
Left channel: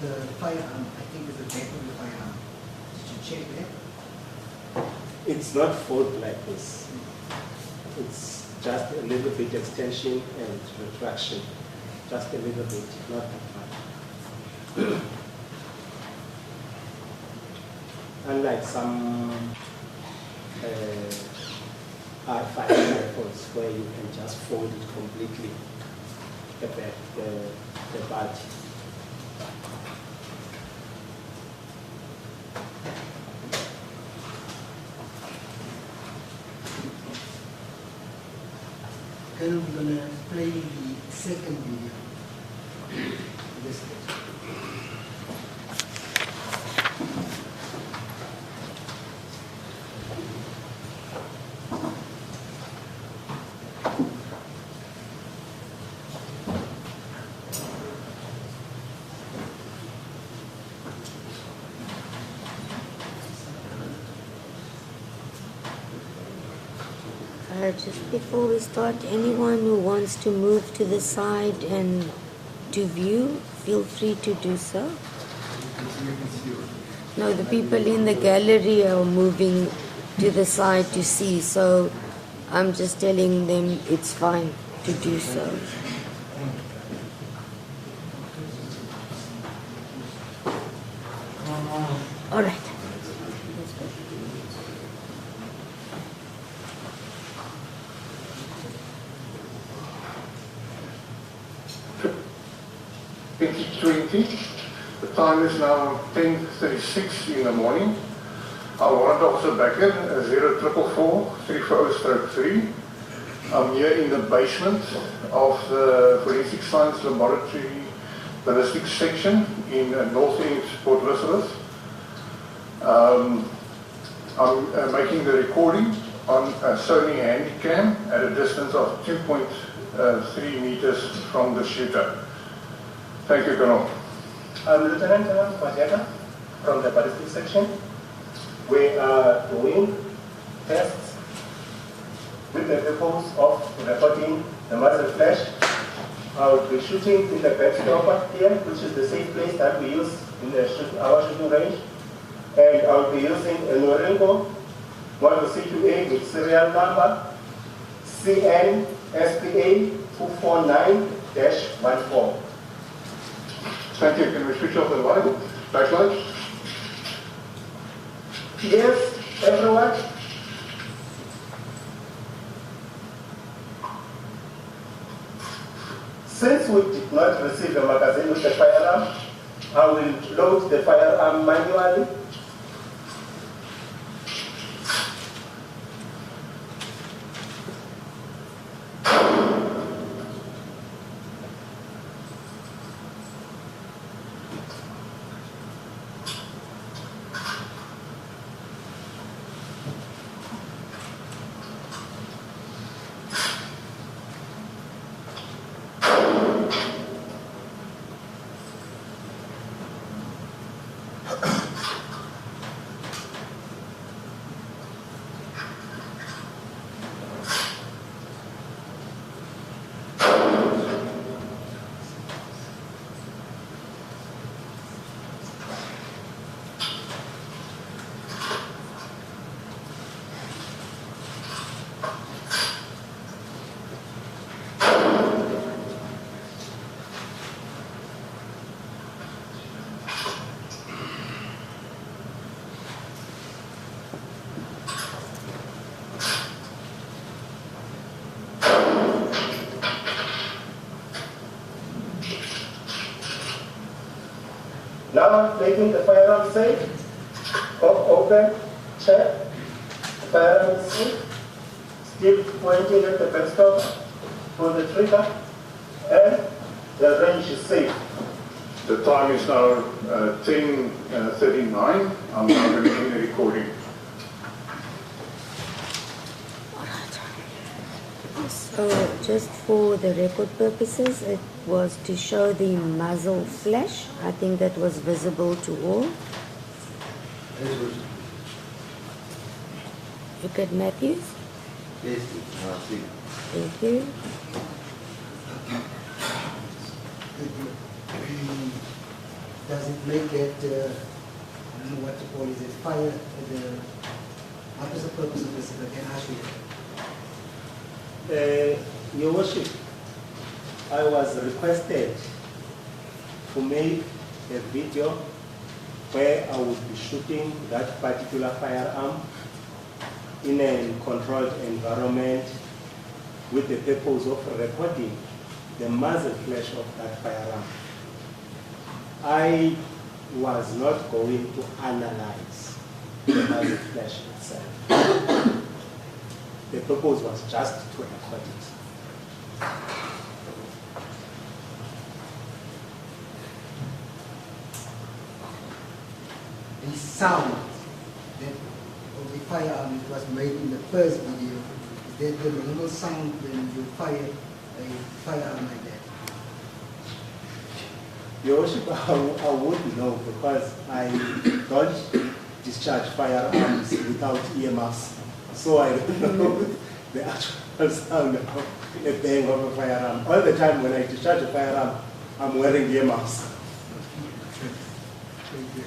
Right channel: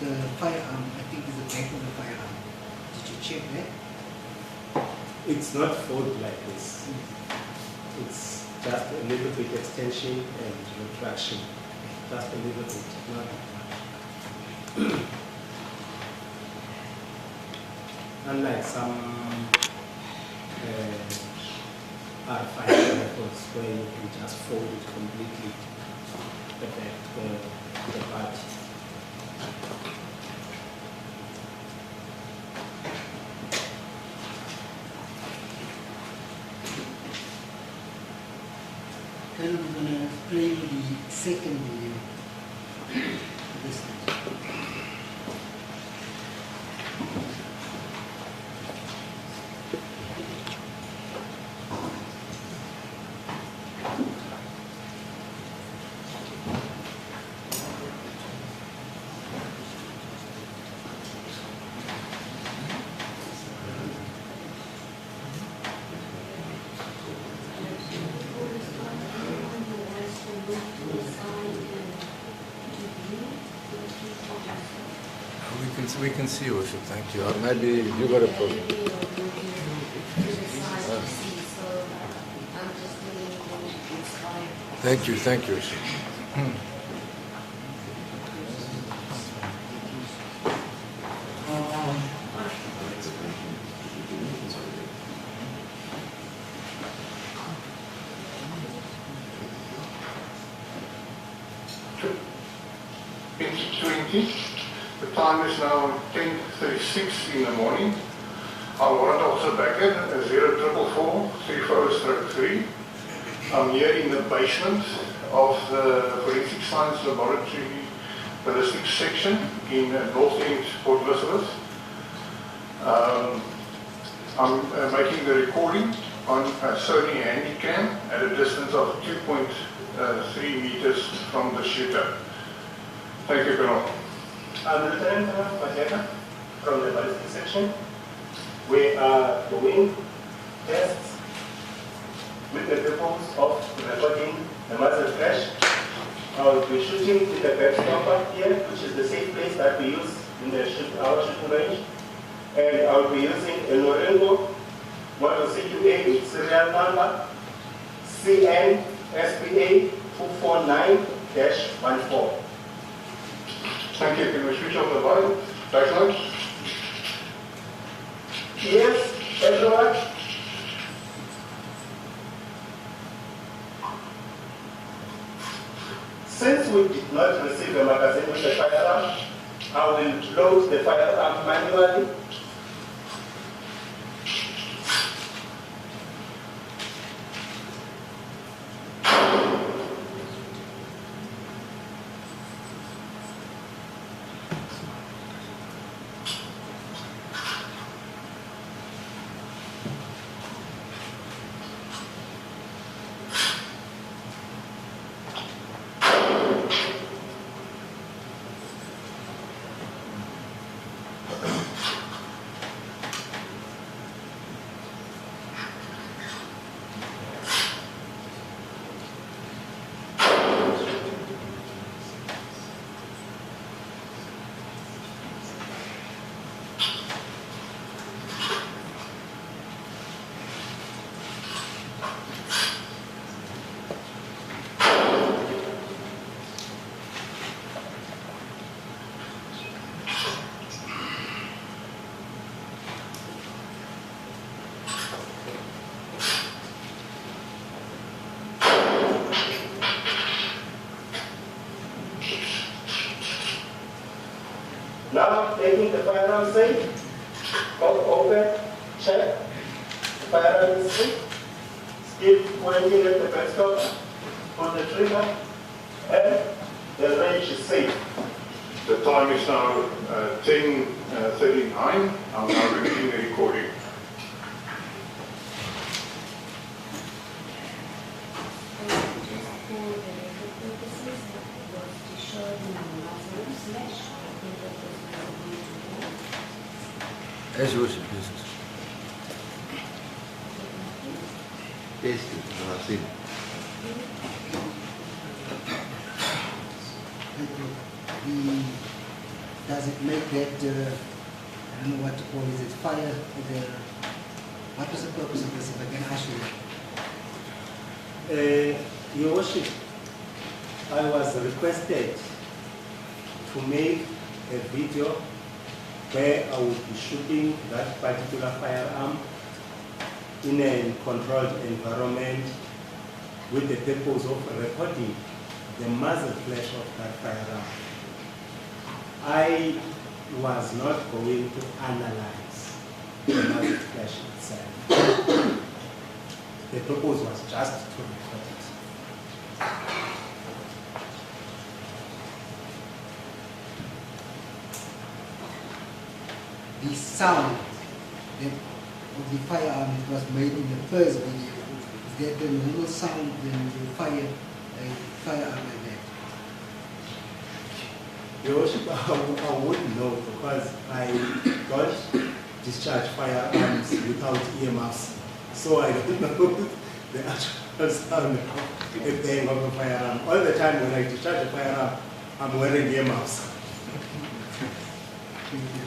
The firearm, I think, is the back of the firearm. Did you check that? It's not fold like this. It's just a little bit extension and retraction. Just a little bit, not much. Unlike some R5 rifles where you can just fold it completely, the back, the butt. Then we're going to play the second video. This is. Just before we start, anyone who wants to move to the side and to view, feel free to do so. We can see, Worship. Thank you. No, the Maybe people in you the gotta- gallery are moving to the side to see, so I'm just telling them it's fine. Thank you, thank you. All right. It's 20. The time is now 10:36 in the morning. I'm Warrant Officer Becker, 0444-340-3. I'm here in the basement of the Forensic Science Laboratory Ballistic section in North End, Port Elizabeth. I'm making the recording on a Sony Handycam at a distance of 2.3 meters from the shooter. Thank you, Colonel. I'm Lieutenant Majeka from the Ballistic section. We are doing tests with the purpose of recording the muzzle flash. I will be shooting in the backstopper here, which is the safe place that we use in our shooting range. And I will be using a Norengo model CQA with serial number CNSPA 249-14. Thank you. Can we switch off the light? Backlight? Yes, everyone. Since we did not receive the magazine with the firearm, I will load the firearm manually. Now taking the firearm safe, open, check, the firearm is safe, still pointing at the backstop, pull the trigger, and the range is safe. The time is now 10:39. I'm now beginning the recording. So just for the record purposes, it was to show the muzzle flash. I think that was visible to all. As Worship uses. Look at Matthews. Yes, I've seen it. Thank you. Does it make that, I don't know what to call it, fire, what is the purpose of this, if I can ask you? Your Worship, I was requested to make a video where I would be shooting that particular firearm in a controlled environment with the purpose of recording the muzzle flash of that firearm. I was not going to analyze the muzzle flash itself. The purpose was just to record it. The sound of the firearm that was made in the first video, is that the normal sound when you fire a firearm like that? Your Worship, I wouldn't know because I don't discharge firearms without earmuffs. So I don't know the actual sound of a bang of a firearm. All the time when I discharge a firearm, I'm wearing earmuffs. Thank you.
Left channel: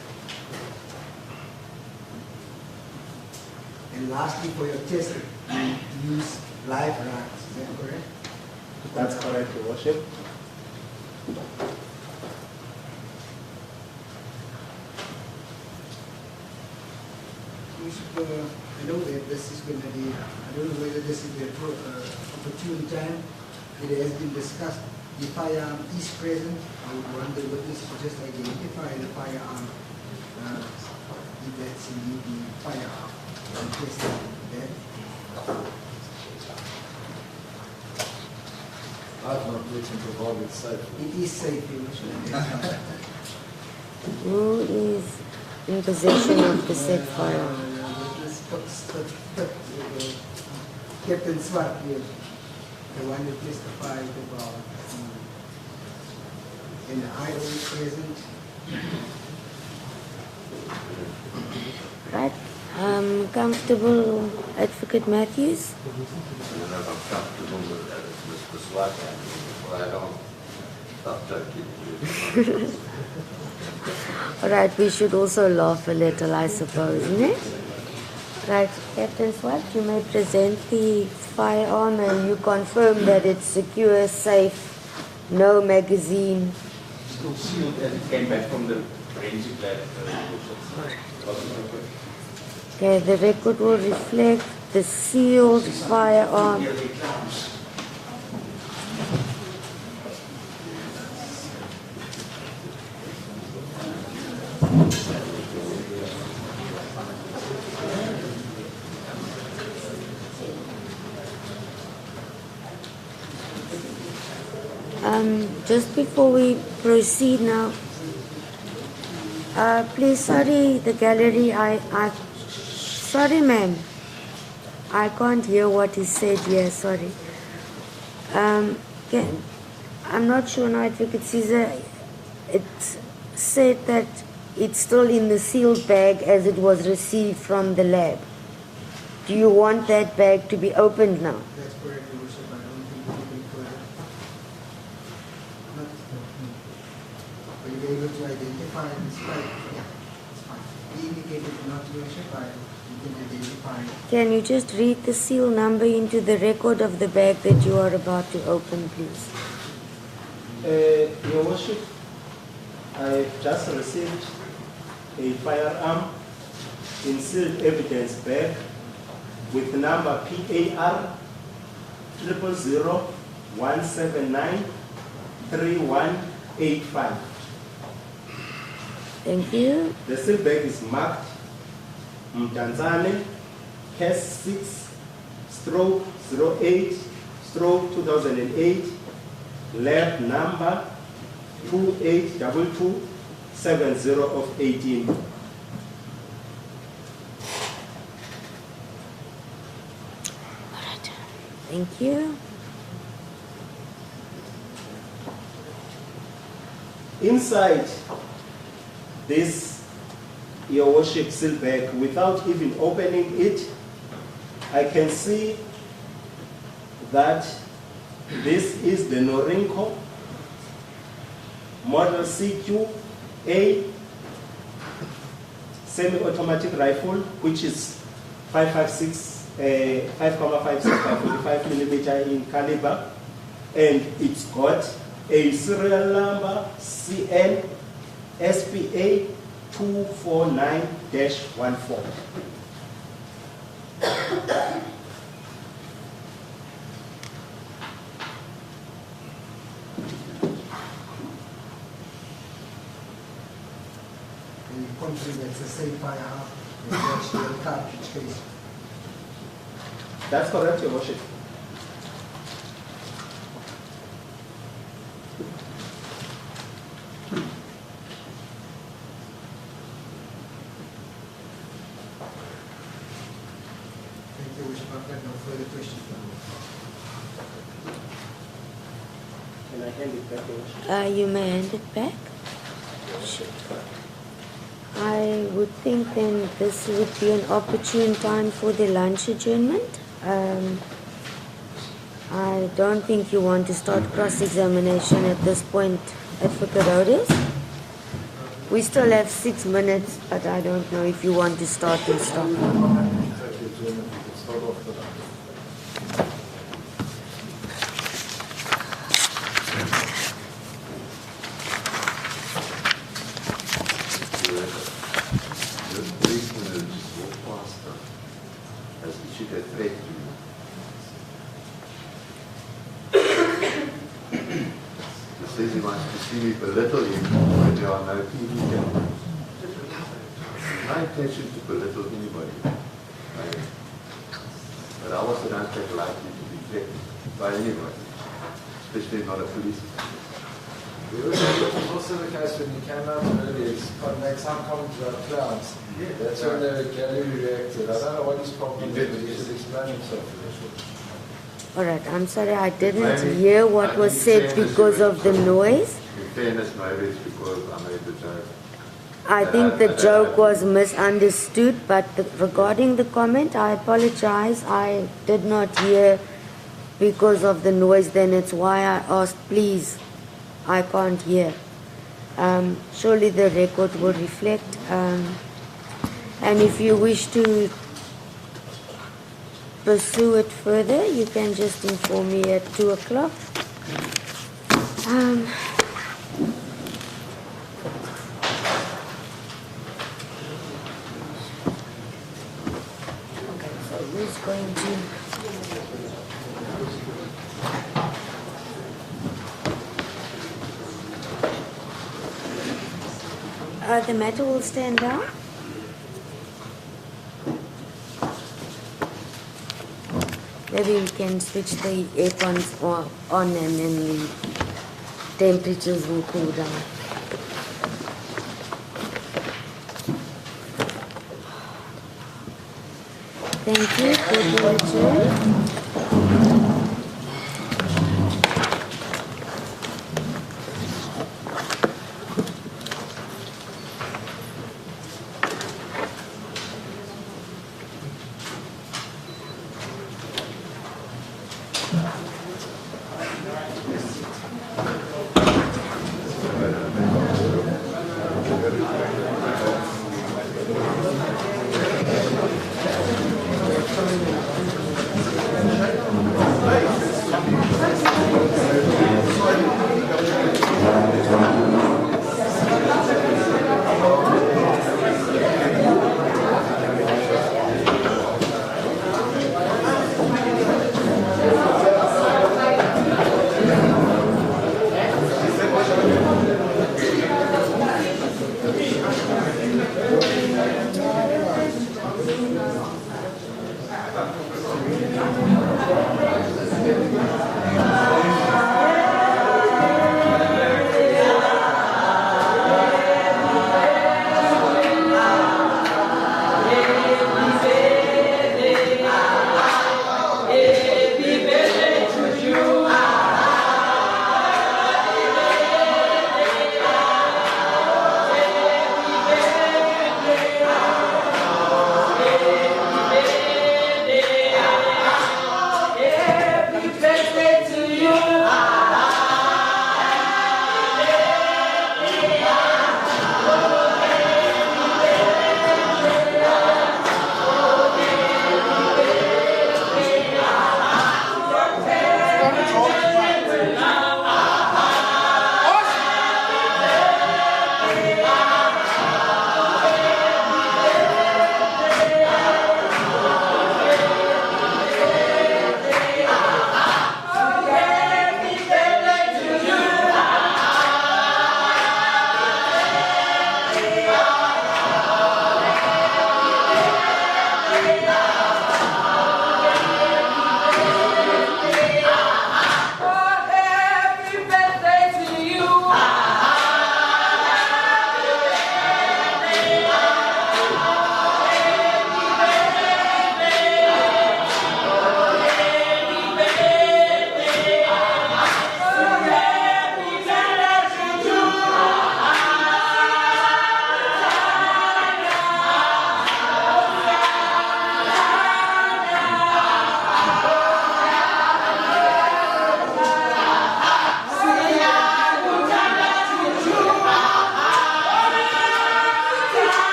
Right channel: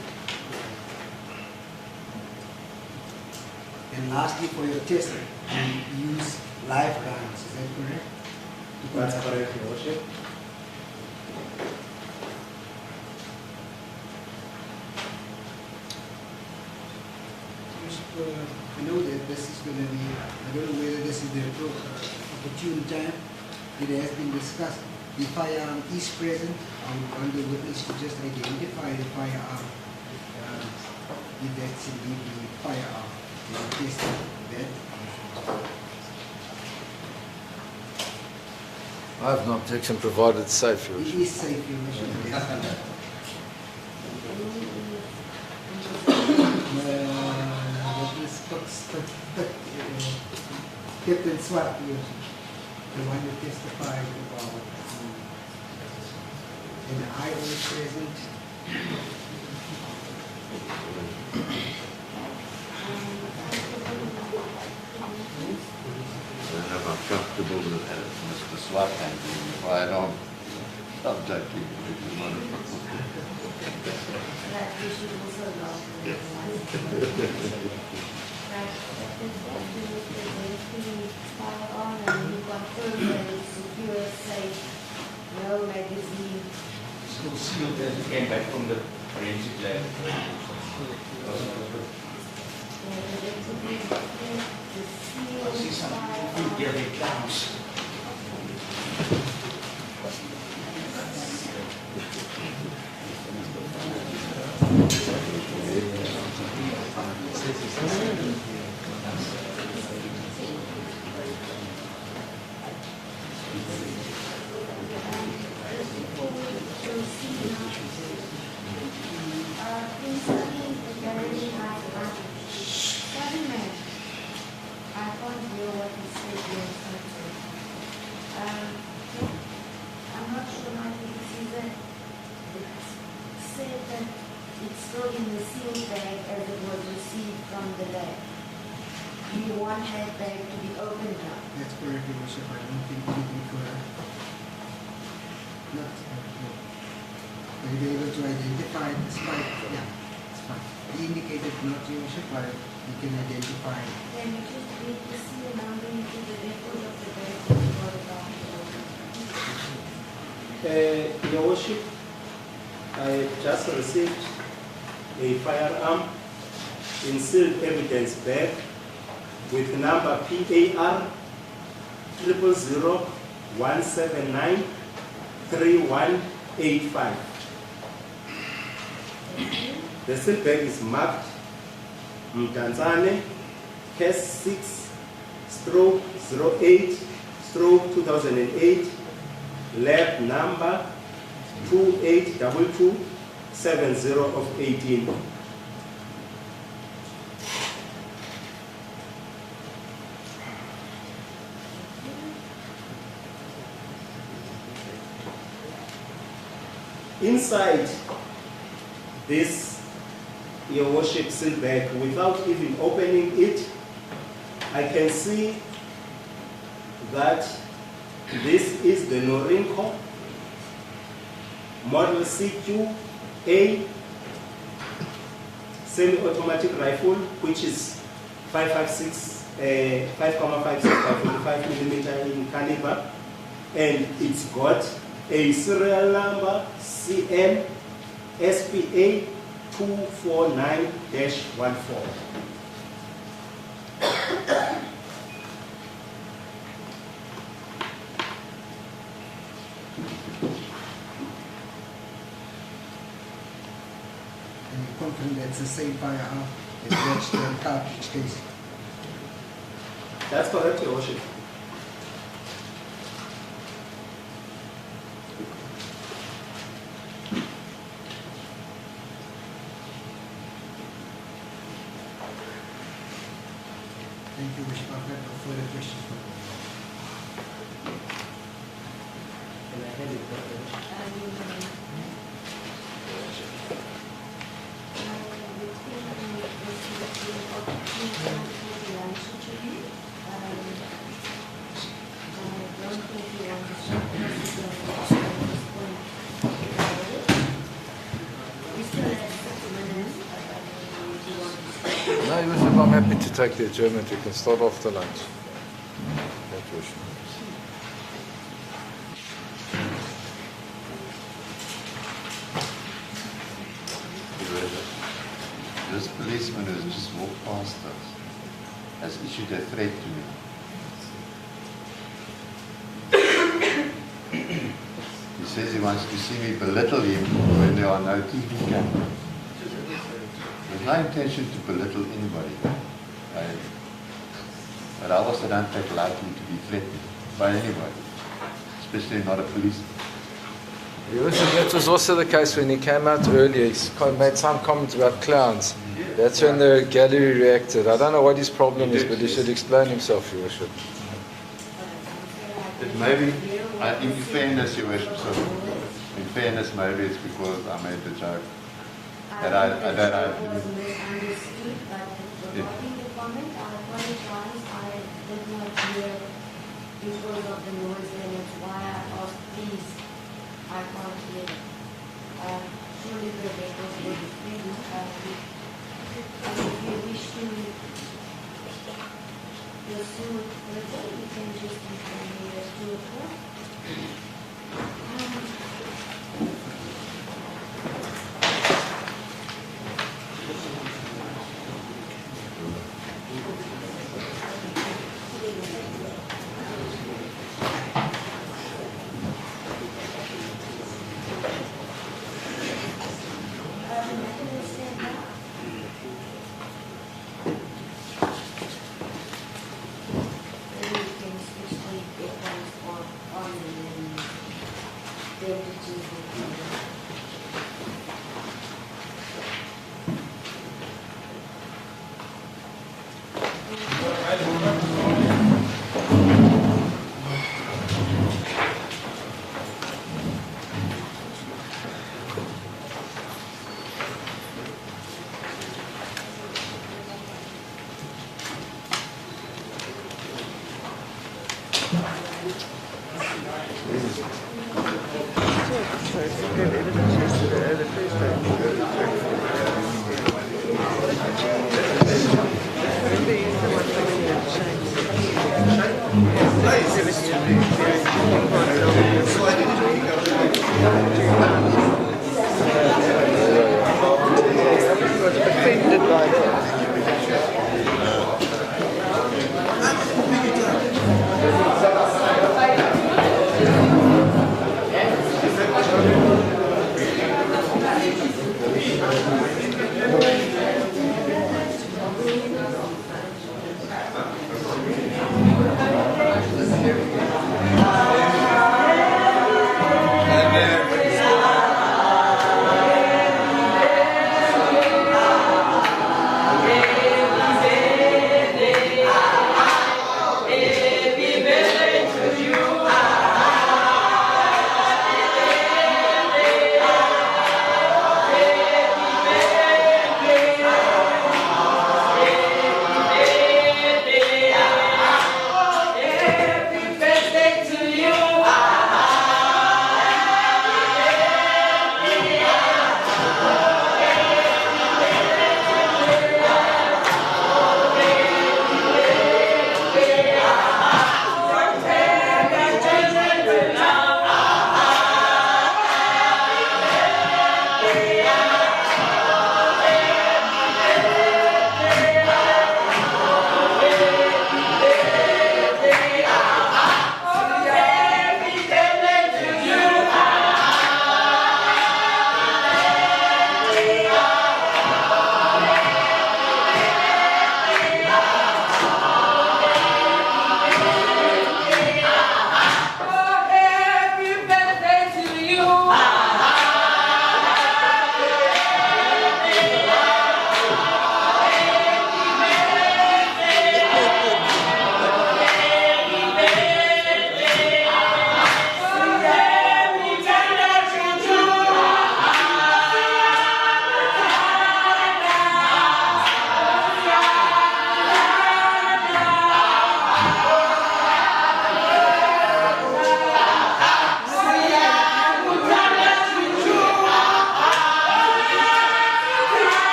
And lastly, for your testing, you use live rounds, is that correct? That's correct, Your Worship. I know that this is going to be, I don't know whether this is the opportune time. It has been discussed. The firearm is present. I would want the witness to just identify the firearm, if that's indeed the firearm. And test that. I have no objection provided it's safe, Your It Worship. is safe, Your Worship. Who is in possession of the said firearm? Captain Swat, the one who testified about, and I was present. Right. Comfortable, Advocate Matthews? I'm never comfortable with that, Mr. Slap, and firearm. All right, we should also laugh a little, I suppose, isn't it? Right, Captain Swat, you may present the firearm and you confirm that it's secure, safe, no magazine. Still sealed as it came back from the forensic lab. Okay, the record will reflect the sealed firearm. Just before we proceed now, please, sorry, the gallery, sorry ma'am, I can't hear what he said here, sorry. Okay, I'm not sure now, Advocate Caesar, it said that it's still in the sealed bag as it was received from the lab. Do you want that bag to be opened now? That's correct, Your Worship. I don't think we can further. Not. Are you able to identify this pipe? Yeah, it's fine. He indicated not, Your Worship. You can identify it. Can you just read the seal number into the record of the bag that you are about to open, please? Your Worship, I just received a firearm in sealed evidence bag with number PAR 000-179-3185. Thank you. The sealed bag is marked Mdanzane, case 6/08/2008, lab number 282270 of 18. Thank you. Inside this, Your Worship, seal bag, without even opening it, I can see that this is the Norinco Model CQ-A semi-automatic rifle, which is 5.56 by 45 millimeter in caliber, and it's got a serial number CN SPA 249-14. And you confirm that's the same firearm that matched the cartridge case. That's correct, Your Worship. Thank you, Worship. I've got no further questions. Can I hand it back, Your Worship? You may hand it back. I would think then this would be an opportune time for the lunch adjournment. I don't think you want to start cross-examination at this point, Advocate Otis. We still have 6 minutes, but I don't know if you want to start and No, stop. I'm happy to take the adjournment. We can start after lunch. Thank you. This policeman has just walked past us, has issued a threat to me. He says he wants to see me belittle him when there are no TV cameras. There's no intention to belittle anybody. But I also don't take lightly to be threatened by anybody, especially not a policeman. That was also the case when he came out earlier. He made some comments about clowns. That's when the gallery reacted. I don't know what his problem is, but he should explain himself, Your Worship. All right, I'm sorry, I didn't Maybe- hear what was in said fairness, because you of the went- noise. In fairness, maybe it's because I made the joke. I And think I the don't joke know. was misunderstood, but regarding the comment, I apologize. I did not hear because of the noise. Then it's why I asked, please, I can't hear. Surely the record will reflect. And if you wish to pursue it further, you can just inform me at 2 o'clock. Who's going to- the matter will stand down. Maybe we can switch the aircons on and then the temperatures will cool down. Thank you. Go to your chair.